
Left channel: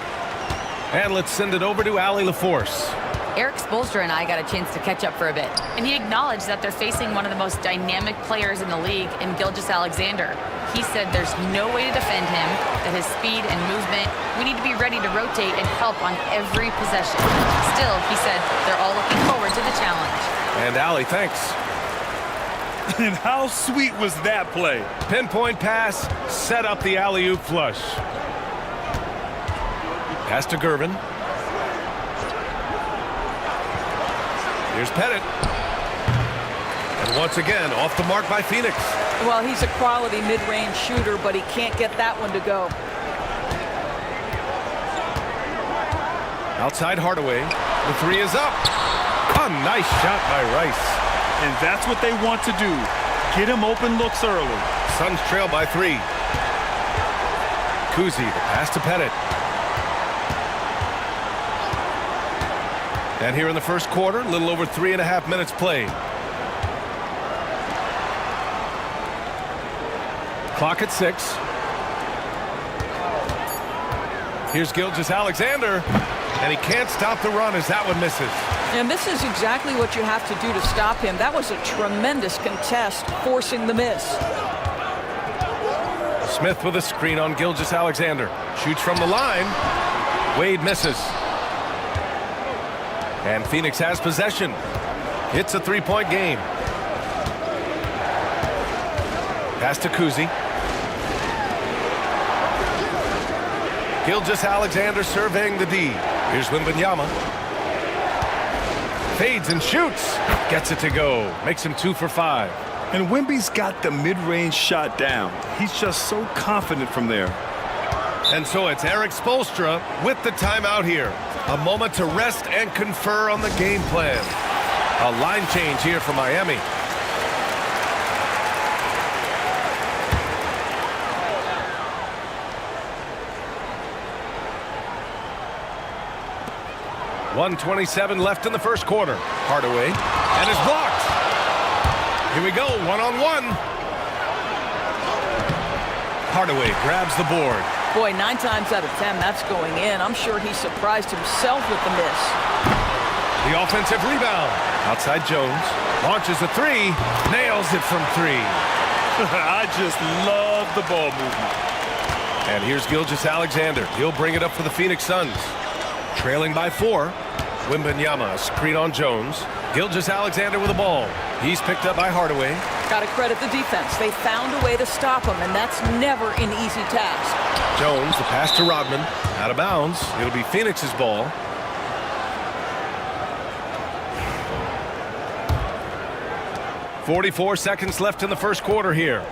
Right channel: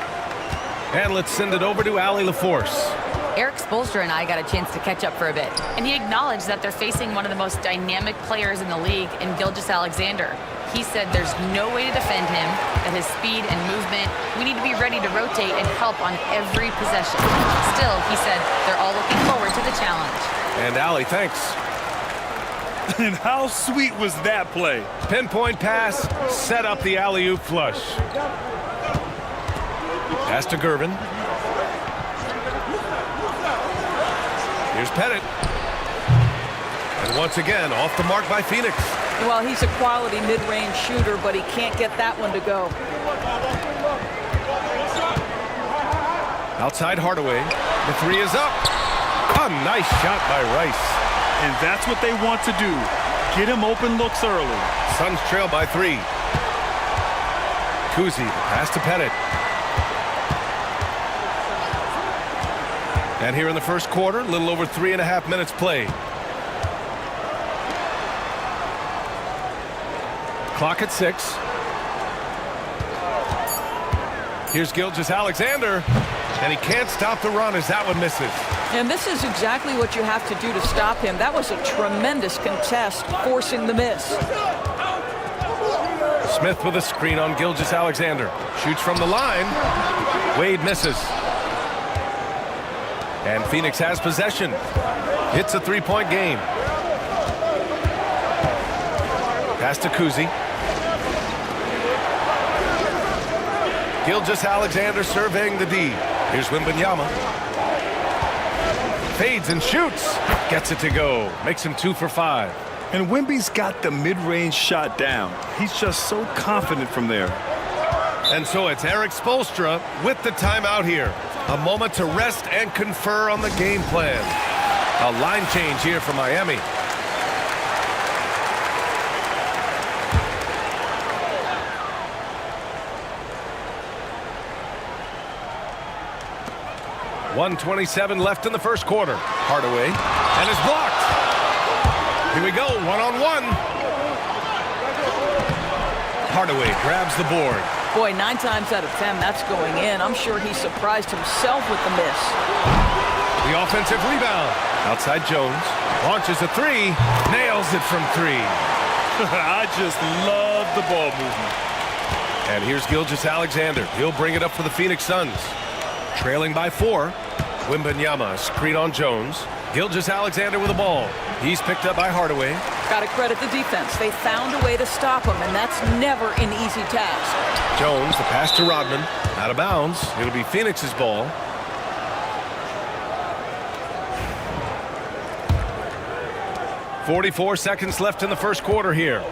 And let's send it over to Allie LaForce. Eric Spoelstra and I got a chance to catch up for a bit, and he acknowledged that they're facing one of the most dynamic players in the league in Gilgeous-Alexander. He said there's no way to defend him, that his speed and movement, we need to be ready to rotate and help on every possession. Still, he said they're all looking forward to the challenge. And Allie, thanks. And how sweet was that play? Pinpoint pass, set up the alley-oop flush. Pass to Gervin. Here's Pettit. And once again, off the mark by Phoenix. Well, he's a quality mid-range shooter, but he can't get that one to go. Outside Hardaway. The 3 is up. A nice shot by Rice. And that's what they want to do. Get him open looks early. Suns trail by 3. Kuzi, the pass to Pettit. And here in the first quarter, a little over 3.5 minutes played. Clock at 6. Here's Gilgeous-Alexander, and he can't stop the run as that one misses. And this is exactly what you have to do to stop him. That was a tremendous contest, forcing the miss. Smith with a screen on Gilgeous-Alexander. Shoots from the line. Wade misses. And Phoenix has possession. It's a 3-point game. Pass to Kuzi. Gilgeous-Alexander surveying the D. Here's Wembanyama. Fades and shoots. Gets it to go. Makes him 2 for 5. And Wemby's got the mid-range shot down. He's just so confident from there. And so it's Eric Spoelstra with the timeout here. A moment to rest and confer on the game plan. A line change here for Miami. .127 left in the first quarter. Hardaway, and is blocked. Here we go, one-on-one. Hardaway grabs the board. Boy, 9 times out of 10, that's going in. I'm sure he surprised himself with the miss. The offensive rebound. Outside Jones. Launches a three. Nails it from 3. I just love the ball movement. And here's Gilgeous-Alexander. He'll bring it up for the Phoenix Suns. Trailing by 4. Wembanyama, screen on Jones. Gilgeous-Alexander with the ball. He's picked up by Hardaway. Got to credit the defense. They found a way to stop him, and that's never an easy task. Jones, the pass to Rodman. Out of bounds. It'll be Phoenix's ball. .44 seconds left in the first quarter here.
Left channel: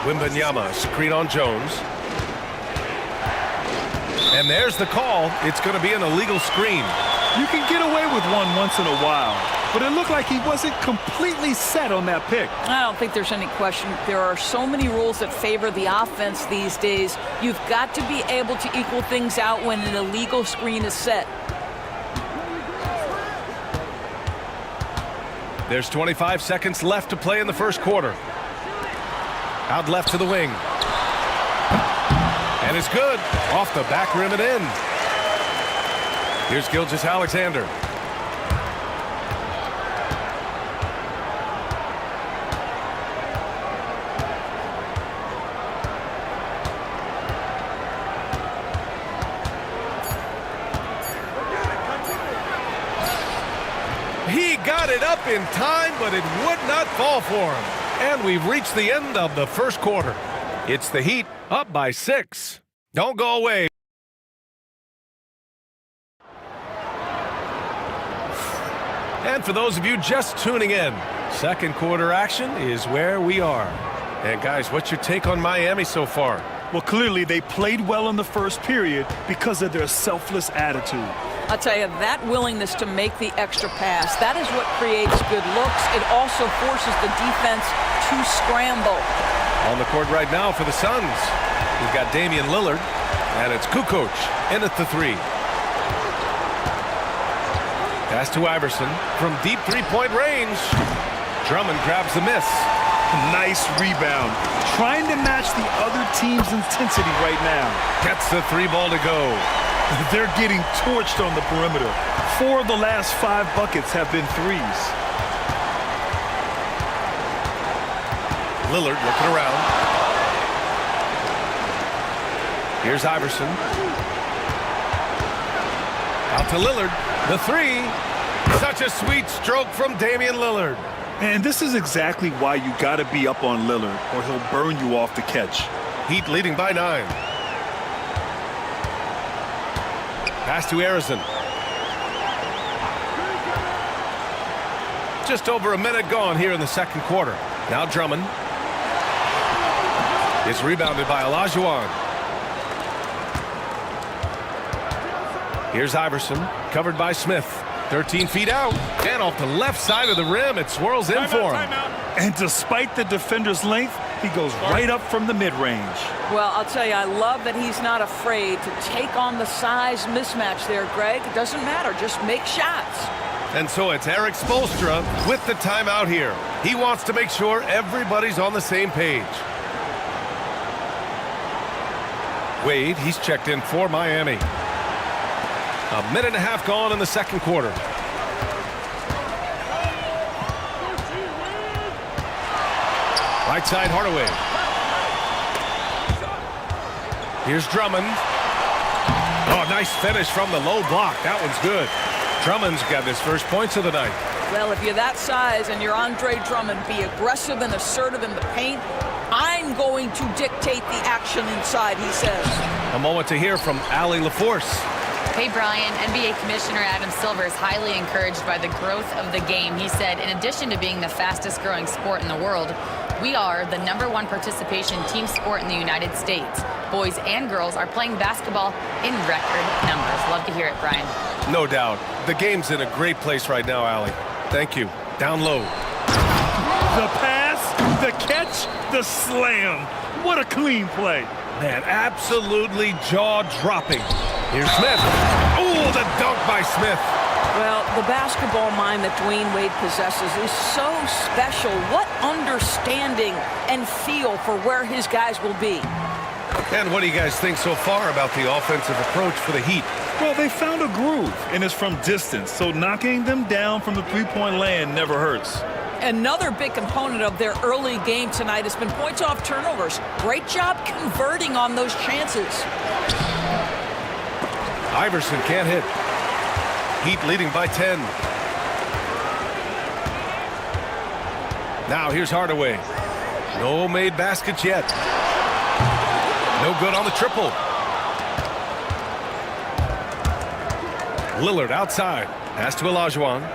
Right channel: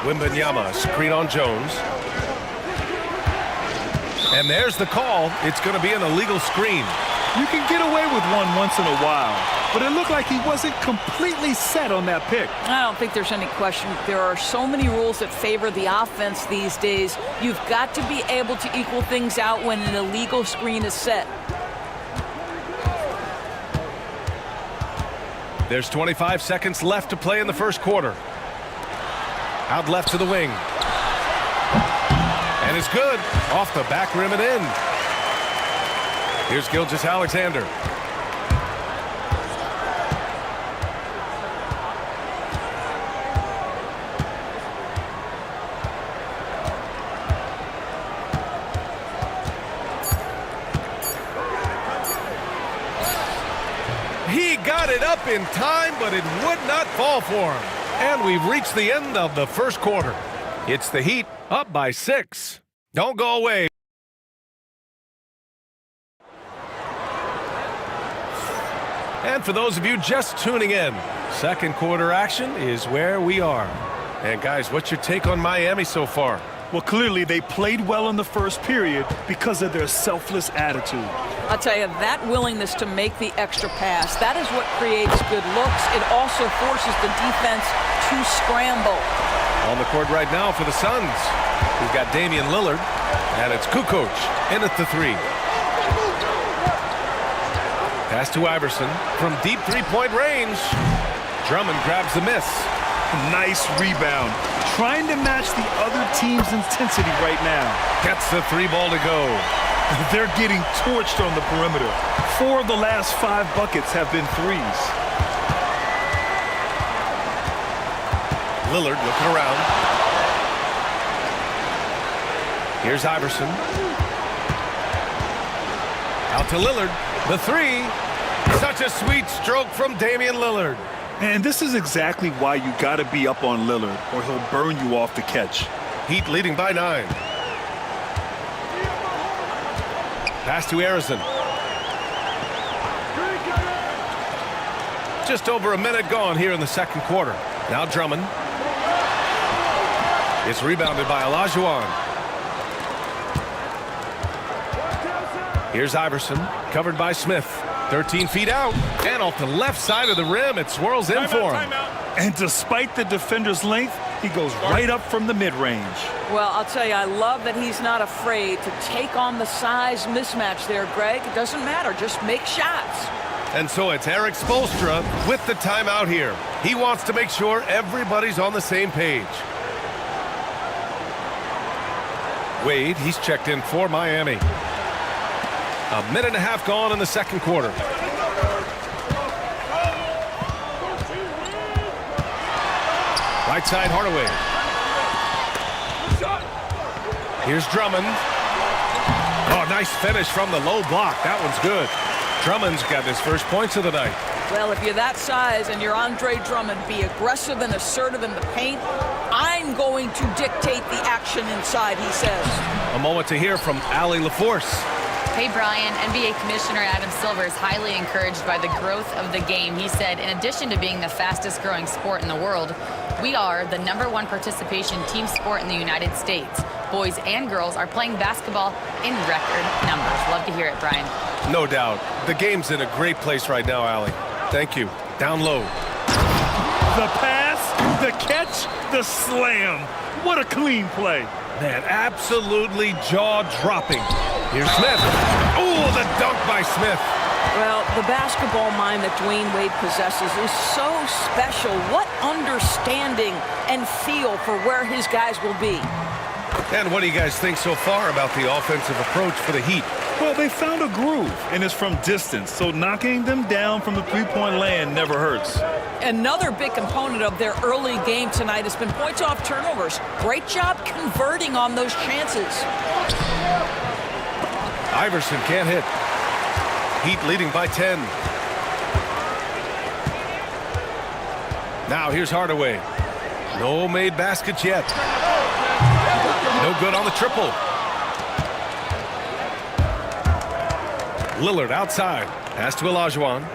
Wembanyama, screen on Jones. And there's the call. It's going to be an illegal screen. You can get away with one once in a while, but it looked like he wasn't completely set on that pick. I don't think there's any question. There are so many rules that favor the offense these days. You've got to be able to equal things out when an illegal screen is set. There's 25 seconds left to play in the first quarter. Out left to the wing. And it's good. Off the back rim and in. Here's Gilgeous-Alexander. He got it up in time, but it would not fall for him. And we've reached the end of the first quarter. It's the Heat up by 6. Don't go away. And for those of you just tuning in, second quarter action is where we are. And guys, what's your take on Miami so far? Well, clearly they played well in the first period because of their selfless attitude. I'll tell you, that willingness to make the extra pass, that is what creates good looks. It also forces the defense to scramble. On the court right now for the Suns, we've got Damian Lillard, and it's Kukoc in at the 3. Pass to Iverson from deep three-point range. Drummond grabs the miss. Nice rebound. Trying to match the other team's intensity right now. Gets the 3 ball to go. They're getting torched on the perimeter. 4 of the last 5 buckets have been threes. Lillard looking around. Here's Iverson. Out to Lillard. The 3. Such a sweet stroke from Damian Lillard. And this is exactly why you got to be up on Lillard, or he'll burn you off the catch. Heat leading by 9. Pass to Arizon. Just over a minute gone here in the second quarter. Now Drummond. It's rebounded by Olajuwon. Here's Iverson, covered by Smith. 13 feet out, and off the left side of the rim, it swirls in for him. And despite the defender's length, he goes right up from the mid-range. Well, I'll tell you, I love that he's not afraid to take on the size mismatch there, Greg. It doesn't matter. Just make shots. And so it's Eric Spoelstra with the timeout here. He wants to make sure everybody's on the same page. Wade, he's checked in for Miami. A minute and a half gone in the second quarter. Right side, Hardaway. Here's Drummond. Oh, nice finish from the low block. That one's good. Drummond's got his first points of the night. Well, if you're that size and you're Andre Drummond, be aggressive and assertive in the paint. I'm going to dictate the action inside, he says. A moment to hear from Allie LaForce. Hey, Brian. NBA Commissioner Adam Silver is highly encouraged by the growth of the game. He said, in addition to being the fastest growing sport in the world, we are the #1 participation team sport in the United States. Boys and girls are playing basketball in record numbers. Love to hear it, Brian. No doubt. The game's in a great place right now, Allie. Thank you. Down low. The pass, the catch, the slam. What a clean play. Man, absolutely jaw-dropping. Here's Smith. Oh, the dunk by Smith. Well, the basketball mind that Dwayne Wade possesses is so special. What understanding and feel for where his guys will be. And what do you guys think so far about the offensive approach for the Heat? Well, they found a groove, and it's from distance, so knocking them down from the three-point land never hurts. Another big component of their early game tonight has been points off turnovers. Great job converting on those chances. Iverson can't hit. Heat leading by 10. Now here's Hardaway. No made baskets yet. No good on the triple. Lillard outside. Pass to Olajuwon.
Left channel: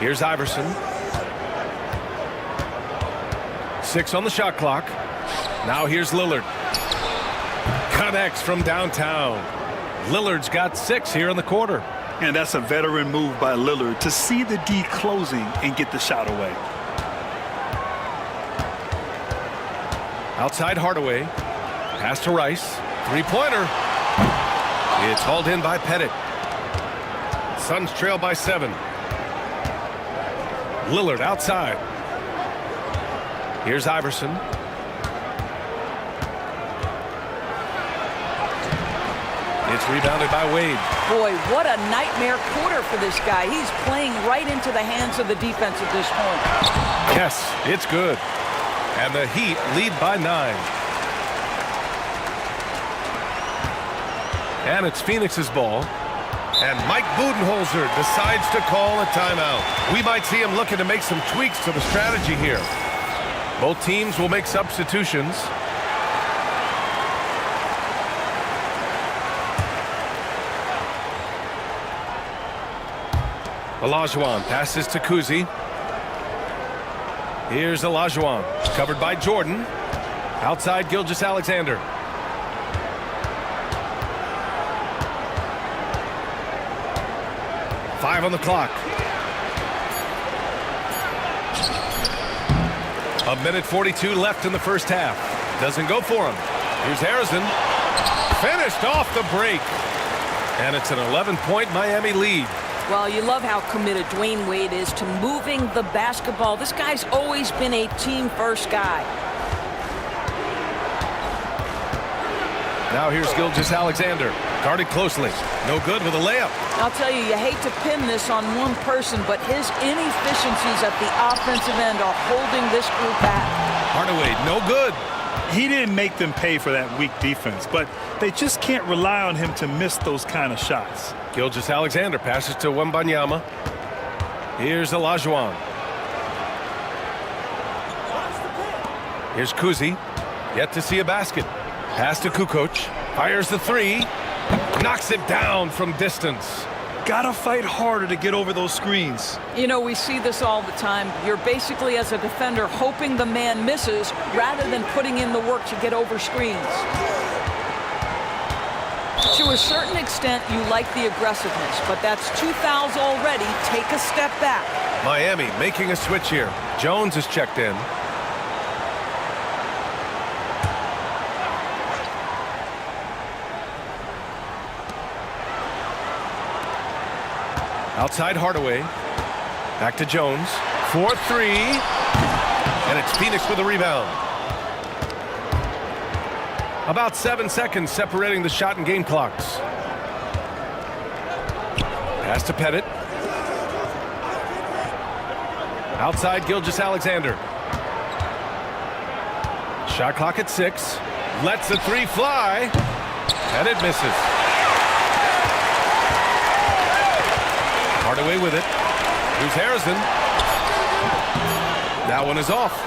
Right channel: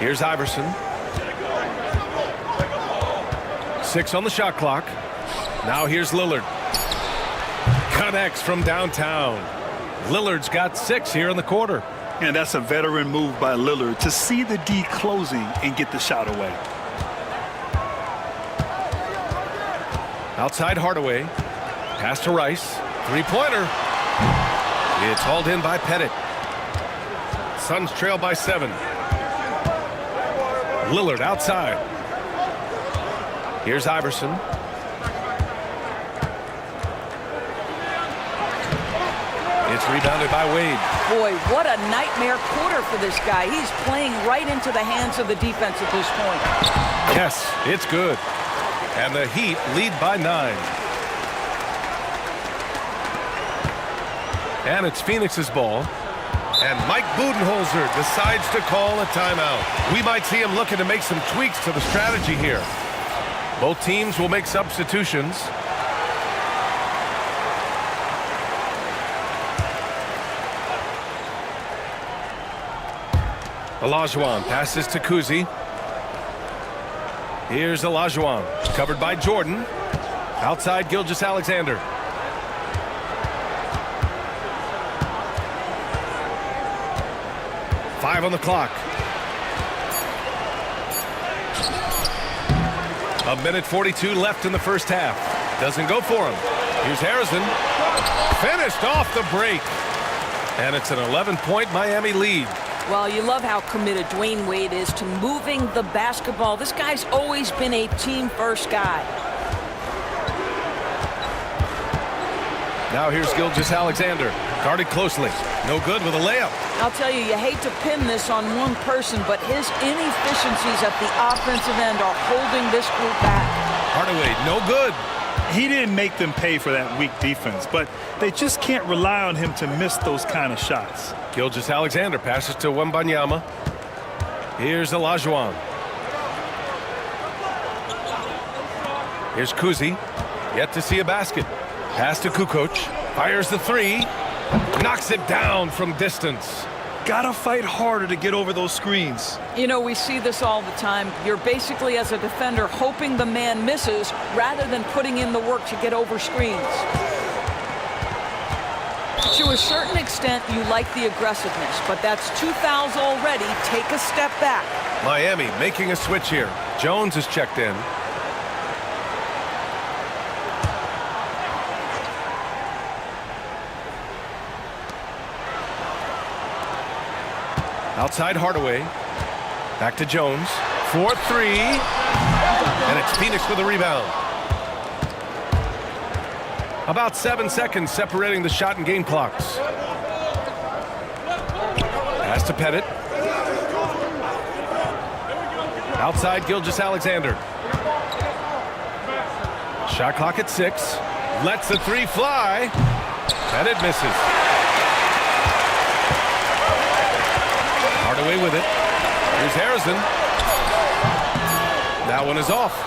Here's Iverson. 6 on the shot clock. Now here's Lillard. Connects from downtown. Lillard's got 6 here in the quarter. And that's a veteran move by Lillard to see the D closing and get the shot away. Outside Hardaway. Pass to Rice. Three-pointer. It's hauled in by Pettit. Suns trail by 7. Lillard outside. Here's Iverson. It's rebounded by Wade. Boy, what a nightmare quarter for this guy. He's playing right into the hands of the defense at this point. Yes, it's good. And the Heat lead by 9. And it's Phoenix's ball. And Mike Budenholzer decides to call a timeout. We might see him looking to make some tweaks to the strategy here. Both teams will make substitutions. Olajuwon passes to Kuzi. Here's Olajuwon, covered by Jordan. Outside Gilgeous-Alexander. Five on the clock. A minute 42 left in the first half. Doesn't go for him. Here's Harrison. Finished off the break. And it's an 11-point Miami lead. Well, you love how committed Dwayne Wade is to moving the basketball. This guy's always been a team-first guy. Now here's Gilgeous-Alexander. Guarded closely. No good with a layup. I'll tell you, you hate to pin this on one person, but his inefficiencies at the offensive end are holding this group back. Hardaway, no good. He didn't make them pay for that weak defense, but they just can't rely on him to miss those kind of shots. Gilgeous-Alexander passes to Wembanyama. Here's Olajuwon. Here's Kuzi. Yet to see a basket. Pass to Kukoc. Fires the three. Knocks it down from distance. Gotta fight harder to get over those screens. You know, we see this all the time. You're basically, as a defender, hoping the man misses rather than putting in the work to get over screens. To a certain extent, you like the aggressiveness, but that's 2 fouls already. Take a step back. Miami making a switch here. Jones is checked in. Outside Hardaway. Back to Jones. 4-3. And it's Phoenix with a rebound. About 7 seconds separating the shot and game clocks. Pass to Pettit. Outside Gilgeous-Alexander. Shot clock at 6. Lets the three fly. Pettit misses. Hardaway with it. Here's Harrison. That one is off.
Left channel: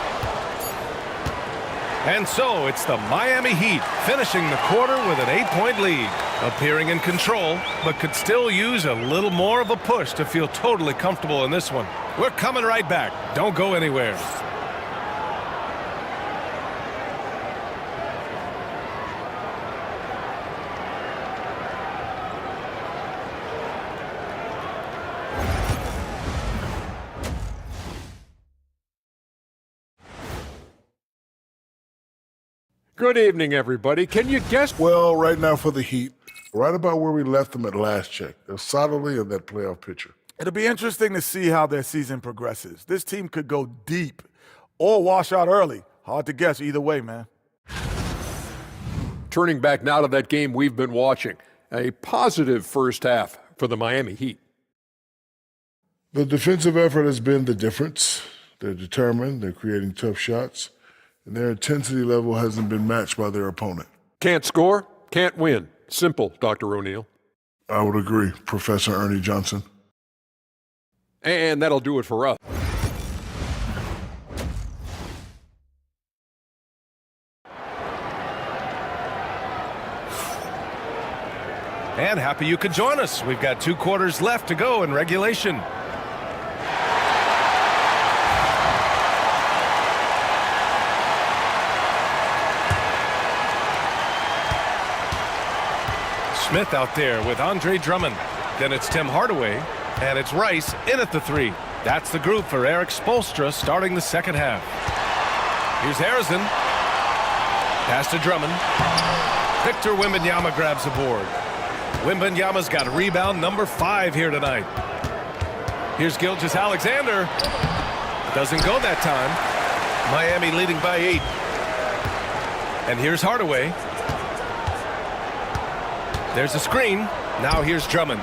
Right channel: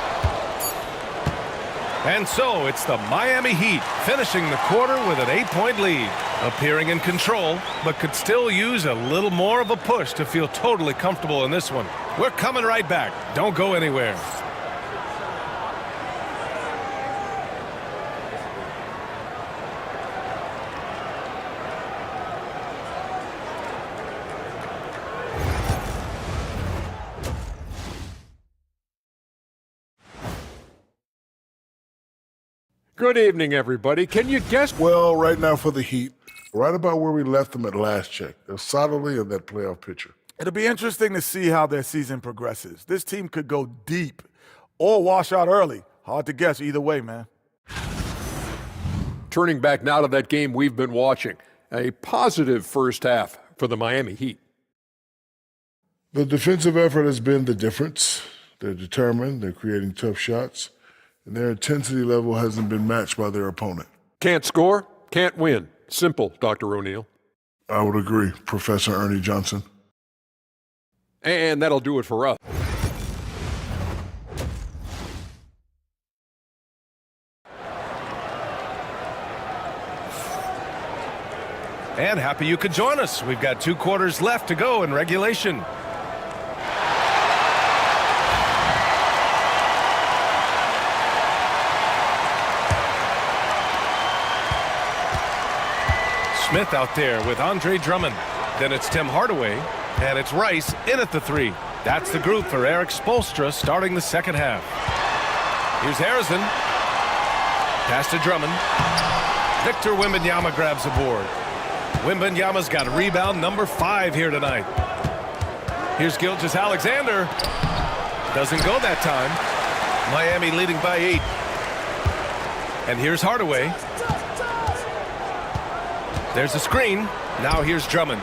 And so it's the Miami Heat finishing the quarter with an 8-point lead. Appearing in control, but could still use a little more of a push to feel totally comfortable in this one. We're coming right back. Don't go anywhere. Good evening, everybody. Can you guess? Well, right now for the Heat, right about where we left them at last check. They're solidly in that playoff picture. It'll be interesting to see how their season progresses. This team could go deep or wash out early. Hard to guess either way, man. Turning back now to that game we've been watching. A positive first half for the Miami Heat. The defensive effort has been the difference. They're determined. They're creating tough shots. And their intensity level hasn't been matched by their opponent. Can't score, can't win. Simple, Dr. O'Neill. I would agree, Professor Ernie Johnson. And that'll do it for us. And happy you could join us. We've got 2 quarters left to go in regulation. Smith out there with Andre Drummond. Then it's Tim Hardaway, and it's Rice in at the 3. That's the group for Eric Spoelstra starting the second half. Here's Harrison. Pass to Drummond. Victor Wembanyama grabs the board. Wembanyama's got a rebound number 5 here tonight. Here's Gilgeous-Alexander. Doesn't go that time. Miami leading by 8. And here's Hardaway. There's a screen. Now here's Drummond.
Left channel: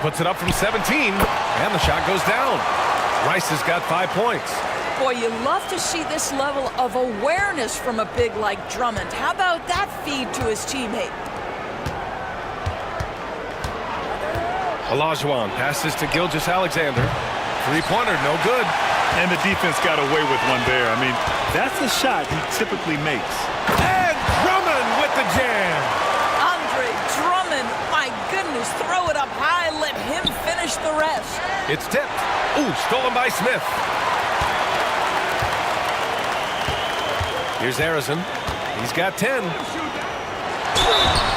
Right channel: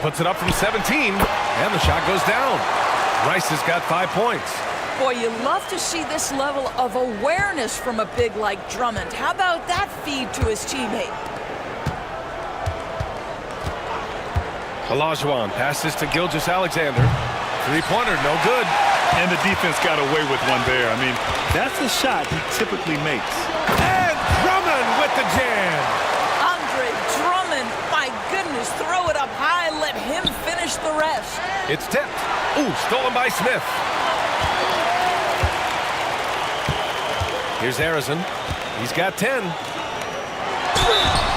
Puts it up from 17, and the shot goes down. Rice has got 5 points. Boy, you love to see this level of awareness from a big like Drummond. How about that feed to his teammate? Olajuwon passes to Gilgeous-Alexander. 3-pointer, no good. And the defense got away with one there. I mean, that's the shot he typically makes. And Drummond with the jam. Andre Drummond, my goodness, throw it up high, let him finish the rest. It's tipped. Ooh, stolen by Smith. Here's Harrison. He's got 10.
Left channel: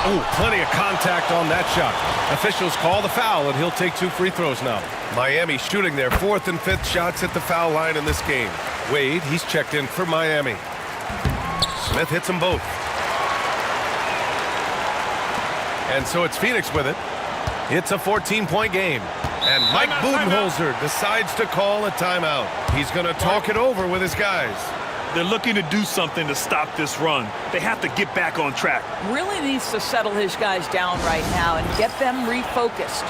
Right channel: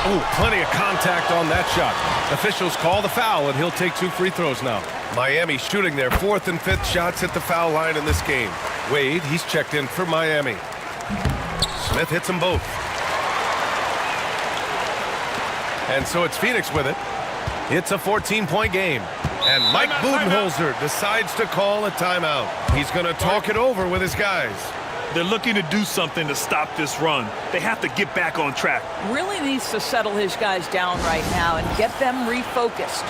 Ooh, plenty of contact on that shot. Officials call the foul, and he'll take 2 free throws now. Miami shooting their 4th and 5th shots at the foul line in this game. Wade, he's checked in for Miami. Smith hits them both. And so it's Phoenix with it. It's a 14-point game. And Mike Budenholzer decides to call a timeout. He's going to talk it over with his guys. They're looking to do something to stop this run. They have to get back on track. Really needs to settle his guys down right now and get them refocused.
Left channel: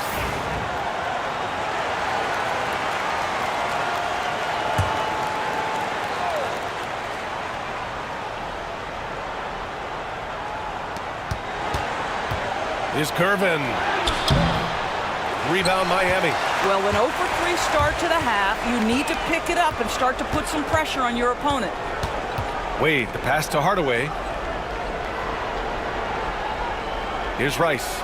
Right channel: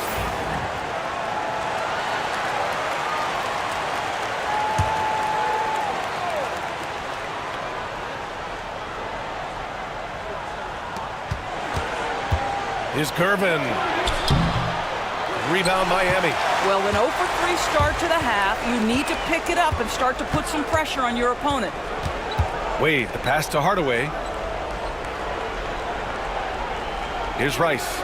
Here's Gervin. Rebound Miami. Well, an 0 for 3 start to the half. You need to pick it up and start to put some pressure on your opponent. Wade, the pass to Hardaway. Here's Rice.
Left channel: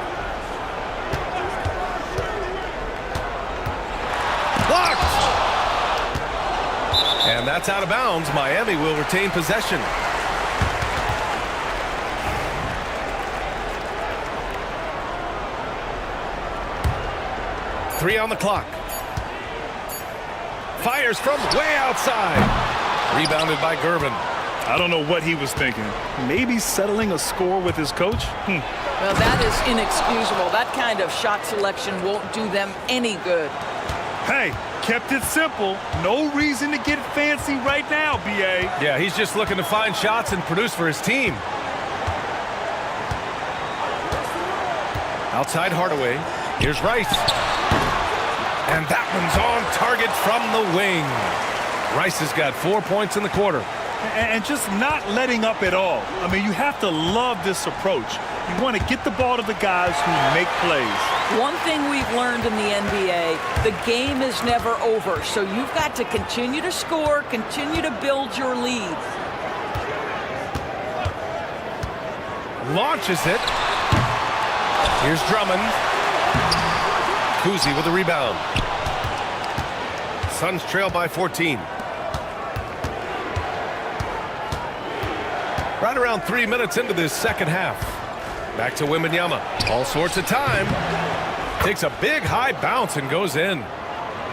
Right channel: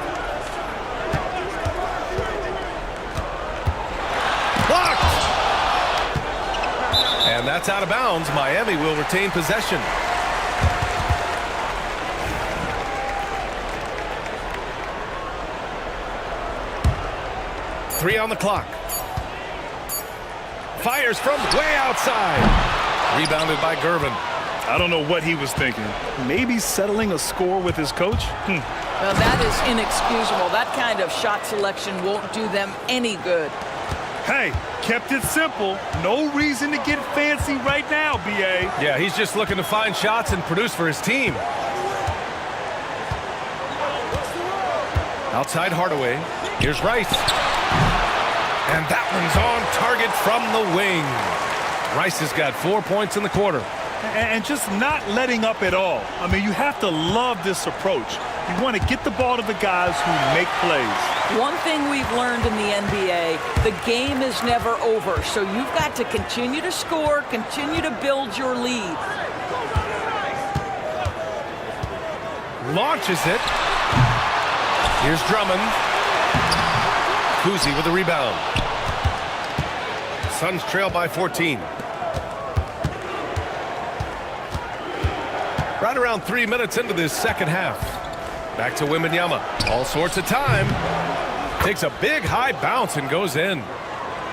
Blocked! And that's out of bounds. Miami will retain possession. Three on the clock. Fires from way outside. Rebounded by Gervin. I don't know what he was thinking. Maybe settling a score with his coach? Well, that is inexcusable. That kind of shot selection won't do them any good. Hey, kept it simple. No reason to get fancy right now, B.A. Yeah, he's just looking to find shots and produce for his team. Outside Hardaway. Here's Rice. And that one's on target from the wing. Rice has got 4 points in the quarter. And just not letting up at all. I mean, you have to love this approach. You want to get the ball to the guys who make plays. One thing we've learned in the NBA, the game is never over. So you've got to continue to score, continue to build your lead. Launches it. Here's Drummond. Kuzi with the rebound. Suns trail by 14. Right around 3 minutes into this second half. Back to Wembanyama. All sorts of time. Takes a big high bounce and goes in.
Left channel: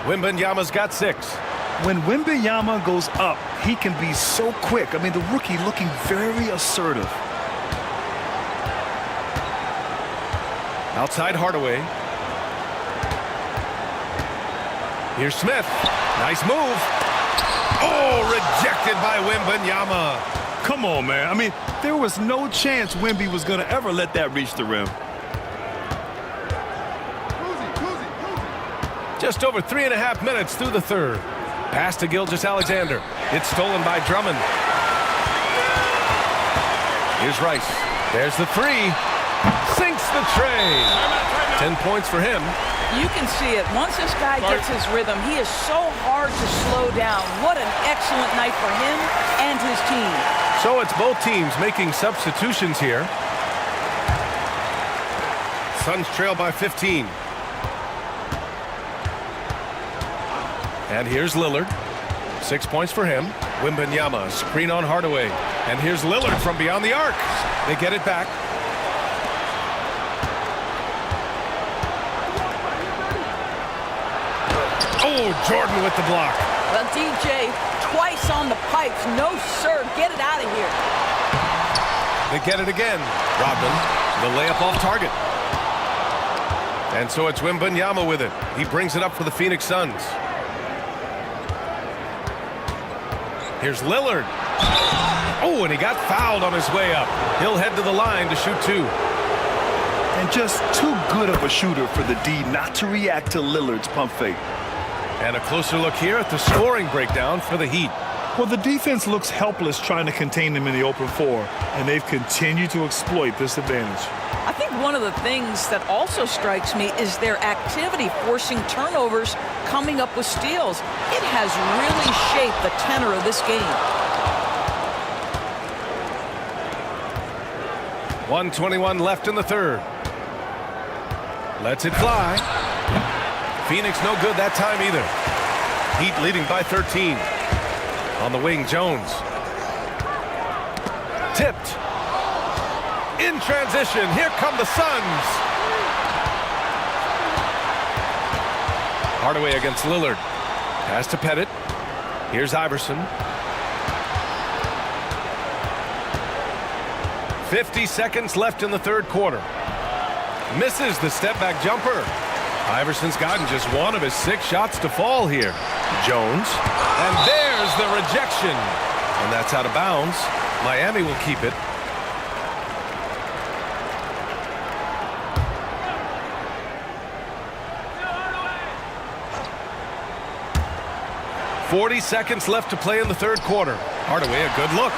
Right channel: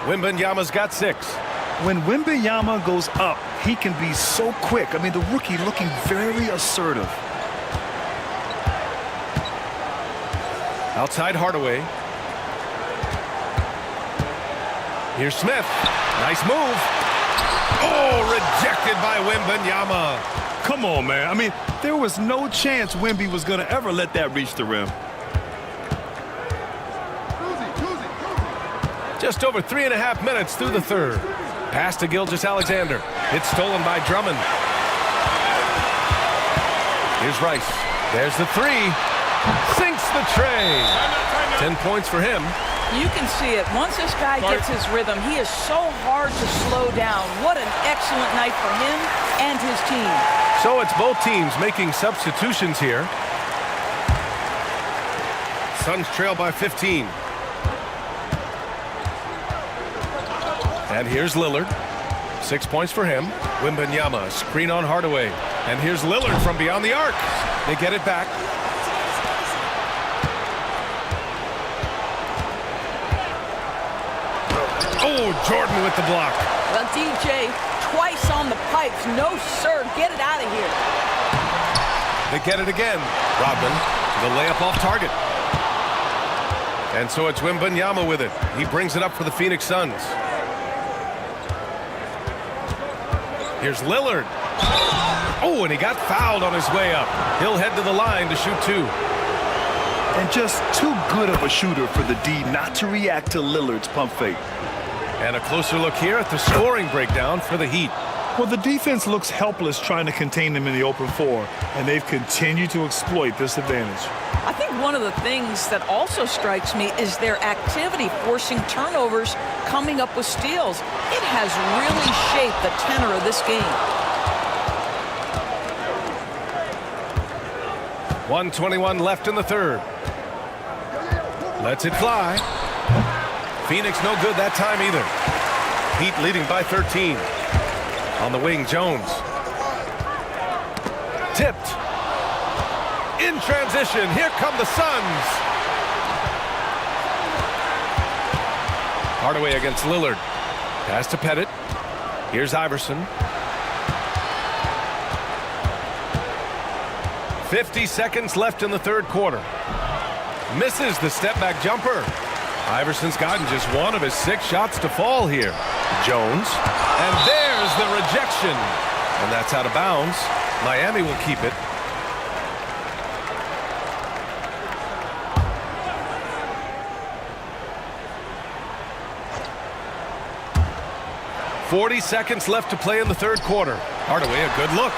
Wembanyama's got 6. When Wembanyama goes up, he can be so quick. I mean, the rookie looking very assertive. Outside Hardaway. Here's Smith. Nice move. Oh, rejected by Wembanyama. Come on, man. I mean, there was no chance Wemby was going to ever let that reach the rim. Just over 3.5 minutes through the third. Pass to Gilgeous-Alexander. It's stolen by Drummond. Here's Rice. There's the 3. Sinks the tray. 10 points for him. You can see it. Once this guy gets his rhythm, he is so hard to slow down. What an excellent night for him and his team. So it's both teams making substitutions here. Suns trail by 15. And here's Lillard. 6 points for him. Wembanyama, screen on Hardaway. And here's Lillard from beyond the arc. They get it back. Oh, Jordan with the block. Well, DJ, twice on the pipes. No, sir. Get it out of here. They get it again. Rodman, the layup off target. And so it's Wembanyama with it. He brings it up for the Phoenix Suns. Here's Lillard. Oh, and he got fouled on his way up. He'll head to the line to shoot 2. And just too good of a shooter for the D not to react to Lillard's pump fake. And a closer look here at the scoring breakdown for the Heat. Well, the defense looks helpless trying to contain them in the open floor, and they've continued to exploit this advantage. I think one of the things that also strikes me is their activity forcing turnovers, coming up with steals. It has really shaped the tenor of this game. 1:21 left in the third. Lets it fly. Phoenix no good that time either. Heat leading by 13. On the wing, Jones. Tipped. In transition, here come the Suns. Hardaway against Lillard. Pass to Pettit. Here's Iverson. 50 seconds left in the third quarter. Misses the step-back jumper. Iverson's gotten just one of his 6 shots to fall here. Jones. And there's the rejection. And that's out of bounds. Miami will keep it. .40 seconds left to play in the third quarter. Hardaway, a good look.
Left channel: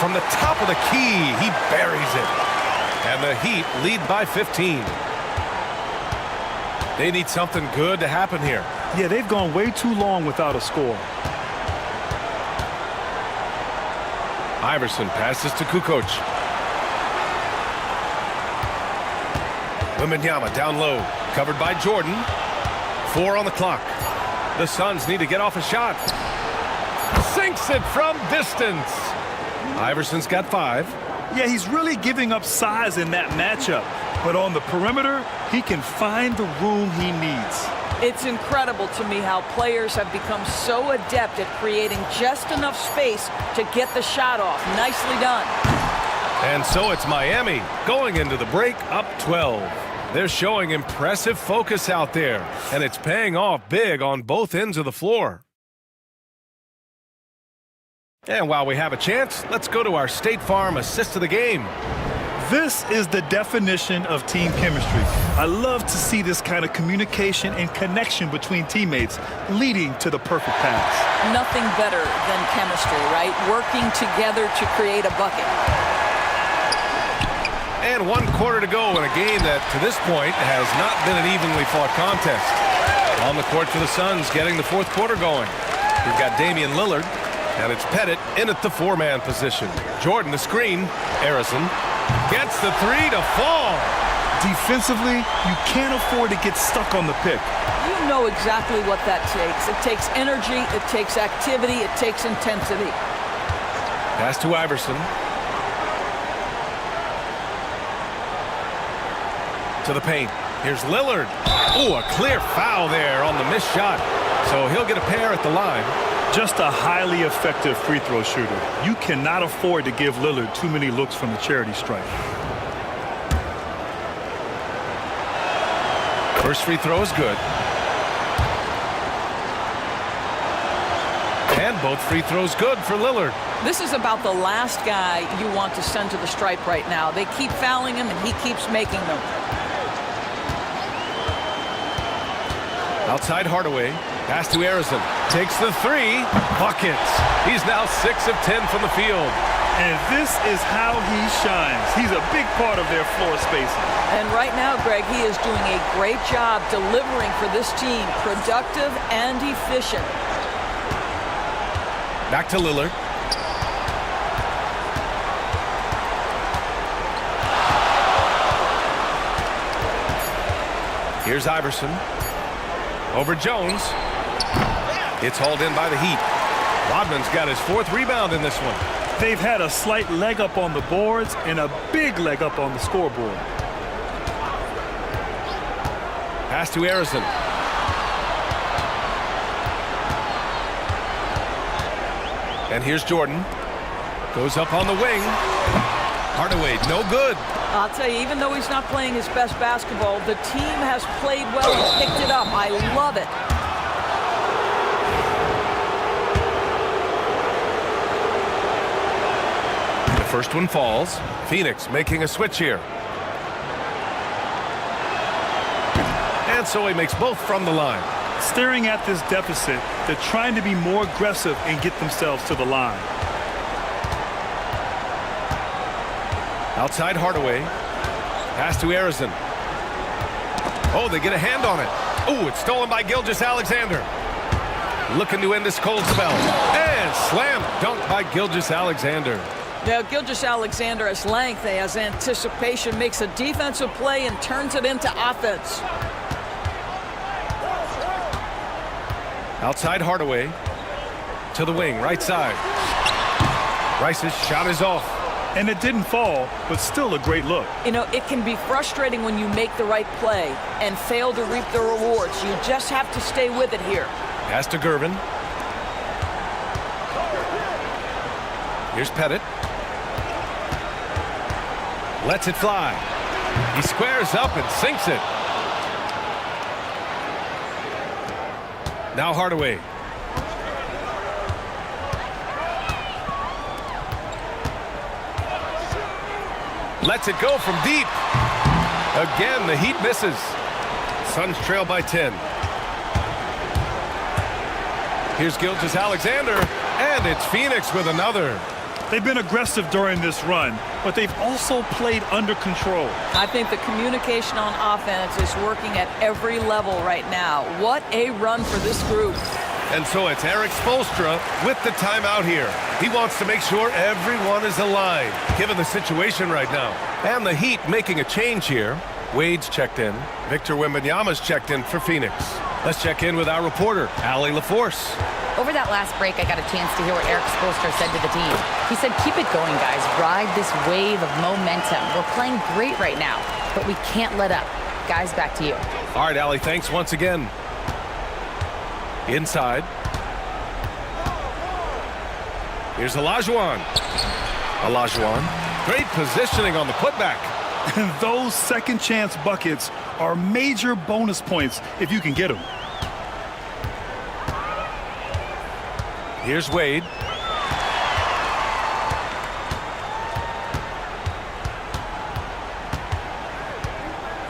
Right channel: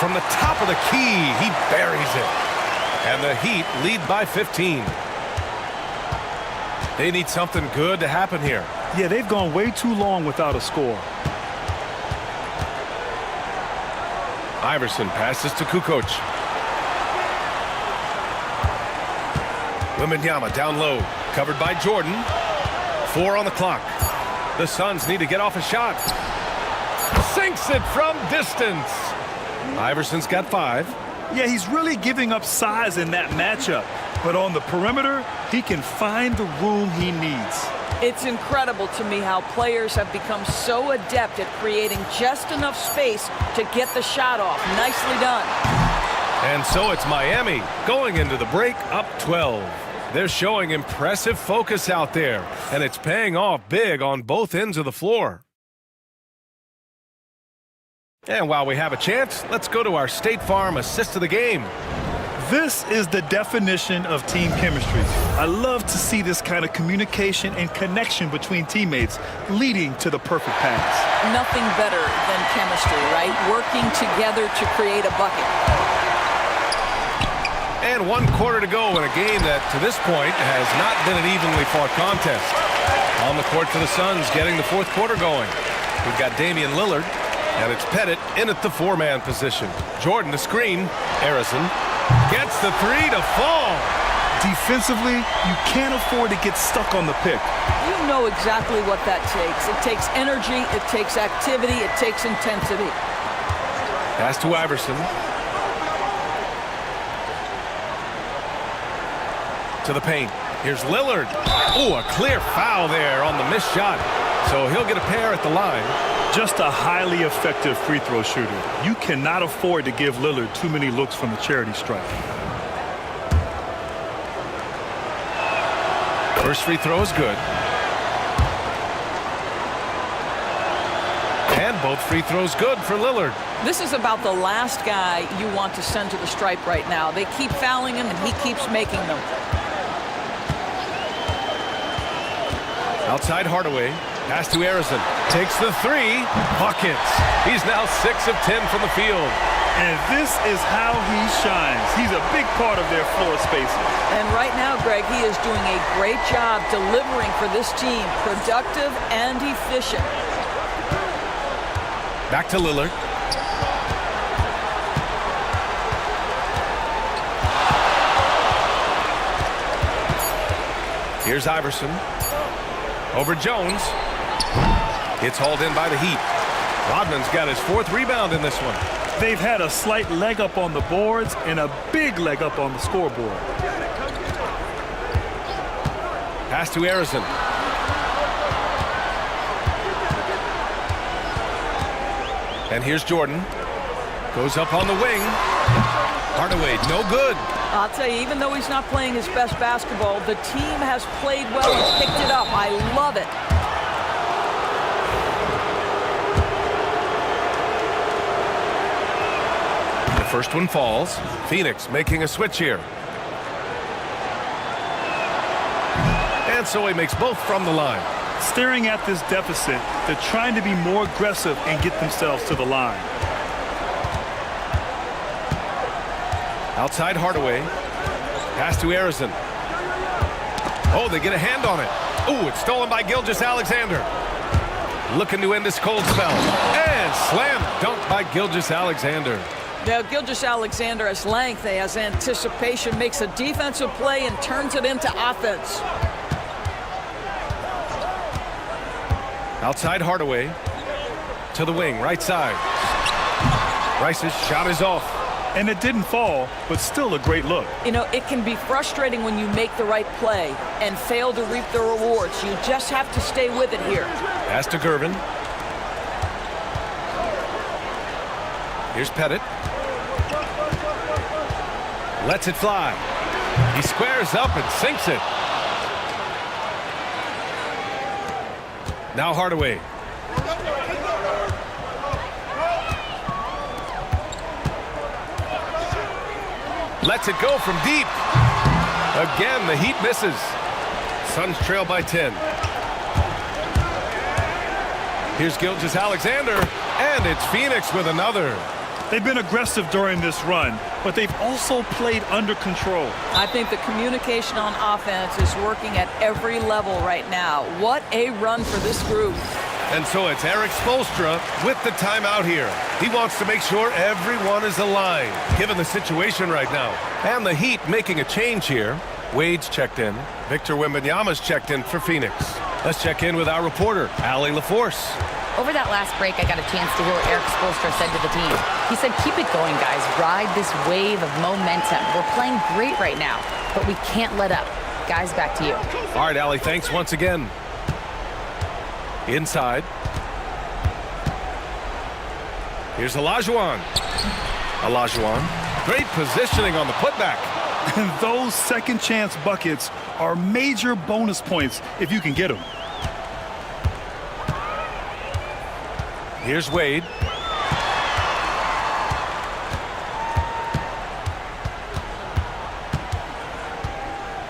From the top of the key, he buries it. And the Heat lead by 15. They need something good to happen here. Yeah, they've gone way too long without a score. Iverson passes to Kukoc. Wembanyama down low. Covered by Jordan. 4 on the clock. The Suns need to get off a shot. Sinks it from distance. Iverson's got 5. Yeah, he's really giving up size in that matchup. But on the perimeter, he can find the room he needs. It's incredible to me how players have become so adept at creating just enough space to get the shot off. Nicely done. And so it's Miami going into the break up 12. They're showing impressive focus out there, and it's paying off big on both ends of the floor. And while we have a chance, let's go to our State Farm assist of the game. This is the definition of team chemistry. I love to see this kind of communication and connection between teammates leading to the perfect pass. Nothing better than chemistry, right? Working together to create a bucket. And 1 quarter to go in a game that, to this point, has not been an evenly fought contest. On the court for the Suns, getting the 4th quarter going. We've got Damian Lillard, and it's Pettit in at the 4-man position. Jordan, the screen. Harrison gets the 3 to fall. Defensively, you can't afford to get stuck on the pick. You know exactly what that takes. It takes energy, it takes activity, it takes intensity. Pass to Iverson. To the paint. Here's Lillard. Oh, a clear foul there on the missed shot. So he'll get a pair at the line. Just a highly effective free throw shooter. You cannot afford to give Lillard too many looks from the charity stripe. First free throw is good. And both free throws good for Lillard. This is about the last guy you want to send to the stripe right now. They keep fouling him, and he keeps making them. Outside Hardaway. Pass to Harrison. Takes the 3. Buckets. He's now 6 of 10 from the field. And this is how he shines. He's a big part of their floor spacing. And right now, Greg, he is doing a great job delivering for this team. Productive and efficient. Back to Lillard. Here's Iverson. Over Jones. It's hauled in by the Heat. Rodman's got his 4th rebound in this one. They've had a slight leg up on the boards and a big leg up on the scoreboard. Pass to Harrison. And here's Jordan. Goes up on the wing. Hardaway, no good. I'll tell you, even though he's not playing his best basketball, the team has played well and picked it up. I love it. The first one falls. Phoenix making a switch here. And so he makes both from the line. Staring at this deficit, they're trying to be more aggressive and get themselves to the line. Outside Hardaway. Pass to Harrison. Oh, they get a hand on it. Oh, it's stolen by Gilgeous-Alexander. Looking to end this cold spell. And slam dunk by Gilgeous-Alexander. Now, Gilgeous-Alexander has length, he has anticipation, makes a defensive play and turns it into offense. Outside Hardaway. To the wing, right side. Rice's shot is off. And it didn't fall, but still a great look. You know, it can be frustrating when you make the right play and fail to reap the rewards. You just have to stay with it here. Pass to Gervin. Here's Pettit. Lets it fly. He squares up and sinks it. Now Hardaway. Lets it go from deep. Again, the Heat misses. Suns trail by 10. Here's Gilgeous-Alexander, and it's Phoenix with another. They've been aggressive during this run, but they've also played under control. I think the communication on offense is working at every level right now. What a run for this group. And so it's Eric Spoelstra with the timeout here. He wants to make sure everyone is aligned, given the situation right now. And the Heat making a change here. Wade's checked in. Victor Wembanyama's checked in for Phoenix. Let's check in with our reporter, Allie LaForce. Over that last break, I got a chance to hear what Eric Spoelstra said to the team. He said, keep it going, guys. Ride this wave of momentum. We're playing great right now, but we can't let up. Guys, back to you. All right, Allie, thanks once again. Inside. Here's Olajuwon. Great positioning on the putback. And those second chance buckets are major bonus points if you can get them. Here's Wade.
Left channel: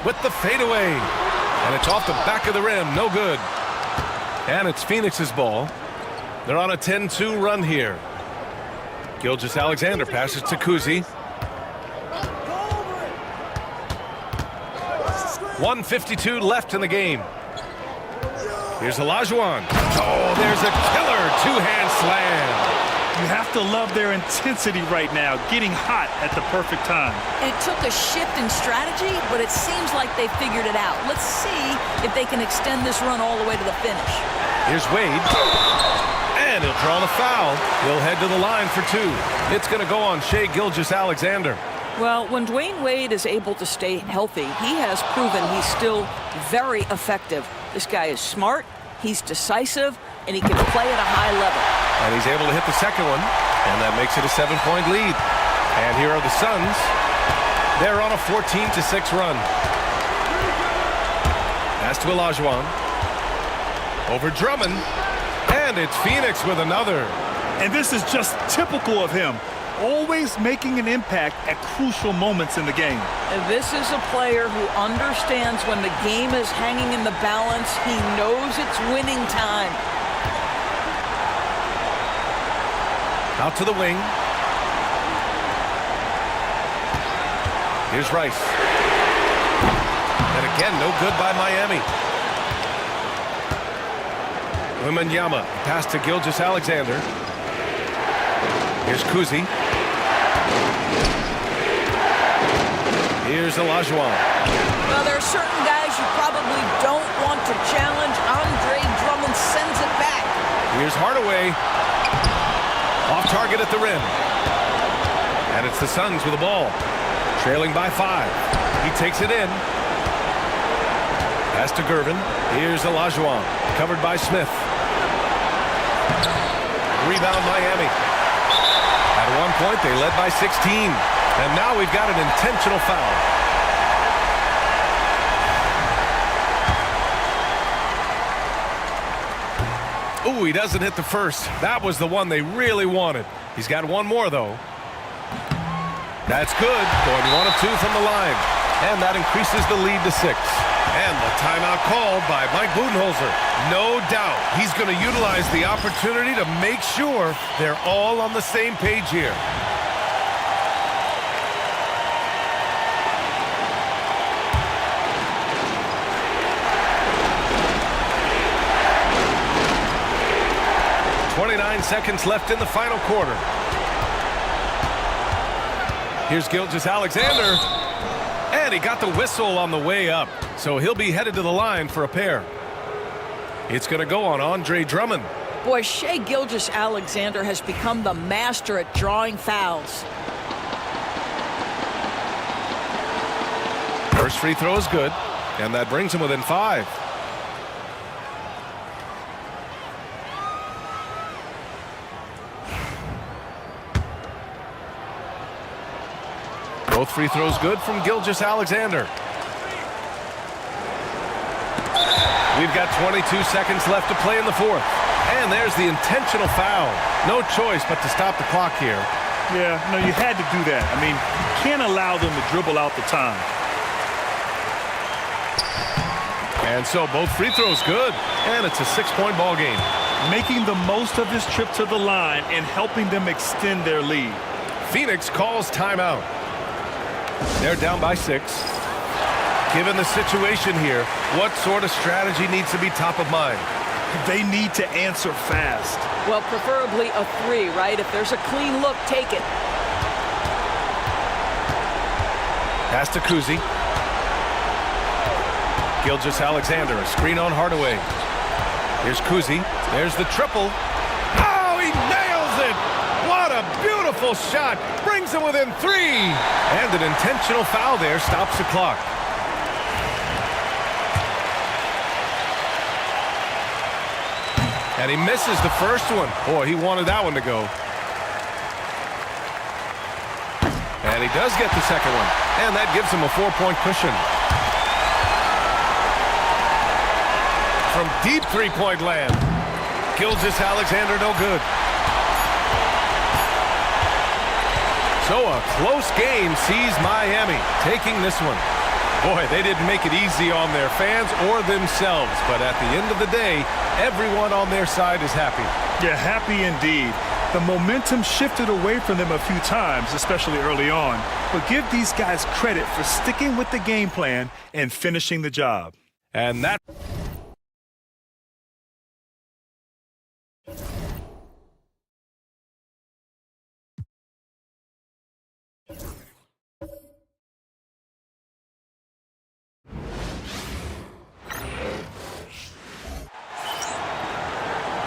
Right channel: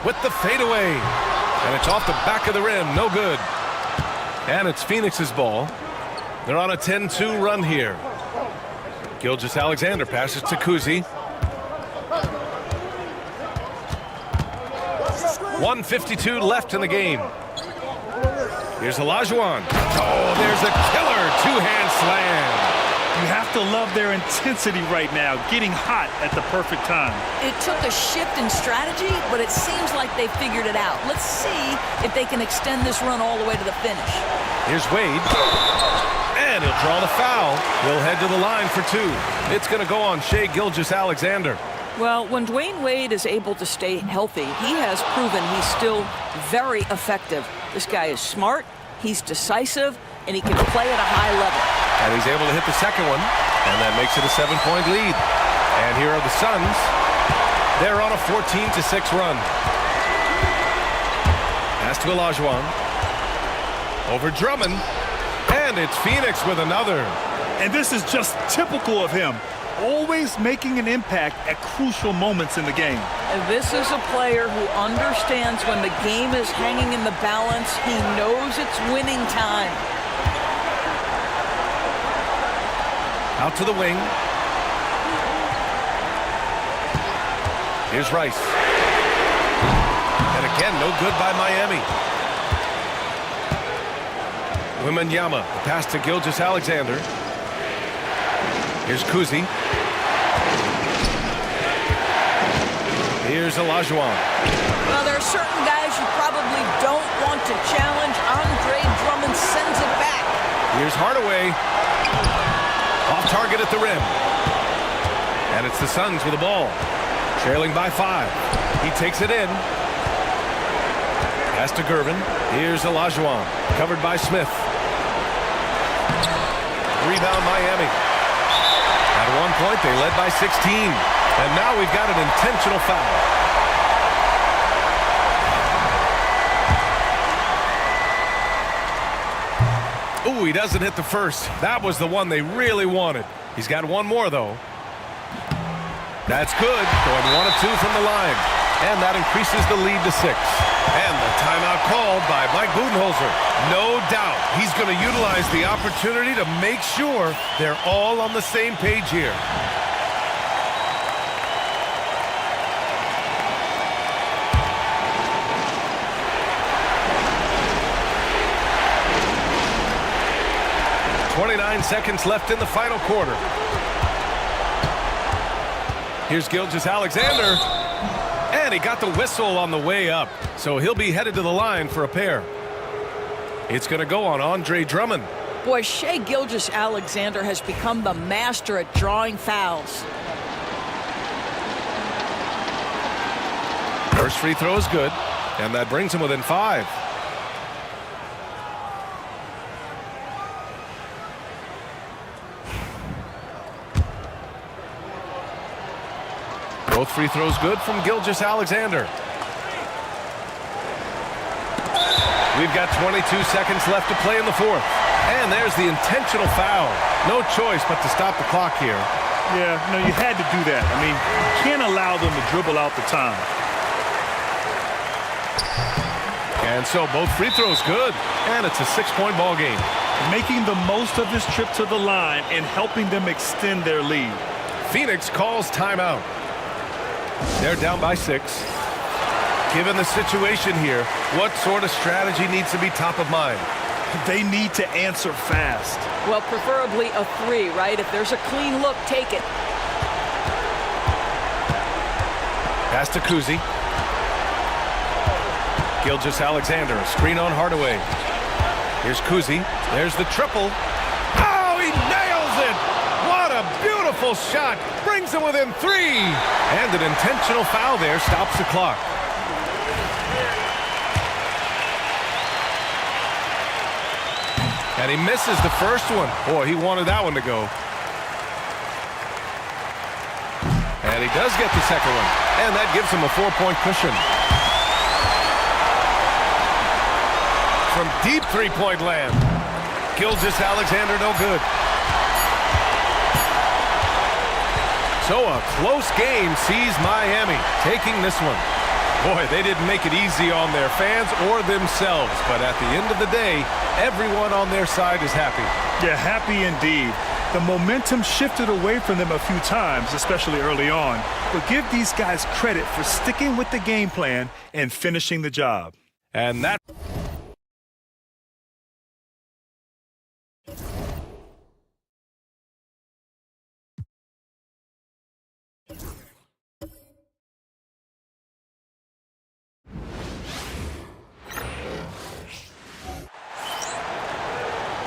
With the fadeaway. And it's off the back of the rim. No good. And it's Phoenix's ball. They're on a 10-2 run here. Gilgeous-Alexander passes to Kuzi. 1:52 left in the game. Here's Olajuwon. Oh, there's a killer two-hand slam. You have to love their intensity right now, getting hot at the perfect time. It took a shift in strategy, but it seems like they figured it out. Let's see if they can extend this run all the way to the finish. Here's Wade. And he'll draw the foul. He'll head to the line for two. It's going to go on Shai Gilgeous-Alexander. Well, when Dwayne Wade is able to stay healthy, he has proven he's still very effective. This guy is smart, he's decisive, and he can play at a high level. And he's able to hit the second one, and that makes it a 7-point lead. And here are the Suns. They're on a 14-6 run. Pass to Olajuwon. Over Drummond. And it's Phoenix with another. And this is just typical of him, always making an impact at crucial moments in the game. And this is a player who understands when the game is hanging in the balance. He knows it's winning time. Out to the wing. Here's Rice. And again, no good by Miami. Wembanyama, pass to Gilgeous-Alexander. Here's Kuzi. Here's Olajuwon. Well, there are certain guys you probably don't want to challenge. Andre Drummond sends it back. Here's Hardaway. Off target at the rim. And it's the Suns with the ball. Trailing by 5. He takes it in. Pass to Gervin. Here's Olajuwon. Covered by Smith. Rebound Miami. At one point, they led by 16. And now we've got an intentional foul. Ooh, he doesn't hit the first. That was the one they really wanted. He's got one more, though. That's good. Going 1 of 2 from the line. And that increases the lead to 6. And the timeout called by Mike Budenholzer. No doubt he's going to utilize the opportunity to make sure they're all on the same page here. .29 seconds left in the final quarter. Here's Gilgeous-Alexander. And he got the whistle on the way up. So he'll be headed to the line for a pair. It's going to go on Andre Drummond. Boy, Shai Gilgeous-Alexander has become the master at drawing fouls. First free throw is good. And that brings him within 5. Both free throws good from Gilgeous-Alexander. We've got 22 seconds left to play in the fourth. And there's the intentional foul. No choice but to stop the clock here. Yeah, no, you had to do that. I mean, you can't allow them to dribble out the time. And so both free throws good. And it's a 6-point ball game. Making the most of this trip to the line and helping them extend their lead. Phoenix calls timeout. They're down by 6. Given the situation here, what sort of strategy needs to be top of mind? They need to answer fast. Well, preferably a 3, right? If there's a clean look, take it. Pass to Kuzi. Gilgeous-Alexander, a screen on Hardaway. Here's Kuzi. There's the triple. Oh, he nails it! What a beautiful shot. Brings him within 3. And an intentional foul there stops the clock. And he misses the first one. Boy, he wanted that one to go. And he does get the second one. And that gives him a 4-point cushion. From deep three-point land. Gilgeous-Alexander no good. So a close game sees Miami taking this one. Boy, they didn't make it easy on their fans or themselves. But at the end of the day, everyone on their side is happy. Yeah, happy indeed. The momentum shifted away from them a few times, especially early on, but give these guys credit for sticking with the game plan and finishing the job. And that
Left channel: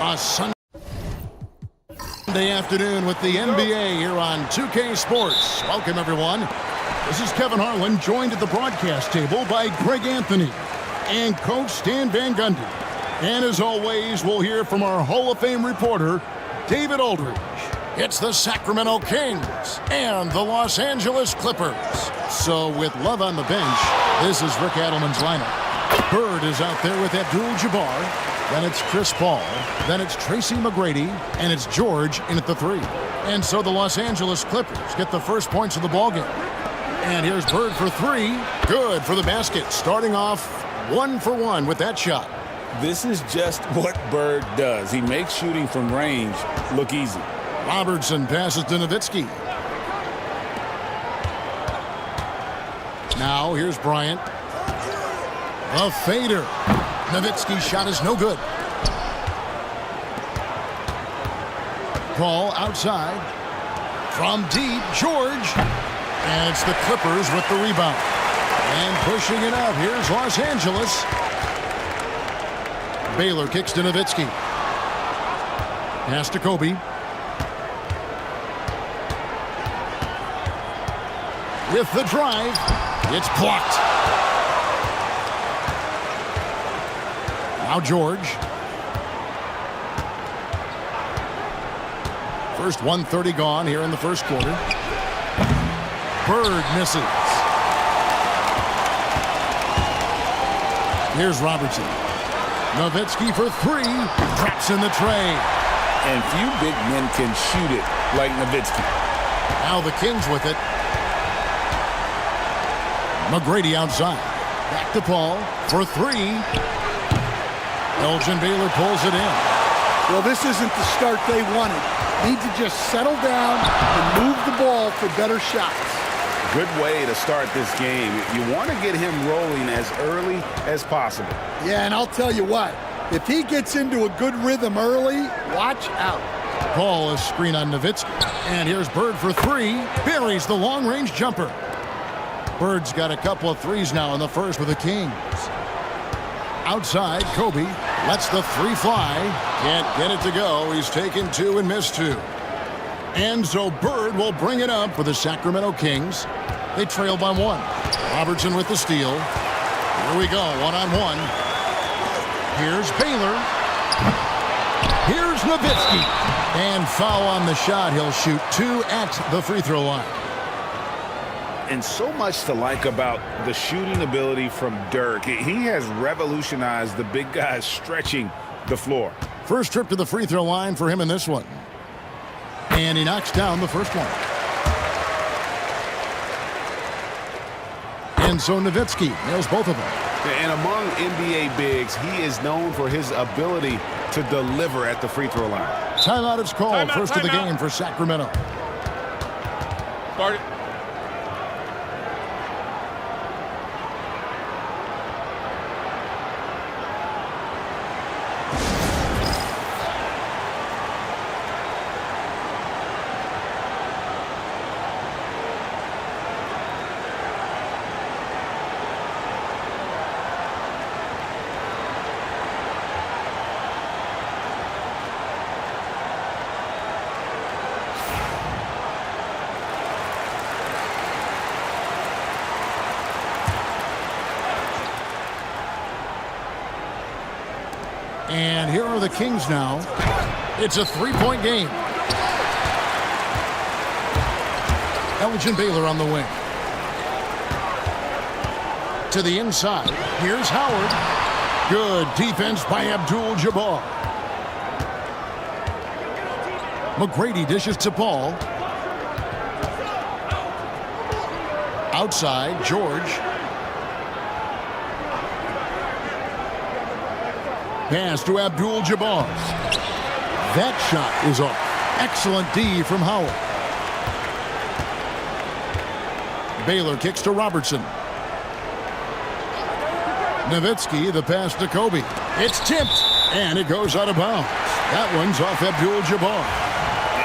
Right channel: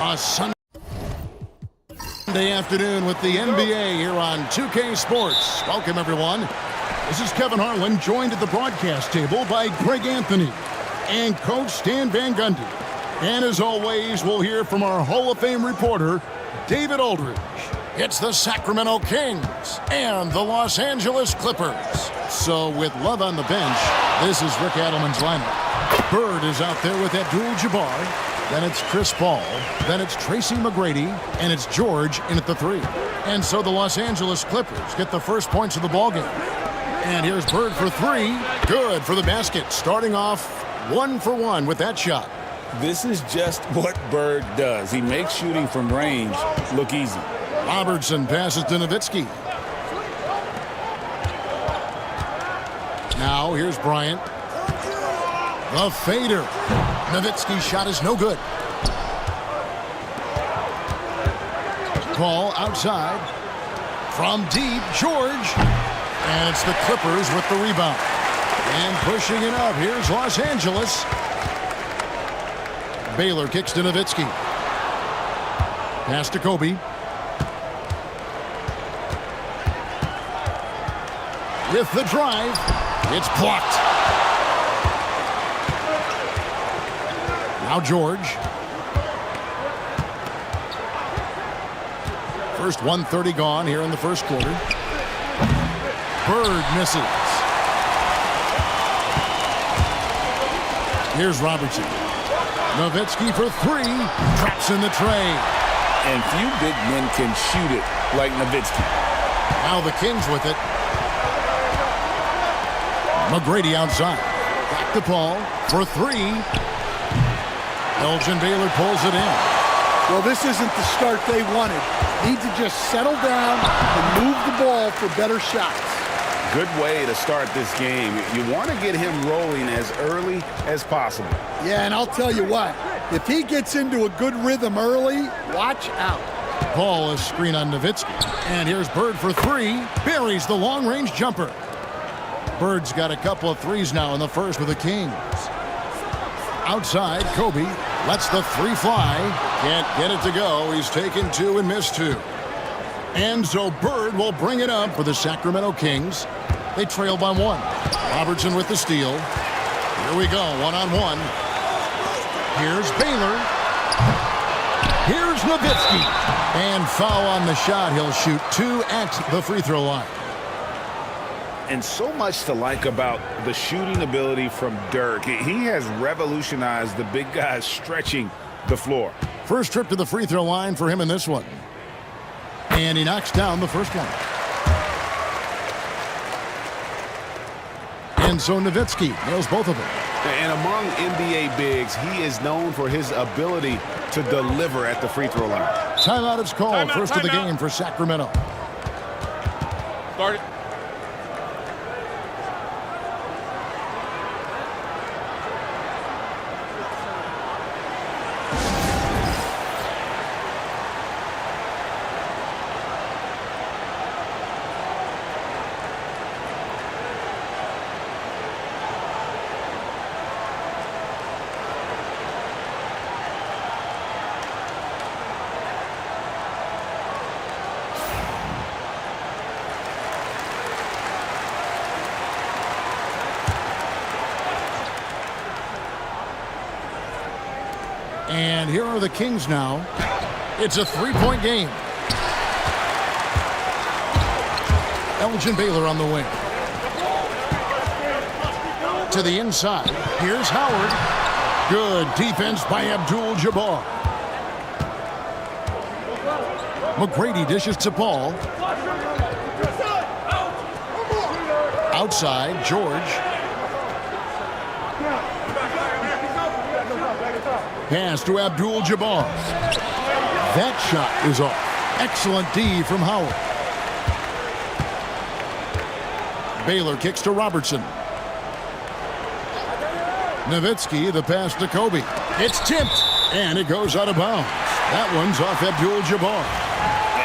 A Sunday afternoon with the NBA here on 2K Sports. Welcome, everyone. This is Kevin Harlan, joined at the broadcast table by Greg Anthony and Coach Stan Van Gundy. And as always, we'll hear from our Hall of Fame reporter, David Aldridge. It's the Sacramento Kings and the Los Angeles Clippers. So with Love on the bench, this is Rick Adelman's lineup. Bird is out there with Abdul-Jabbar. Then it's Chris Paul. Then it's Tracy McGrady. And it's George in at the 3. And so the Los Angeles Clippers get the first points of the ballgame. And here's Bird for 3. Good for the basket. Starting off 1 for 1 with that shot. This is just what Bird does. He makes shooting from range look easy. Robertson passes to Nowitzki. Now here's Bryant. The fader. Nowitzki's shot is no good. Paul outside. From deep, George. And it's the Clippers with the rebound. And pushing it up, here's Los Angeles. Baylor kicks to Nowitzki. Pass to Kobe. With the drive, it's blocked. Now George. First 1:30 gone here in the first quarter. Bird misses. Here's Robertson. Nowitzki for 3. Traps in the tray. And few big men can shoot it like Nowitzki. Now the Kings with it. McGrady outside. Back to Paul for 3. Elgin Baylor pulls it in. Well, this isn't the start they wanted. Need to just settle down and move the ball for better shots. Good way to start this game. You want to get him rolling as early as possible. Yeah, and I'll tell you what, if he gets into a good rhythm early, watch out. Paul is screen on Nowitzki. And here's Bird for 3. Buries the long-range jumper. Bird's got a couple of threes now in the first with the Kings. Outside, Kobe lets the 3 fly. Can't get it to go. He's taken 2 and missed 2. And so Bird will bring it up for the Sacramento Kings. They trail by 1. Robertson with the steal. Here we go, 1-on-1. Here's Baylor. Here's Nowitzki. And foul on the shot. He'll shoot 2 at the free throw line. And so much to like about the shooting ability from Dirk. He has revolutionized the big guys stretching the floor. First trip to the free throw line for him in this one. And he knocks down the first one. And so Nowitzki nails both of them. And among NBA bigs, he is known for his ability to deliver at the free throw line. Timeout is called. First of the game for Sacramento. Start it. And here are the Kings now. It's a 3-point game. Elgin Baylor on the wing. To the inside. Here's Howard. Good defense by Abdul-Jabbar. McGrady dishes to Paul. Outside, George. Pass to Abdul-Jabbar. That shot is off. Excellent D from Howard. Baylor kicks to Robertson. Nowitzki, the pass to Kobe. It's tipped, and it goes out of bounds. That one's off Abdul-Jabbar.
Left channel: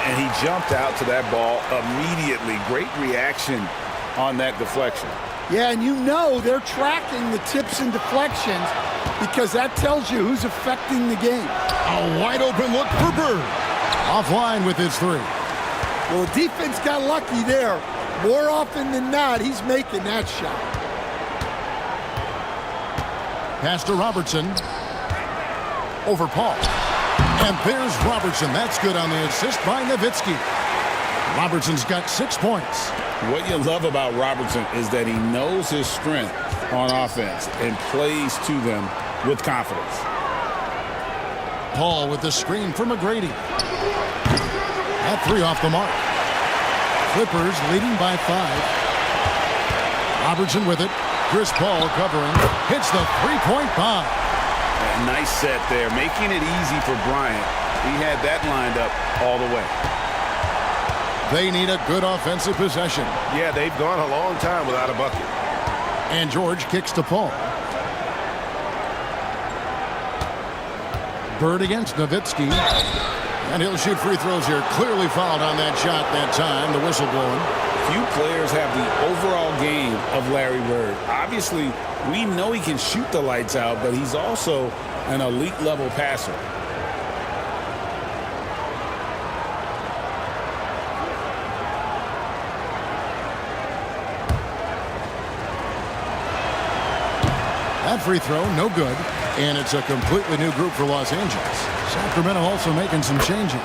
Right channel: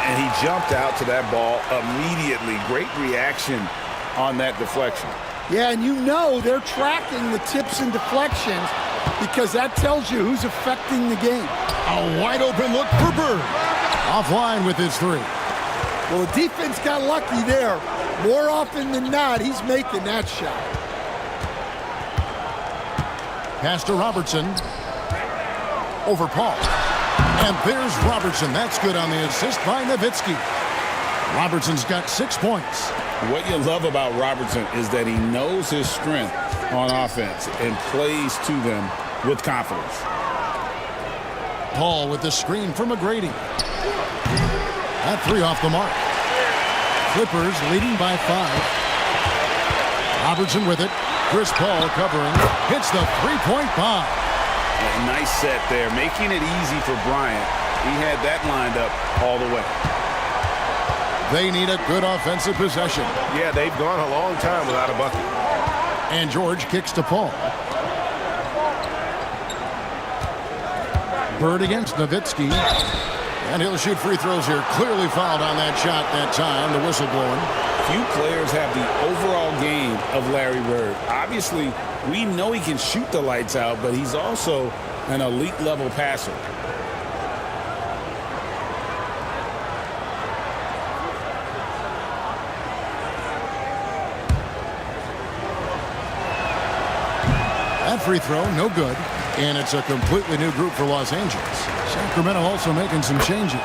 And he jumped out to that ball immediately. Great reaction on that deflection. Yeah, and you know they're tracking the tips and deflections because that tells you who's affecting the game. A wide open look for Bird. Offline with his three. Well, the defense got lucky there. More often than not, he's making that shot. Pass to Robertson. Over Paul. And there's Robertson. That's good on the assist by Nowitzki. Robertson's got 6 points. What you love about Robertson is that he knows his strength on offense and plays to them with confidence. Paul with the screen for McGrady. That three off the mark. Clippers leading by 5. Robertson with it. Chris Paul covering. Hits the three-point bomb. A nice set there, making it easy for Bryant. He had that lined up all the way. They need a good offensive possession. Yeah, they've gone a long time without a bucket. And George kicks to Paul. Bird against Nowitzki. And he'll shoot free throws here. Clearly fouled on that shot that time. The whistle blowing. Few players have the overall game of Larry Bird. Obviously, we know he can shoot the lights out, but he's also an elite level passer. That free throw, no good. And it's a completely new group for Los Angeles. Sacramento also making some changes.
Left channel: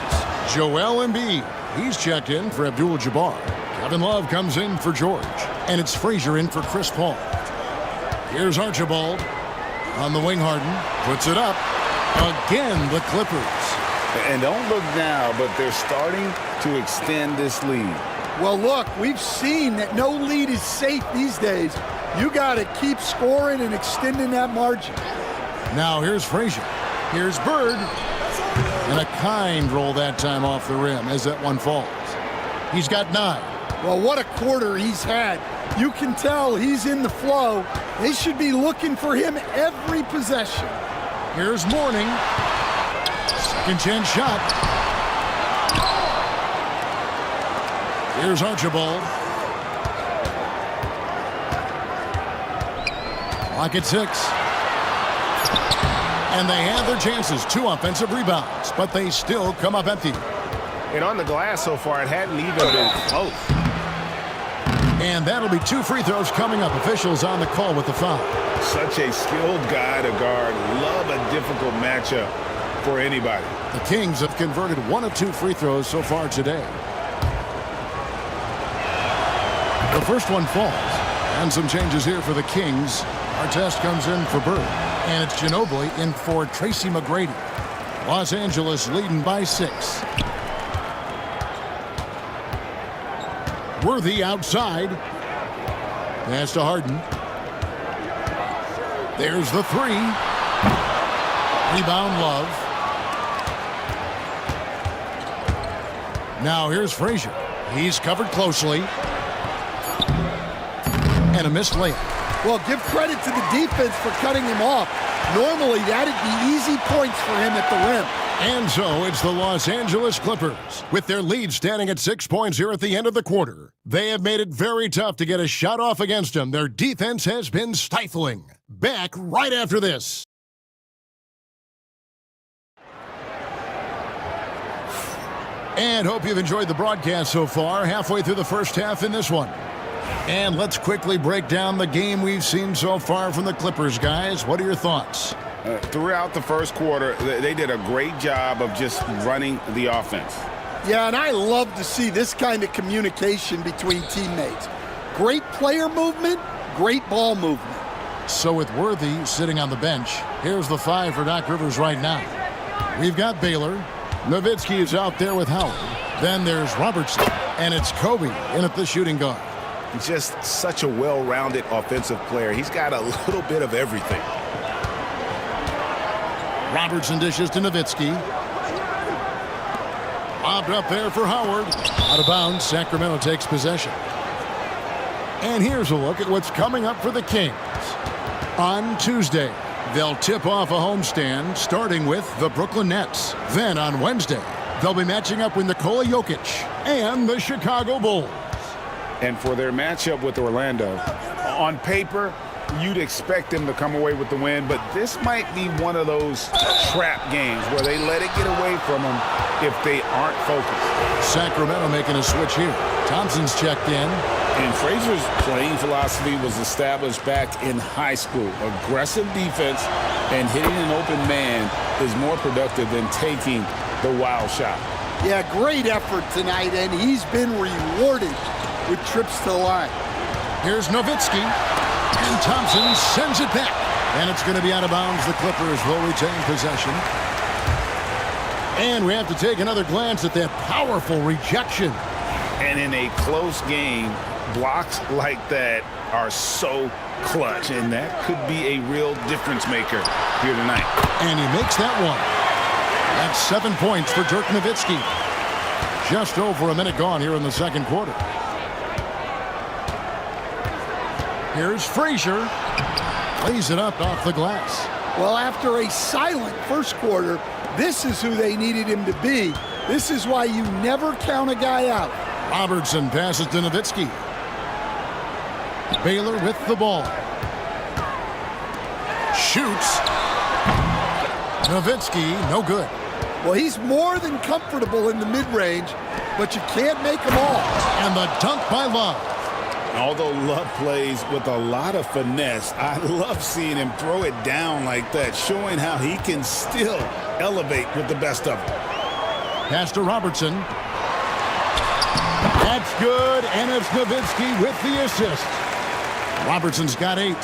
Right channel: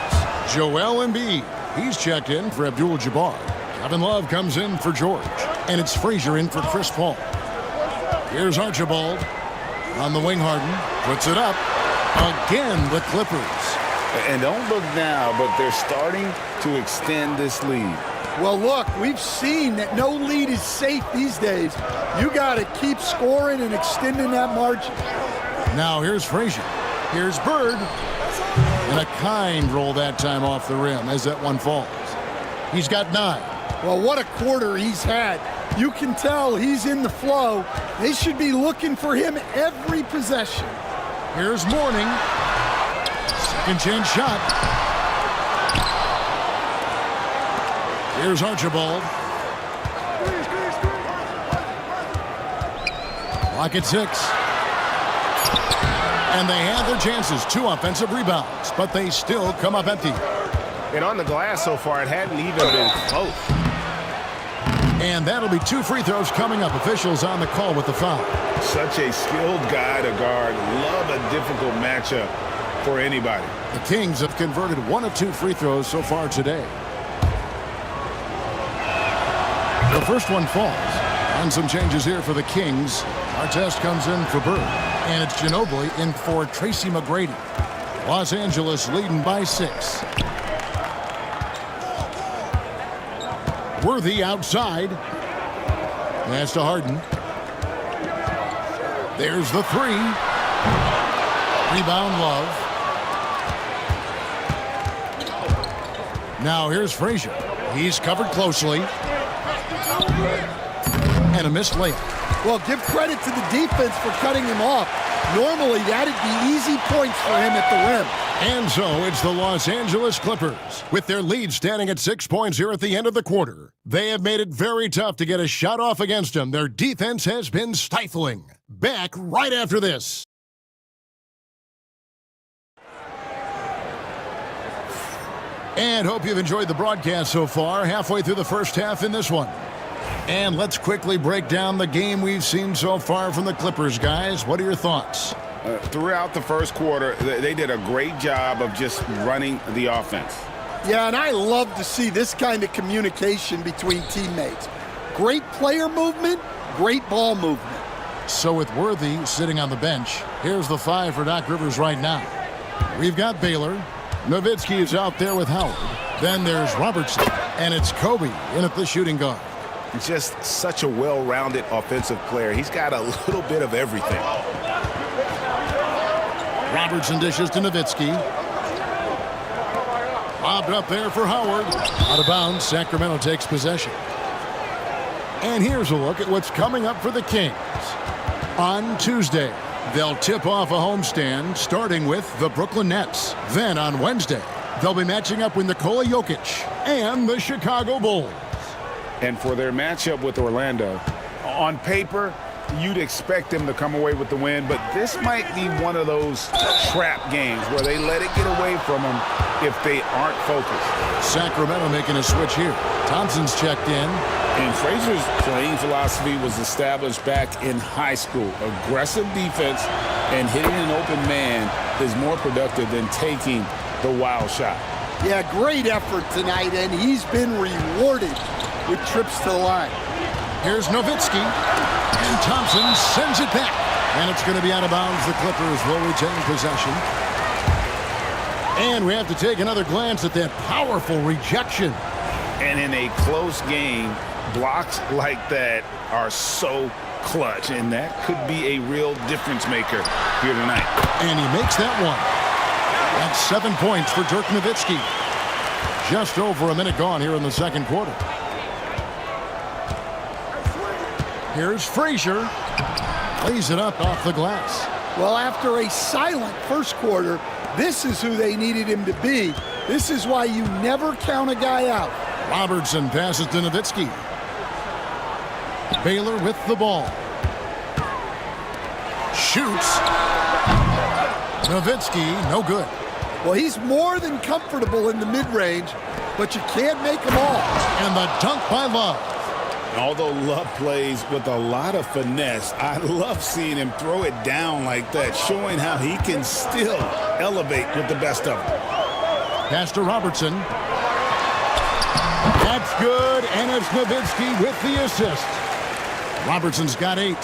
Joel Embiid, he's checked in for Abdul-Jabbar. Kevin Love comes in for George. And it's Frazier in for Chris Paul. Here's Archibald. On the wing, Harden. Puts it up. Again, the Clippers. And don't look now, but they're starting to extend this lead. Well, look, we've seen that no lead is safe these days. You got to keep scoring and extending that margin. Now here's Frazier. Here's Bird. And a kind roll that time off the rim as that one falls. He's got 9. Well, what a quarter he's had. You can tell he's in the flow. They should be looking for him every possession. Here's Mourning. Second chance shot. Here's Archibald. Clock at 6. And they had their chances. 2 offensive rebounds, but they still come up empty. And on the glass so far, it hadn't even been close. And that'll be 2 free throws coming up. Officials on the call with the foul. Such a skilled guy to guard. Love a difficult matchup for anybody. The Kings have converted 1 of 2 free throws so far today. The first one falls. And some changes here for the Kings. Artest comes in for Bird. And it's Ginobili in for Tracy McGrady. Los Angeles leading by 6. Worthy outside. Pass to Harden. There's the 3. Rebound Love. Now here's Frazier. He's covered closely. And a missed layup. Well, give credit to the defense for cutting him off. Normally, that'd be easy points for him at the rim. And so it's the Los Angeles Clippers. With their lead standing at 6 points here at the end of the quarter. They have made it very tough to get a shot off against them. Their defense has been stifling. Back right after this. And hope you've enjoyed the broadcast so far. Halfway through the first half in this one. And let's quickly break down the game we've seen so far from the Clippers, guys. What are your thoughts? Throughout the first quarter, they did a great job of just running the offense. Yeah, and I love to see this kind of communication between teammates. Great player movement, great ball movement. So with Worthy sitting on the bench, here's the 5 for Doc Rivers right now. We've got Baylor. Nowitzki is out there with Howard. Then there's Robertson. And it's Kobe in at the shooting guard. Just such a well-rounded offensive player. He's got a little bit of everything. Robertson dishes to Nowitzki. Lobbed up there for Howard. Out of bounds, Sacramento takes possession. And here's a look at what's coming up for the Kings. On Tuesday, they'll tip off a homestand starting with the Brooklyn Nets. Then on Wednesday, they'll be matching up with Nikola Jokic and the Chicago Bulls. And for their matchup with Orlando, on paper, you'd expect them to come away with the win, but this might be one of those trap games where they let it get away from them if they aren't focused. Sacramento making a switch here. Thompson's checked in. And Frazier's playing philosophy was established back in high school. Aggressive defense and hitting an open man is more productive than taking the wild shot. Yeah, great effort tonight, and he's been rewarded with trips to the line. Here's Nowitzki, and Thompson sends it back. And it's going to be out of bounds. The Clippers will retain possession. And we have to take another glance at that powerful rejection. And in a close game, blocks like that are so clutch, and that could be a real difference maker here tonight. And he makes that one. That's 7 points for Dirk Nowitzki. Just over a minute gone here in the second quarter. Here's Frazier. Lays it up off the glass. Well, after a silent first quarter, this is who they needed him to be. This is why you never count a guy out. Robertson passes to Nowitzki. Baylor with the ball. Shoots. Nowitzki, no good. Well, he's more than comfortable in the mid-range, but you can't make them all. And the dunk by Love. Although Love plays with a lot of finesse, I love seeing him throw it down like that, showing how he can still elevate with the best of them. Pass to Robertson. That's good, and it's Nowitzki with the assist. Robertson's got 8.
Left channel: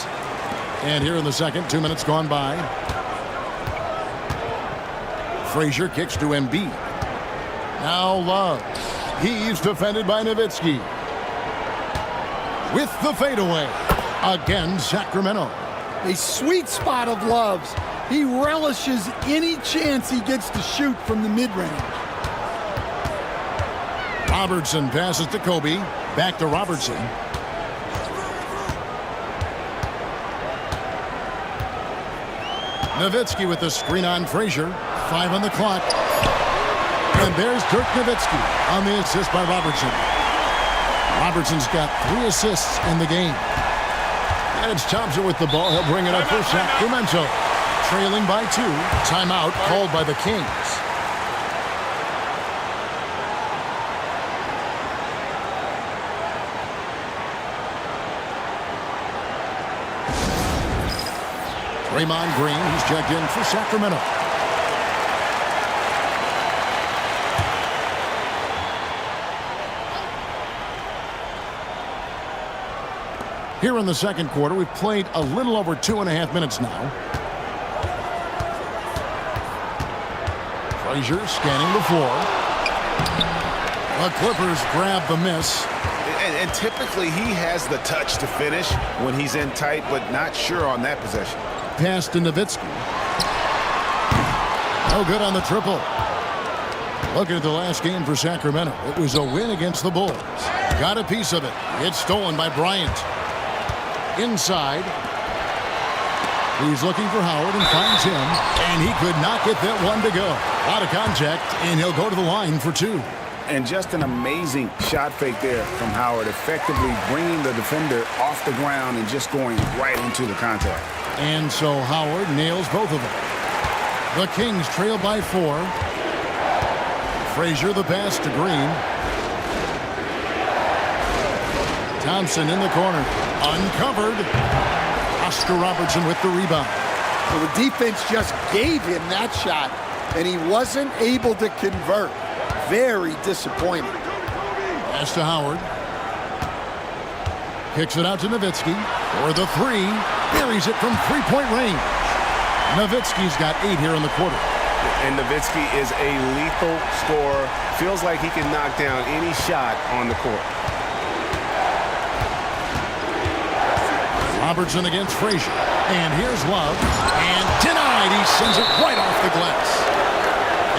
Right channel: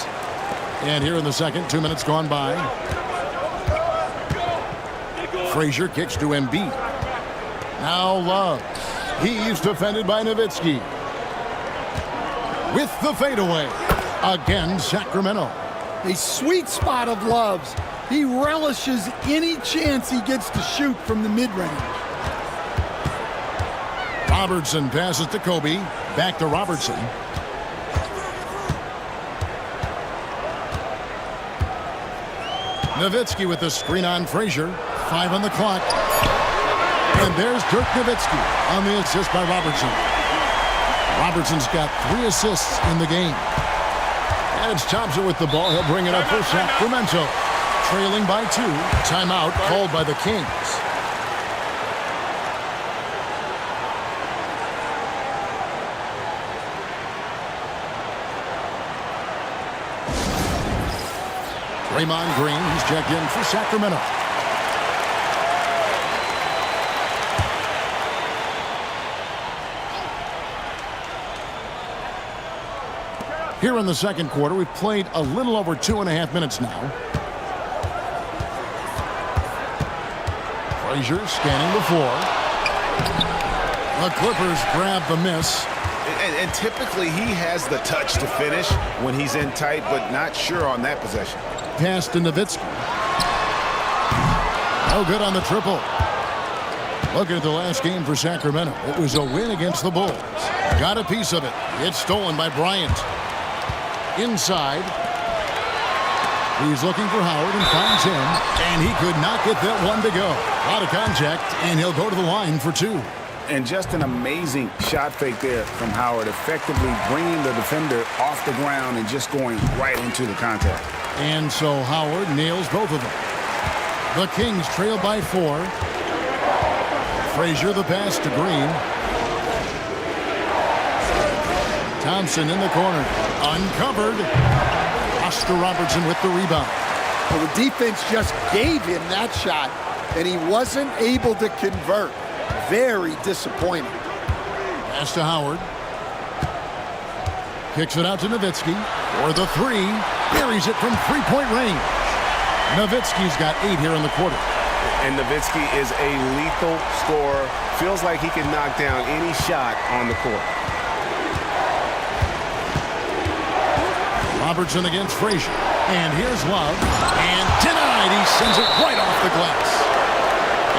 And here in the second, 2 minutes gone by. Frazier kicks to Embiid. Now Love. He's defended by Nowitzki. With the fadeaway. Again, Sacramento. A sweet spot of Love's. He relishes any chance he gets to shoot from the mid-range. Robertson passes to Kobe. Back to Robertson. Nowitzki with the screen on Frazier. 5 on the clock. And there's Dirk Nowitzki on the assist by Robertson. Robertson's got 3 assists in the game. And it's Thompson with the ball. He'll bring it up for Sacramento. Trailing by 2. Timeout called by the Kings. Draymond Green, he's checked in for Sacramento. Here in the second quarter, we've played a little over 2.5 minutes now. Frazier scanning the floor. The Clippers grab the miss. And typically he has the touch to finish when he's in tight, but not sure on that possession. Pass to Nowitzki. No good on the triple. Looking at the last game for Sacramento. It was a win against the Bulls. Got a piece of it. It's stolen by Bryant. Inside. He's looking for Howard and finds him. And he could not get that one to go. A lot of contact, and he'll go to the line for 2. And just an amazing shot fake there from Howard, effectively bringing the defender off the ground and just going right into the contact. And so Howard nails both of them. The Kings trail by 4. Frazier the pass to Green. Thompson in the corner. Uncovered. Oscar Robertson with the rebound. Well, the defense just gave him that shot, and he wasn't able to convert. Very disappointing. Pass to Howard. Kicks it out to Nowitzki for the 3. Buries it from 3-point range. Nowitzki's got 8 here in the quarter. And Nowitzki is a lethal scorer. Feels like he can knock down any shot on the court. Robertson against Frazier. And here's Love. And denied. He sends it right off the glass.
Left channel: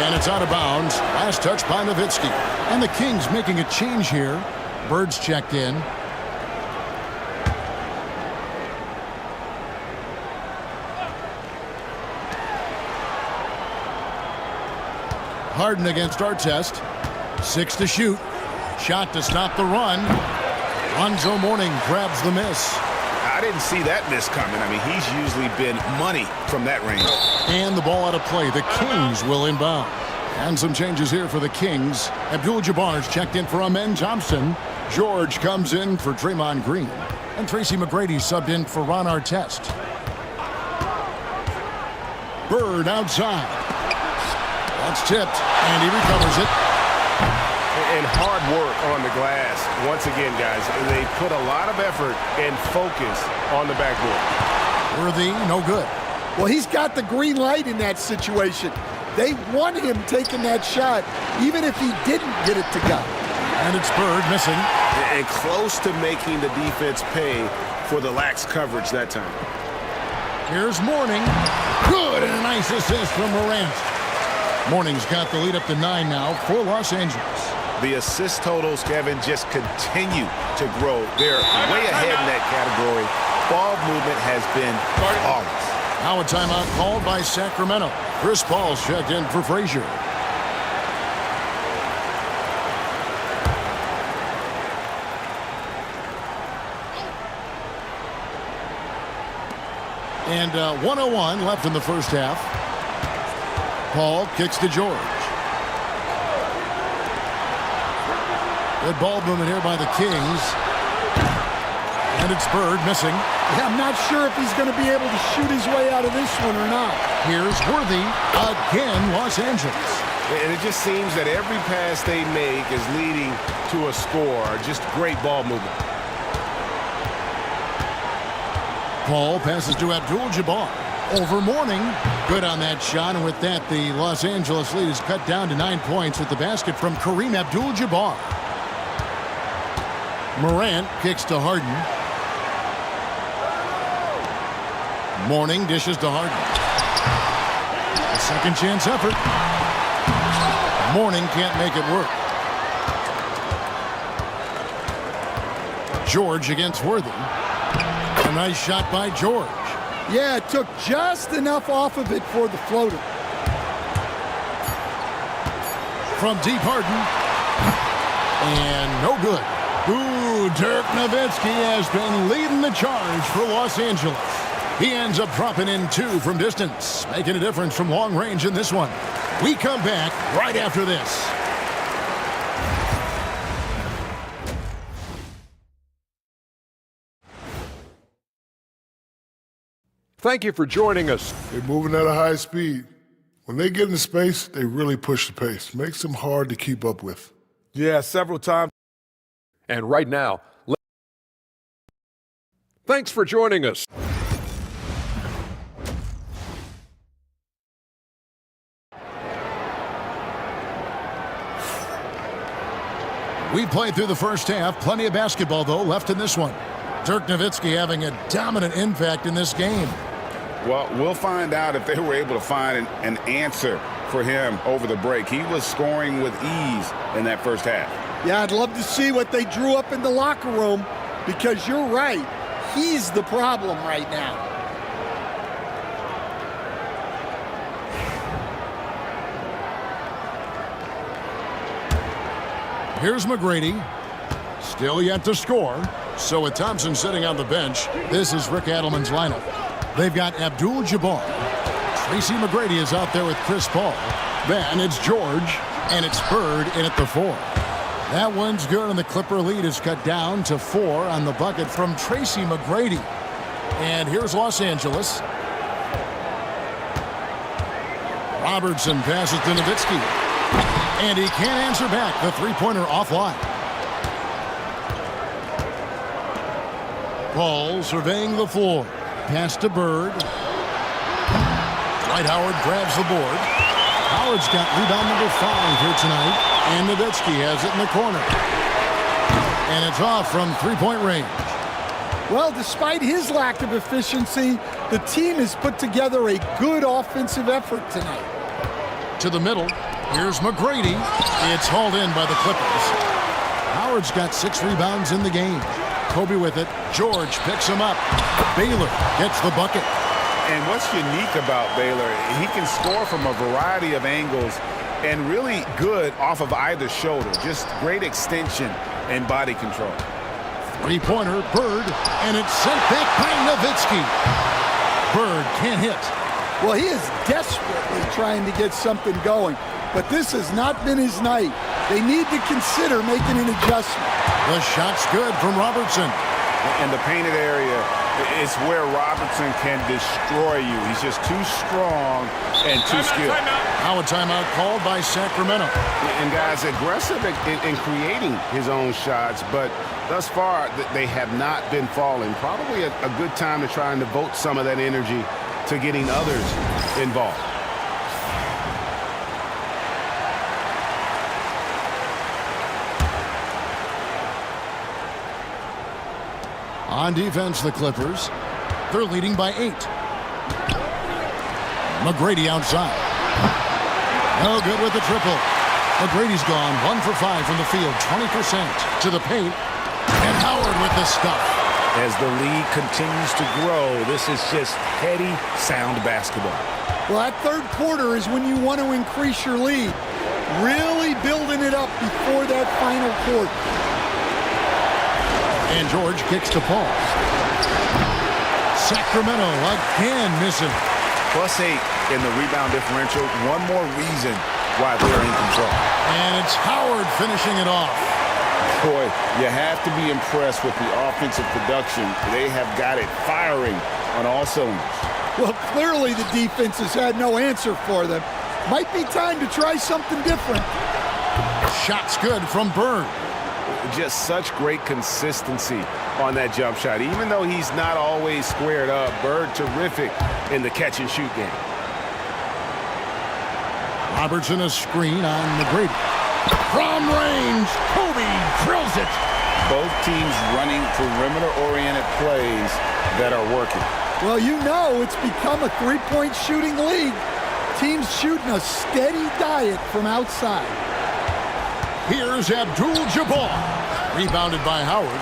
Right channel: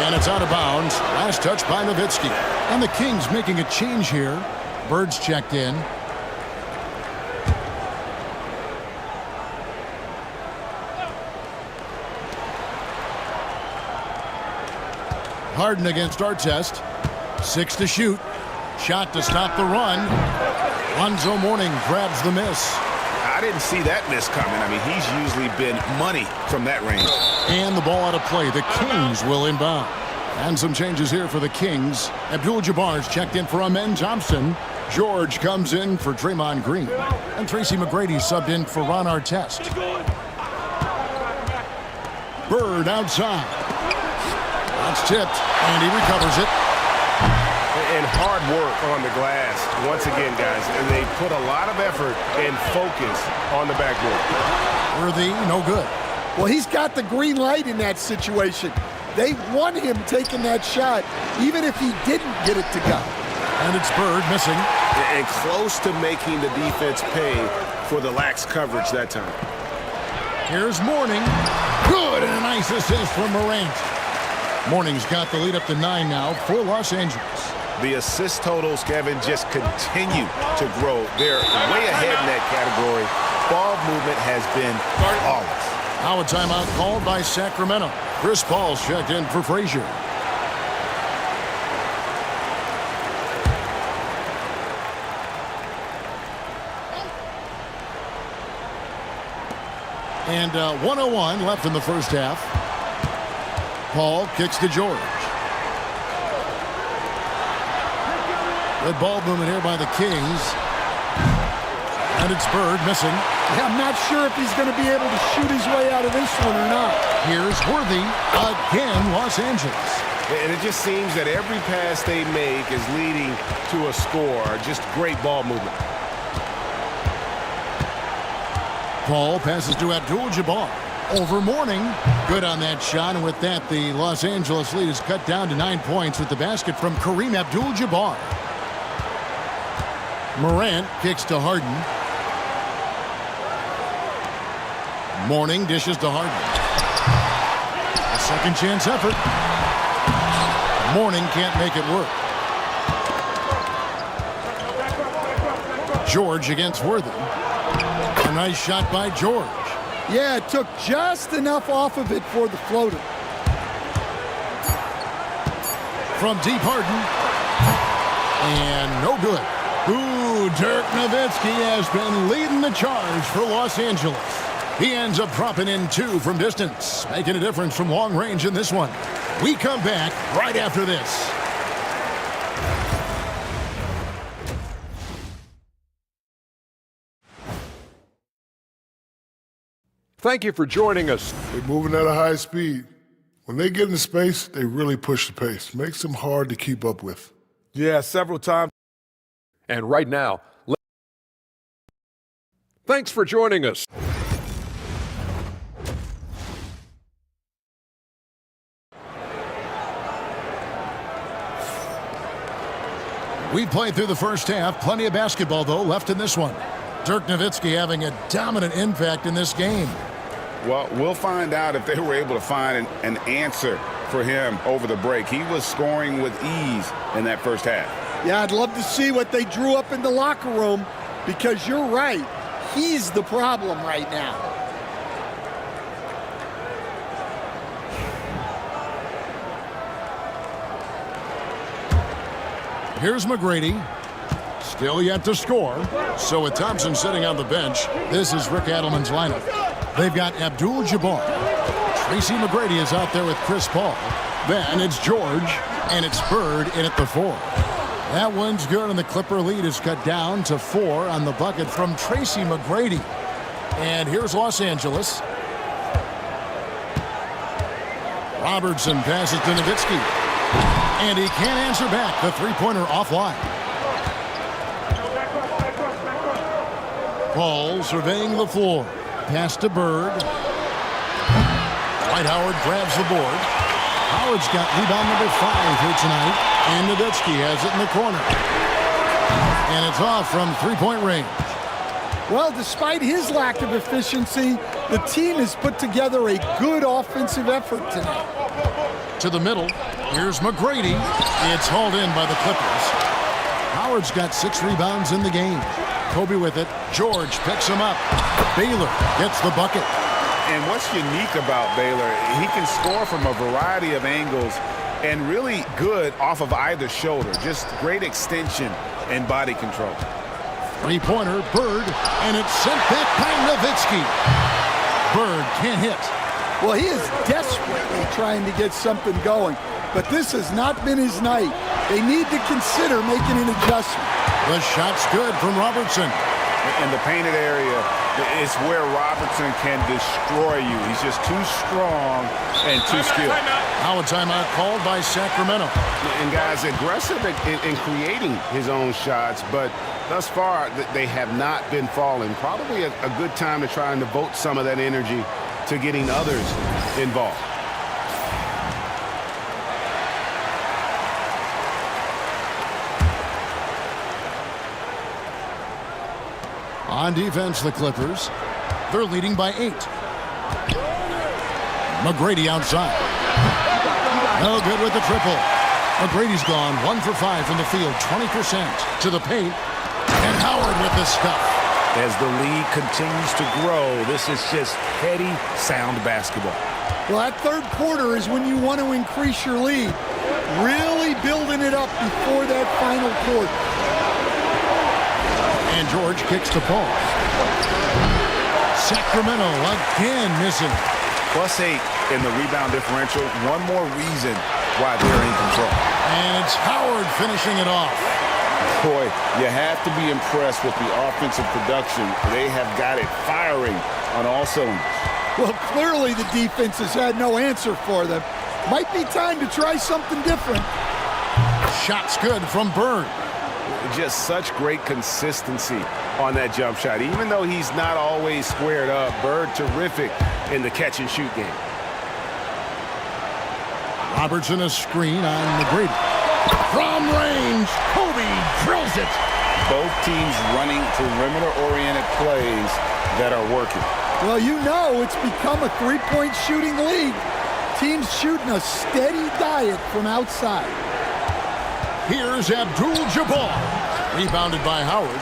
And it's out of bounds. Last touch by Nowitzki. And the Kings making a change here. Bird's checked in. Harden against Artest. 6 to shoot. Shot to stop the run. Lonzo Mourning grabs the miss. I didn't see that miss coming. I mean, he's usually been money from that range. And the ball out of play. The Kings will inbound. And some changes here for the Kings. Abdul-Jabbar's checked in for Amen Thompson. George comes in for Draymond Green. And Tracy McGrady subbed in for Ron Artest. Bird outside. That's tipped, and he recovers it. And hard work on the glass. Once again, guys, they put a lot of effort and focus on the backboard. Worthy, no good. Well, he's got the green light in that situation. They want him taking that shot, even if he didn't get it to go. And it's Bird missing. And close to making the defense pay for the lax coverage that time. Here's Mourning. Good, and a nice assist from Morant. Mourning's got the lead up to 9 now for Los Angeles. The assist totals, Kevin, just continue to grow. They're way ahead in that category. Ball movement has been flawless. Now a timeout called by Sacramento. Chris Paul's checked in for Frazier. And 1:01 left in the first half. Paul kicks to George. Good ball movement here by the Kings. And it's Bird missing. Yeah, I'm not sure if he's going to be able to shoot his way out of this one or not. Here's Worthy again, Los Angeles. And it just seems that every pass they make is leading to a score. Just great ball movement. Paul passes to Abdul-Jabbar. Over Mourning. Good on that shot, and with that, the Los Angeles lead is cut down to 9 points with the basket from Kareem Abdul-Jabbar. Morant kicks to Harden. Mourning dishes to Harden. A second chance effort. Mourning can't make it work. George against Worthy. A nice shot by George. Yeah, it took just enough off of it for the floater. From deep, Harden. And no good. Ooh, Dirk Nowitzki has been leading the charge for Los Angeles. He ends up dropping in 2 from distance, making a difference from long range in this one. We come back right after this. Thank you for joining us. They're moving at a high speed. When they get in space, they really push the pace. Makes them hard to keep up with. Yeah, several times. And right now, thanks for joining us. We played through the first half. Plenty of basketball, though, left in this one. Dirk Nowitzki having a dominant impact in this game. Well, we'll find out if they were able to find an answer for him over the break. He was scoring with ease in that first half. Yeah, I'd love to see what they drew up in the locker room, because you're right. He's the problem right now. Here's McGrady. Still yet to score. So with Thompson sitting on the bench, this is Rick Adelman's lineup. They've got Abdul-Jabbar. Tracy McGrady is out there with Chris Paul. Then it's George, and it's Bird in at the 4. That one's good, and the Clipper lead is cut down to 4 on the bucket from Tracy McGrady. And here's Los Angeles. Robertson passes to Nowitzki. And he can't answer back. The three-pointer offline. Paul surveying the floor. Pass to Bird. Dwight Howard grabs the board. Howard's got rebound number 5 here tonight. And Nowitzki has it in the corner. And it's off from three-point range. Well, despite his lack of efficiency, the team has put together a good offensive effort tonight. To the middle. Here's McGrady. It's hauled in by the Clippers. Howard's got 6 rebounds in the game. Kobe with it. George picks him up. Baylor gets the bucket. And what's unique about Baylor, he can score from a variety of angles and really good off of either shoulder. Just great extension and body control. Three-pointer, Bird, and it's sent back by Nowitzki. Bird can't hit. Well, he is desperately trying to get something going, but this has not been his night. They need to consider making an adjustment. The shot's good from Robertson. In the painted area, it's where Robertson can destroy you. He's just too strong and too skilled. Now a timeout called by Sacramento. And guys, aggressive in creating his own shots, but thus far they have not been falling. Probably a good time to try and devote some of that energy to getting others involved. On defense, the Clippers. They're leading by 8. McGrady outside. No good with the triple. McGrady's gone 1 for 5 from the field, 20% to the paint. And Howard with the stuff. As the lead continues to grow, this is just heady, sound basketball. Well, that third quarter is when you want to increase your lead. Really building it up before that final quarter. And George kicks to Paul. Sacramento again missing. +8 in the rebound differential. One more reason why they're in control. And it's Howard finishing it off. Boy, you have to be impressed with the offensive production. They have got it firing on all cylinders. Well, clearly the defense has had no answer for them. Might be time to try something different. Shot's good from Bird. Just such great consistency on that jump shot. Even though he's not always squared up, Bird terrific in the catch-and-shoot game. Robertson a screen on McGrady. From range, Kobe drills it. Both teams running perimeter-oriented plays that are working. Well, you know it's become a three-point shooting league. Teams shooting a steady diet from outside. Here's Abdul-Jabbar. Rebounded by Howard.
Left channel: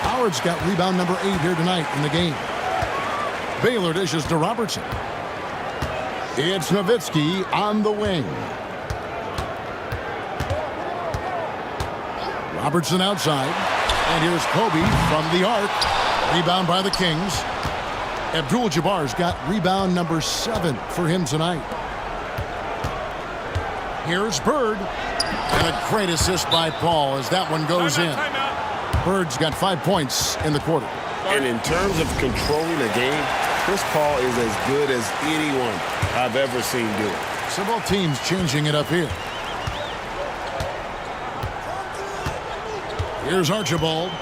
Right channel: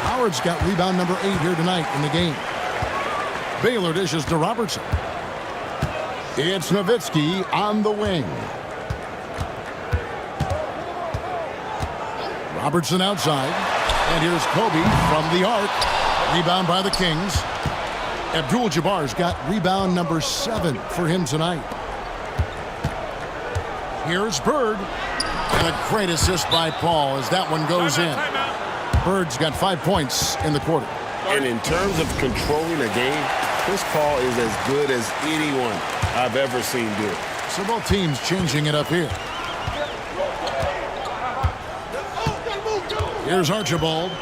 Howard's got rebound number 8 here tonight in the game. Baylor dishes to Robertson. It's Nowitzki on the wing. Robertson outside. And here's Kobe from the arc. Rebound by the Kings. Abdul-Jabbar's got rebound number 7 for him tonight. Here's Bird. And a great assist by Paul as that one goes in. Bird's got 5 points in the quarter. And in terms of controlling a game, Chris Paul is as good as anyone I've ever seen do it. So both teams changing it up here. Here's Archibald.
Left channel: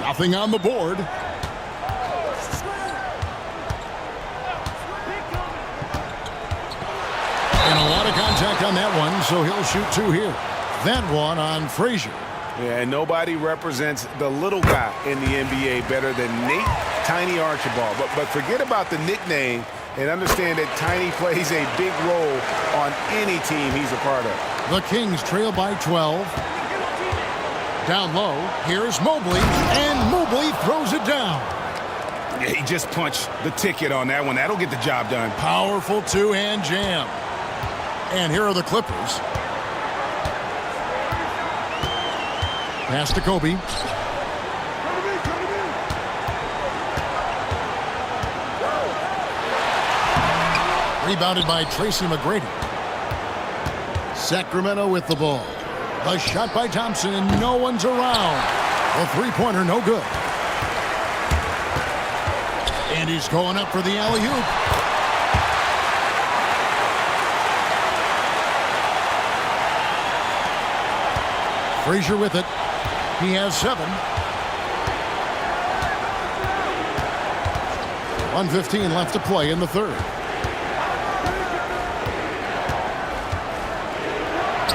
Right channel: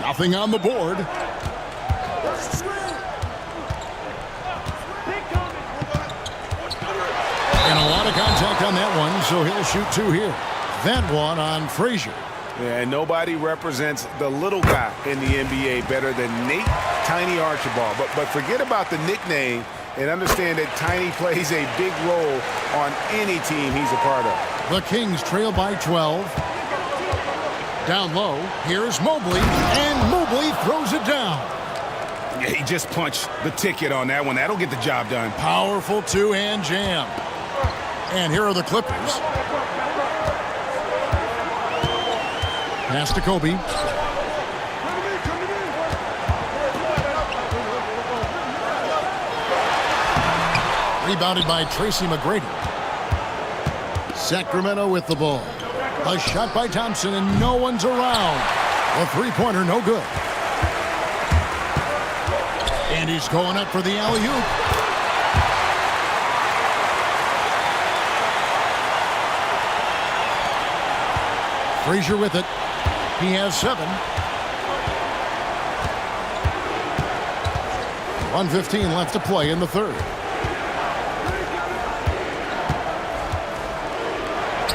Nothing on the board. And a lot of contact on that one, so he'll shoot 2 here. That one on Frazier. Yeah, and nobody represents the little guy in the NBA better than Nate Tiny Archibald. But forget about the nickname and understand that Tiny plays a big role on any team he's a part of. The Kings trail by 12. Down low, here's Mobley, and Mobley throws it down. Yeah, he just punched the ticket on that one. That'll get the job done. Powerful two-hand jam. And here are the Clippers. Pass to Kobe. Rebounded by Tracy McGrady. Sacramento with the ball. A shot by Thompson, and no one's around. The three-pointer, no good. And he's going up for the alley-oop. Frazier with it. He has 7. 1:15 left to play in the third.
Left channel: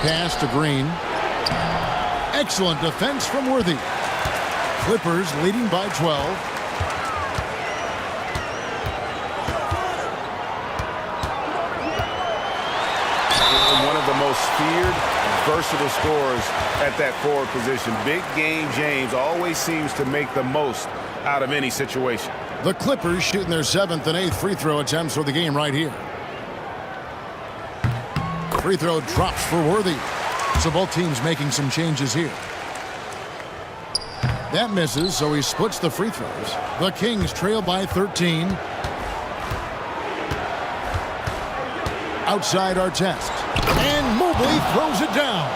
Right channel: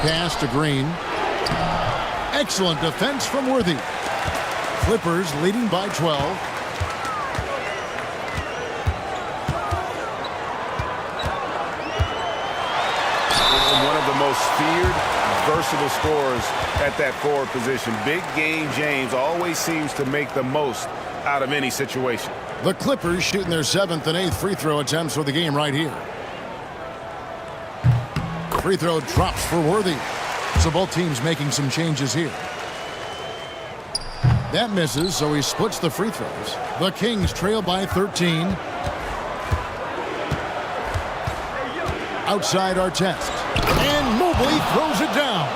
Pass to Green. Excellent defense from Worthy. Clippers leading by 12. one of the most feared, versatile scorers at that forward position. Big game James always seems to make the most out of any situation. The Clippers shooting their 7th and 8th free throw attempts for the game right here. Free throw drops for Worthy. So both teams making some changes here. That misses, so he splits the free throws. The Kings trail by 13. Outside Artest. And Mobley throws it down.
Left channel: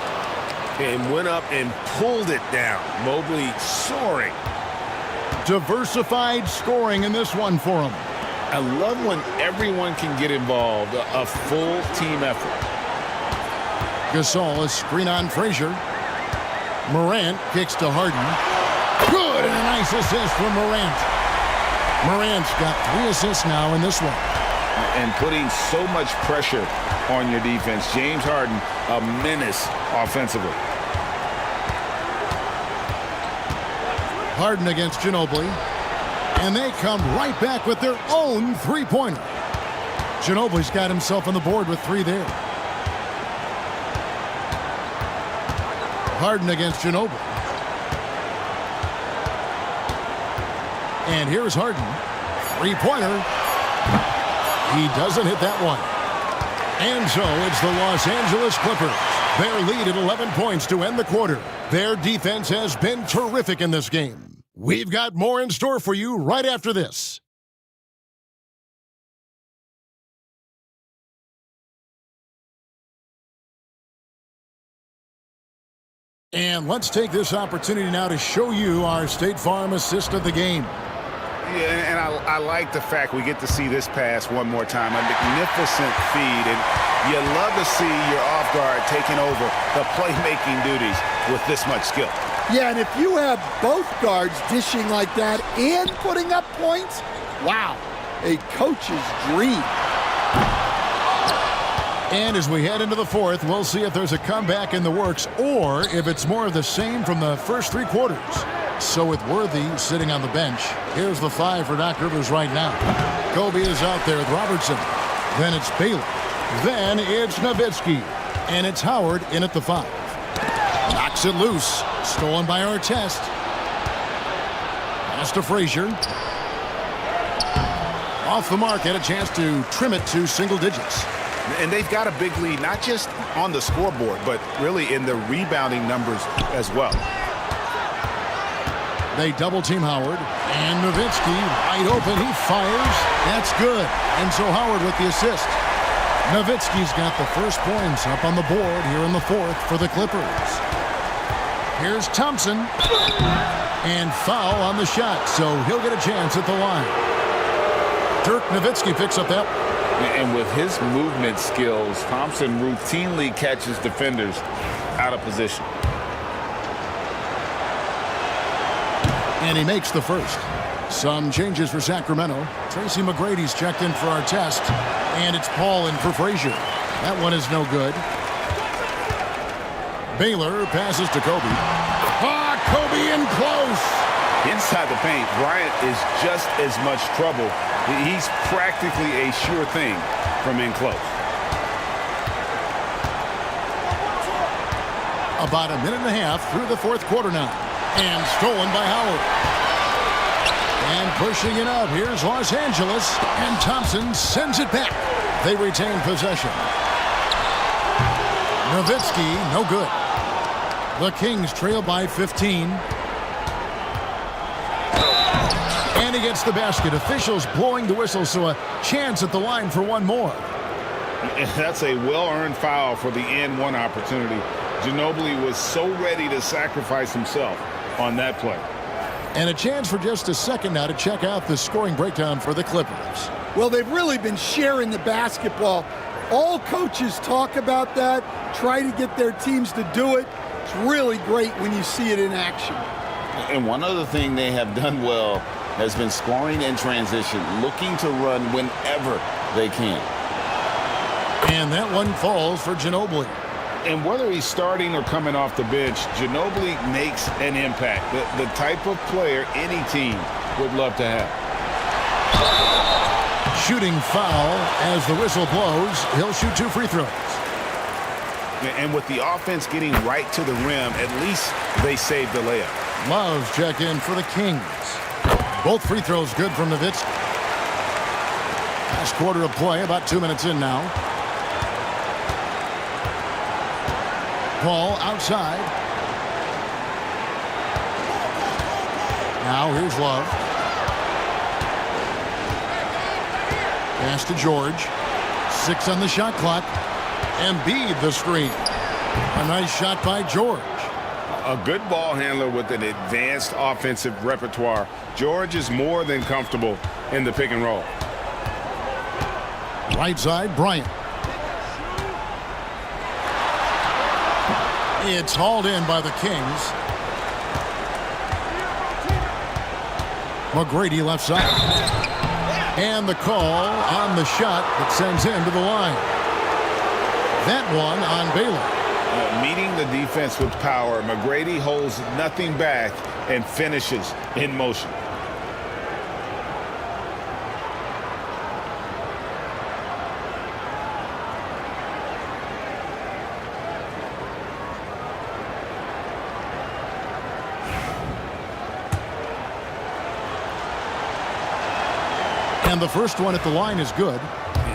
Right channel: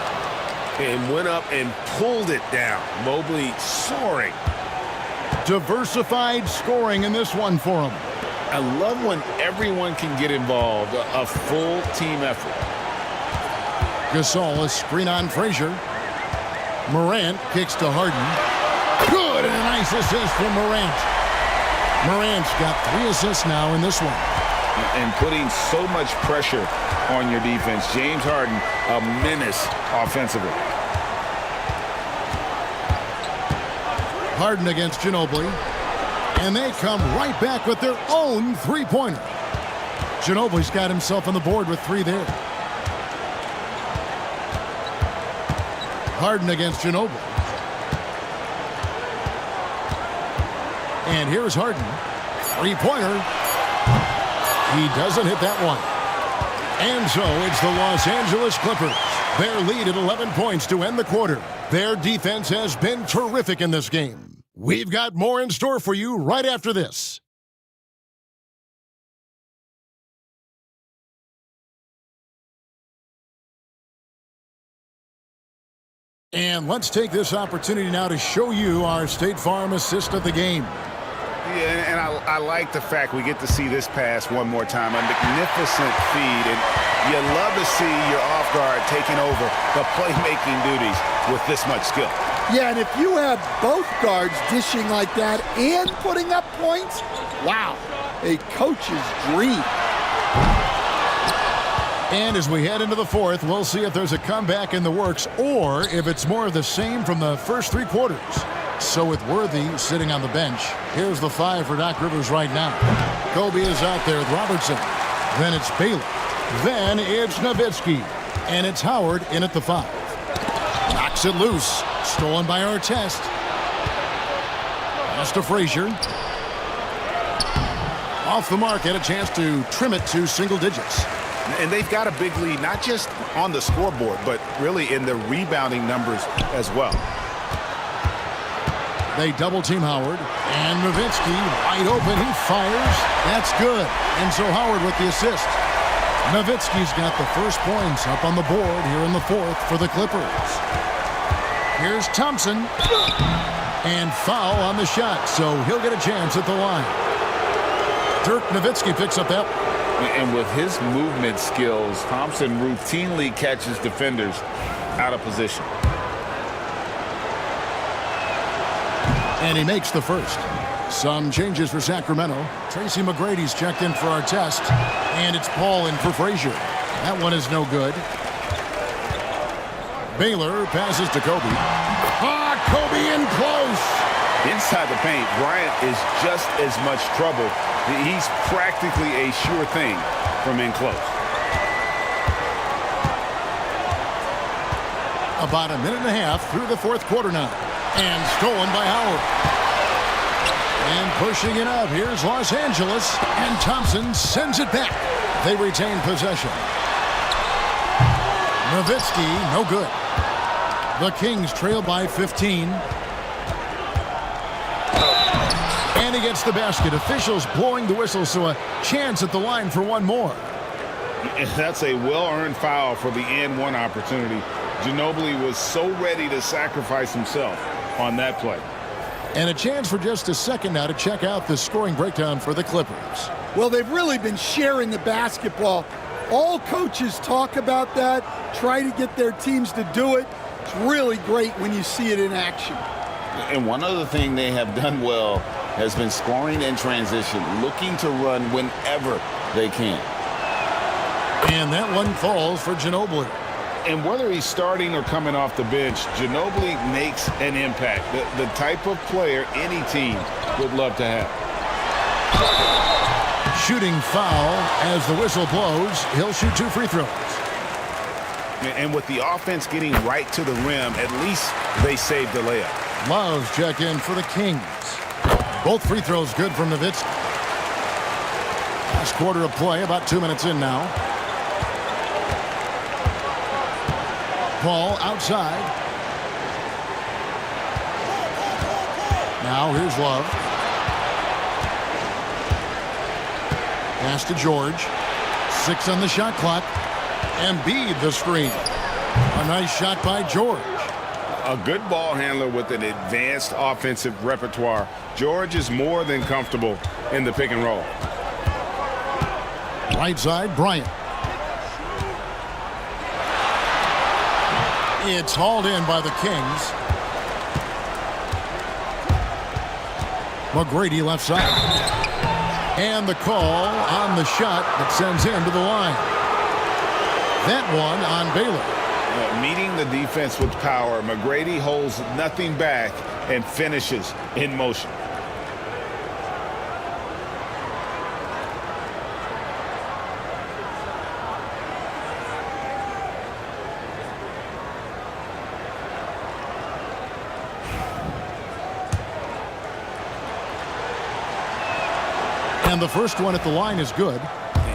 And went up and pulled it down. Mobley soaring. Diversified scoring in this one for him. I love when everyone can get involved, a full team effort. Gasol, a screen on Frazier. Morant kicks to Harden. Good, and a nice assist from Morant. Morant's got 3 assists now in this one. And putting so much pressure on your defense. James Harden, a menace offensively. Harden against Ginobili. And they come right back with their own three-pointer. Ginobili's got himself on the board with 3 there. Harden against Ginobili. And here's Harden. 3-pointer. He doesn't hit that one. And so it's the Los Angeles Clippers. Their lead at 11 points to end the quarter. Their defense has been terrific in this game. We've got more in store for you right after this. And let's take this opportunity now to show you our State Farm assist of the game. Yeah, and I like the fact we get to see this pass one more time. A magnificent feed, and you love to see your off guard taking over the playmaking duties with this much skill. Yeah, and if you have both guards dishing like that and putting up points, wow, a coach's dream. And as we head into the fourth, we'll see if there's a comeback in the works or if it's more of the same from the first 3 quarters. So with Worthy sitting on the bench, here's the 5 for Doc Rivers right now. Kobe is out there with Robertson. Then it's Baylor. Then it's Nowitzki. And it's Howard in at the 5. Knocks it loose. Stolen by Artest. Pass to Frazier. Off the mark, had a chance to trim it to single digits. And they've got a big lead, not just on the scoreboard, but really in the rebounding numbers as well. They double-team Howard. And Nowitzki wide open. He fires. That's good. And so Howard with the assist. Nowitzki's got the first points up on the board here in the fourth for the Clippers. Here's Thompson. And foul on the shot, so he'll get a chance at the line. Dirk Nowitzki picks up that one. And with his movement skills, Thompson routinely catches defenders out of position. And he makes the first. Some changes for Sacramento. Tracy McGrady's checked in for Artest. And it's Paul in for Frazier. That one is no good. Baylor passes to Kobe. Ah, Kobe in close. Inside the paint, Bryant is just as much trouble. He's practically a sure thing from in close. About a minute and a half through the fourth quarter now. And stolen by Howard. And pushing it up, here's Los Angeles. And Thompson sends it back. They retain possession. Nowitzki, no good. The Kings trail by 15. And he gets the basket. Officials blowing the whistle, so a chance at the line for one more. That's a well-earned foul for the and one opportunity. Ginobili was so ready to sacrifice himself on that play. And a chance for just a second now to check out the scoring breakdown for the Clippers. Well, they've really been sharing the basketball. All coaches talk about that, try to get their teams to do it. It's really great when you see it in action. And one other thing they have done well has been scoring in transition, looking to run whenever they can. And that one falls for Ginobili. And whether he's starting or coming off the bench, Ginobili makes an impact. The type of player any team would love to have. Shooting foul as the whistle blows. He'll shoot 2 free throws. And with the offense getting right to the rim, at least they saved the layup. Love's check in for the Kings. Both free throws good from Nowitzki. Last quarter of play, about 2 minutes in now. Paul outside. Now here's Love. Pass to George. 6 on the shot clock. Embiid the screen. A nice shot by George. A good ball handler with an advanced offensive repertoire. George is more than comfortable in the pick and roll. Right side, Bryant. It's hauled in by the Kings. McGrady left side. And the call on the shot that sends him to the line. That one on Baylor. Meeting the defense with power, McGrady holds nothing back and finishes in motion. And the first one at the line is good.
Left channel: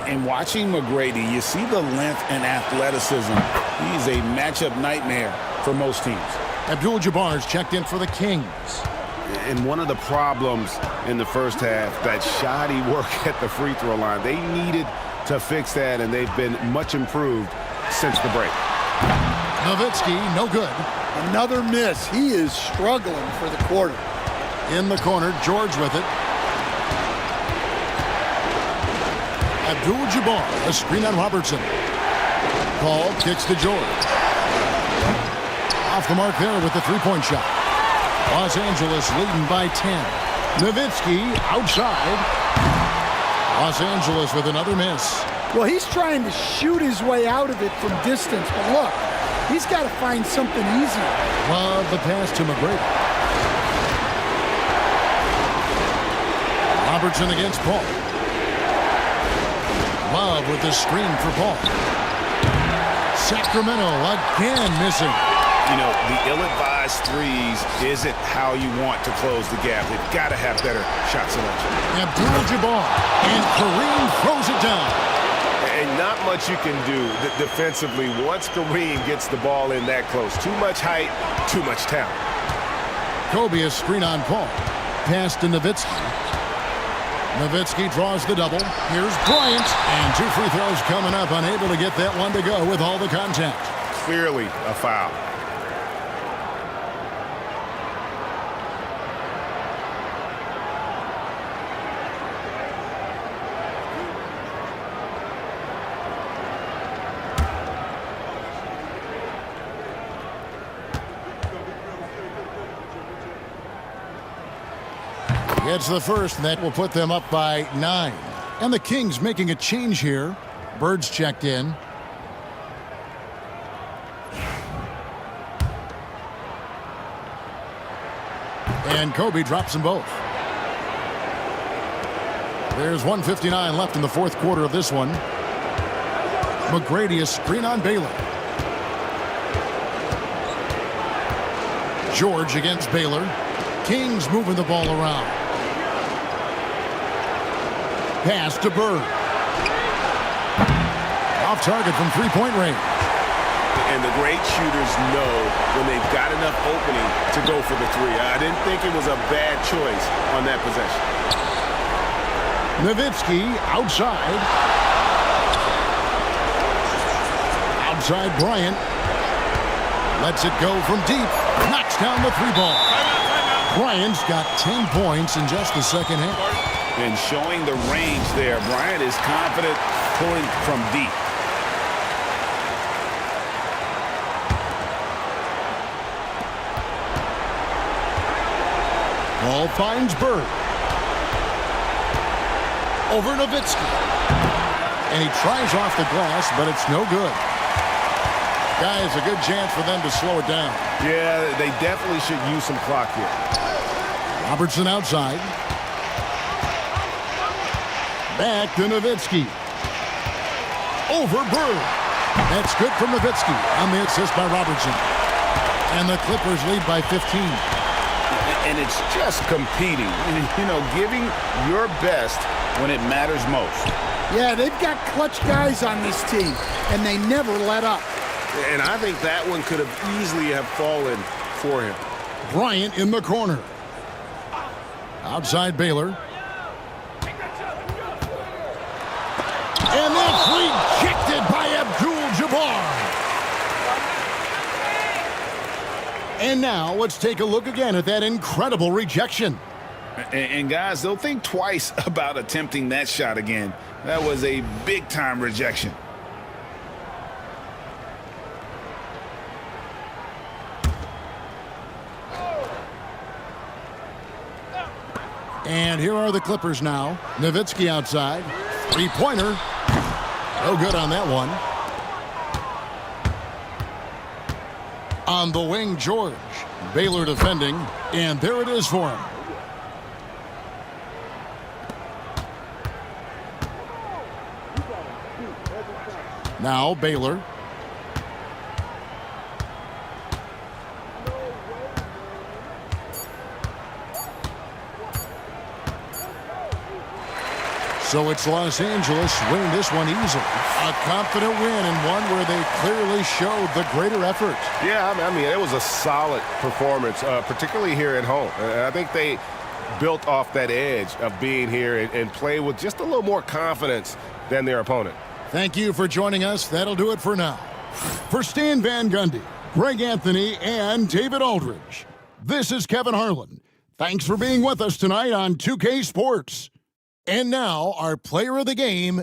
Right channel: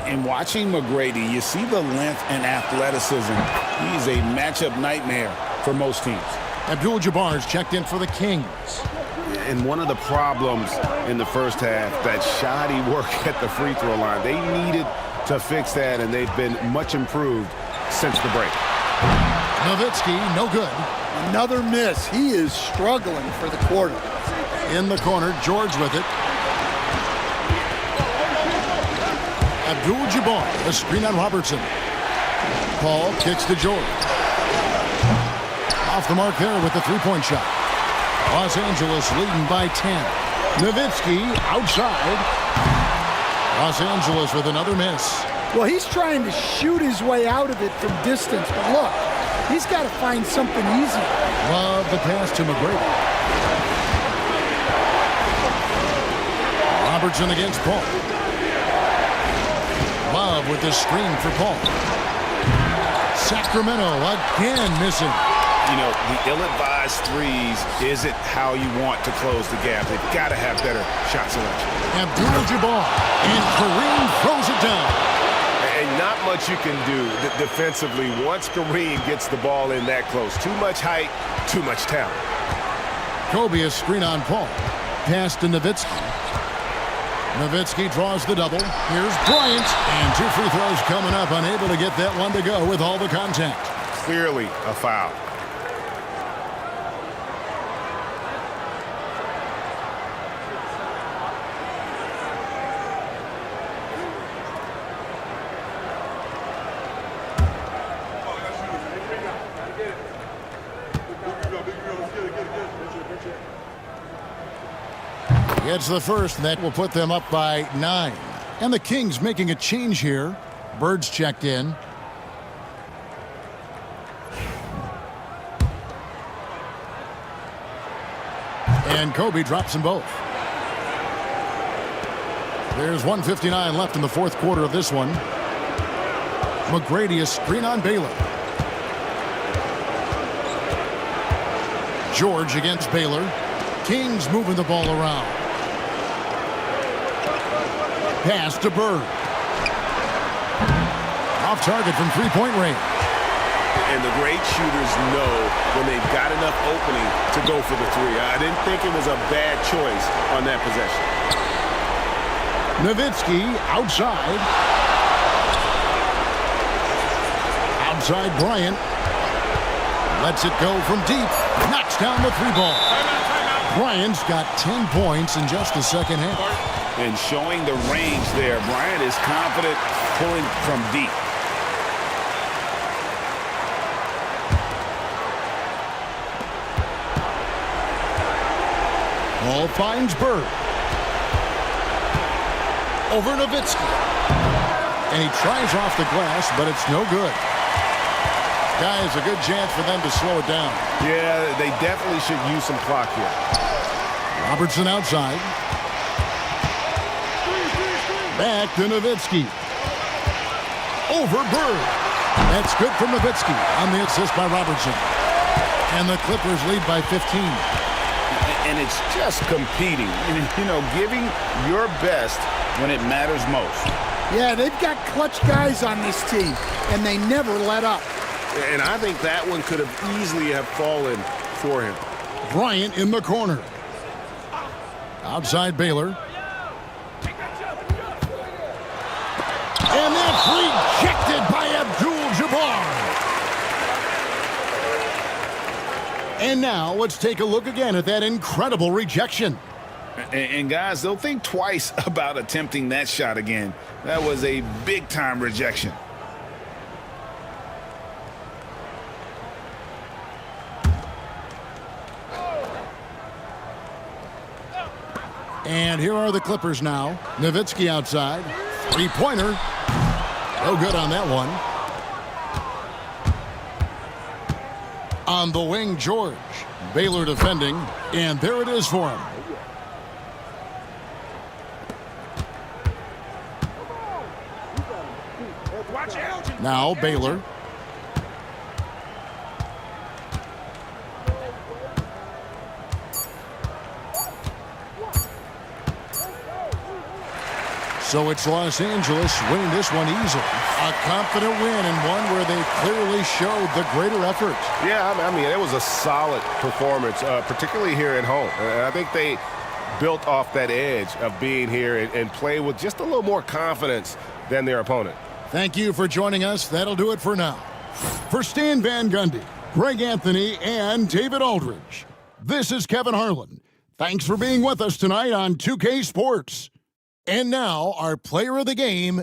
In watching McGrady, you see the length and athleticism. He's a matchup nightmare for most teams. Abdul-Jabbar's checked in for the Kings. And one of the problems in the first half, that shoddy work at the free throw line. They needed to fix that, and they've been much improved since the break. Nowitzki, no good. Another miss. He is struggling for the quarter. In the corner, George with it. Abdul-Jabbar, a screen on Robertson. Paul kicks to George. Off the mark there with the three-point shot. Los Angeles leading by 10. Nowitzki outside. Los Angeles with another miss. Well, he's trying to shoot his way out of it from distance, but look, he's got to find something easier. Love the pass to McGrady. Robertson against Paul. Love with the screen for Paul. Sacramento again missing. You know, the ill-advised threes isn't how you want to close the gap. They've got to have better shot selection. Abdul-Jabbar, and Kareem throws it down. And not much you can do defensively once Kareem gets the ball in that close. Too much height, too much talent. Kobe a screen on Paul. Pass to Nowitzki. Nowitzki draws the double. Here's Bryant. And 2 free throws coming up. Unable to get that one to go with all the contact. Clearly a foul. Gets the first, and that will put them up by 9. And the Kings making a change here. Bird's checked in. And Kobe drops them both. There's 1:59 left in the fourth quarter of this one. McGrady a screen on Baylor. George against Baylor. Kings moving the ball around. Pass to Bird. Off target from three-point range. And the great shooters know when they've got enough opening to go for the three. I didn't think it was a bad choice on that possession. Nowitzki outside. Outside Bryant. Lets it go from deep. Knocks down the three ball. Timeout. Bryant's got 10 points in just the second half. And showing the range there, Bryant is confident pulling from deep. Ball finds Bird. Over Nowitzki. And he tries off the glass, but it's no good. Guys, a good chance for them to slow it down. Yeah, they definitely should use some clock here. Robertson outside. Back to Nowitzki. Over Bird. That's good from Nowitzki on the assist by Robertson. And the Clippers lead by 15. And it's just competing, you know, giving your best when it matters most. Yeah, they've got clutch guys on this team, and they never let up. And I think that one could have easily have fallen for him. Bryant in the corner. Outside Baylor. And that's rejected by Abdul-Jabbar. And now let's take a look again at that incredible rejection. And guys, they'll think twice about attempting that shot again. That was a big-time rejection. And here are the Clippers now. Nowitzki outside. Three-pointer. No good on that one. On the wing, George. Baylor defending. And there it is for him. Now Baylor. So it's Los Angeles winning this one easily. A confident win and one where they clearly showed the greater effort. Yeah, I mean, it was a solid performance, particularly here at home. I think they built off that edge of being here and play with just a little more confidence than their opponent. Thank you for joining us. That'll do it for now. For Stan Van Gundy, Greg Anthony, and David Aldridge, this is Kevin Harlan. Thanks for being with us tonight on 2K Sports. And now, our player of the game,